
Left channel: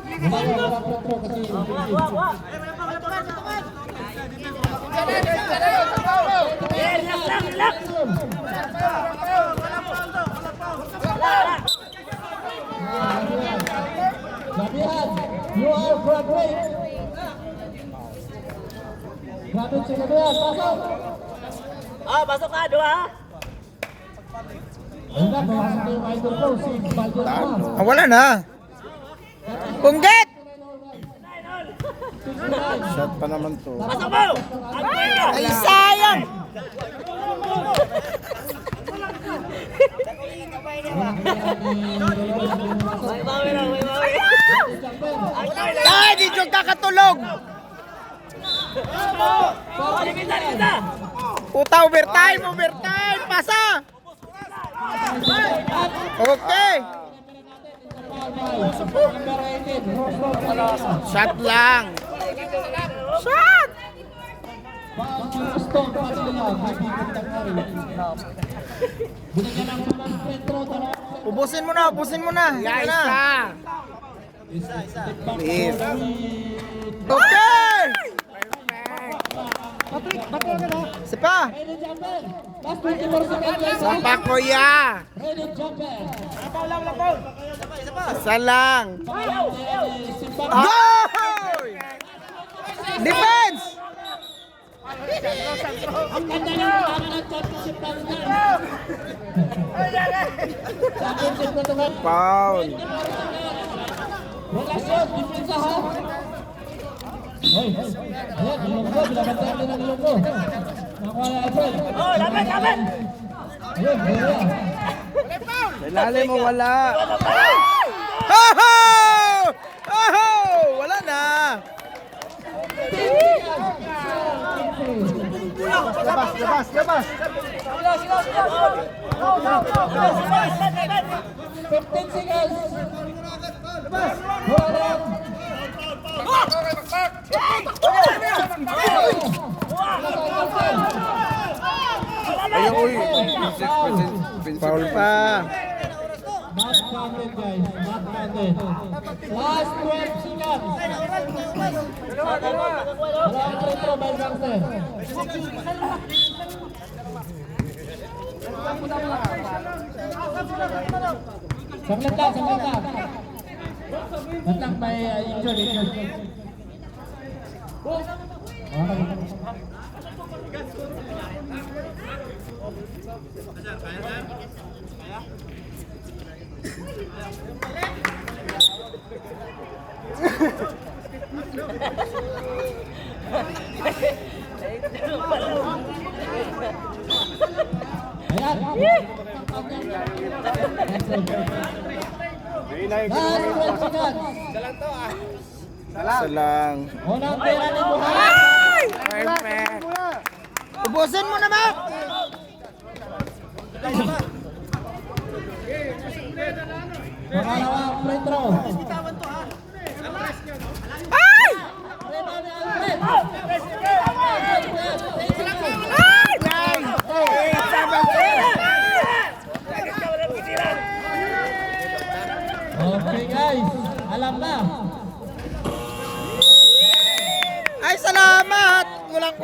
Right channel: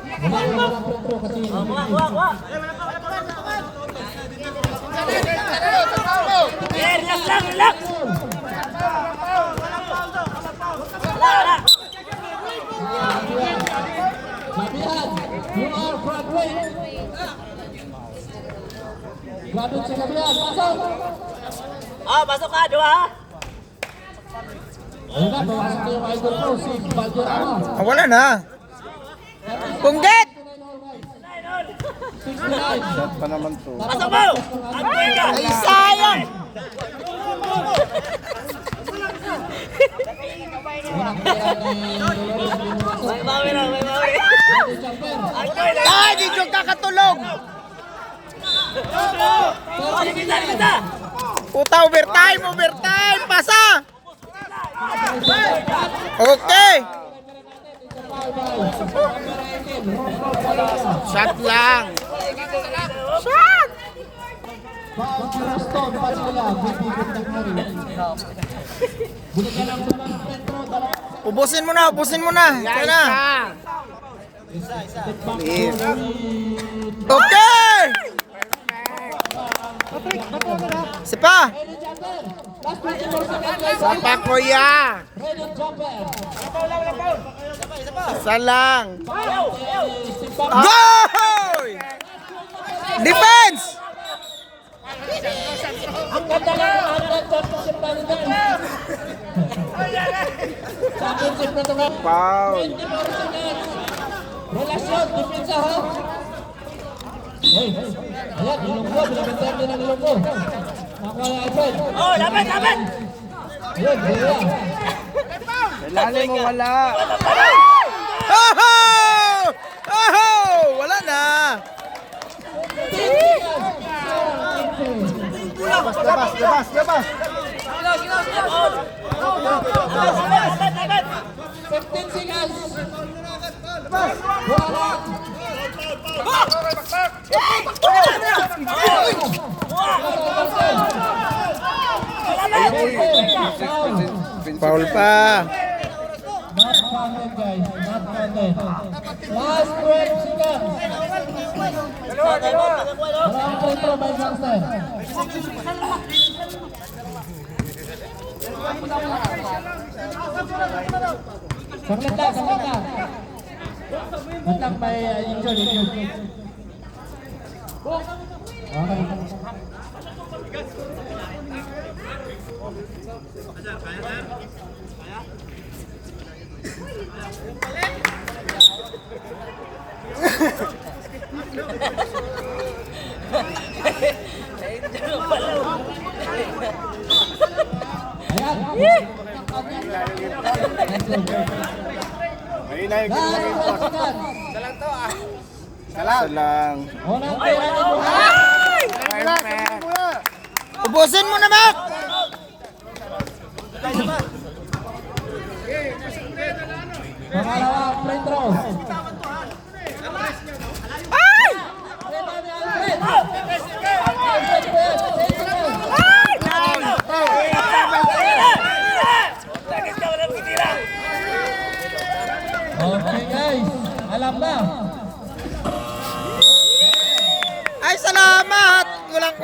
Relax lang, relax! Gabihan, you are Broadway. Grabe si Gabihan, pasok. Oh, pasok ka, dua! Ayun na, pumasok na yung idol ko, si Valderrama. Wala na. Punggit! 69. Shot pa naman to. Pasok mo! Agoy ka! Ay, sayang! May bawi lang! Agoy lang! Ay, di yung kakatulog! Oh, dipisa! Puta, overtime! Pasa! Okay! Shot lang! Shot! Ubusin mo na! Yan na! Okay! Sipa! Sapa ko ya! Isa lang! Go! Defense! Ang ganda ng championship natin yan. Championship na ito nga. Foul. Relasyon, pupunsa ha. Hoy, ayan, ilonggo, binabantay din ang ilonggo. Nakuha yung iPhone. Oh, laban! Ayun, buya. Lalim mo, wala. Oho! Oho! Wala na. Labas. 15 seconds. Wala. Foul pa. Not counted, guys. Not counted. Last 12 seconds. Walang free throw by Gangster. Saglit lang. Matang may injured. Okay. Isa lang. Unang pera ni Buhay. Perfect. Ubusin mo na, Mac. Pangalawang free throw. Ay! Okay guys, alam na. Ay, salamat. Walang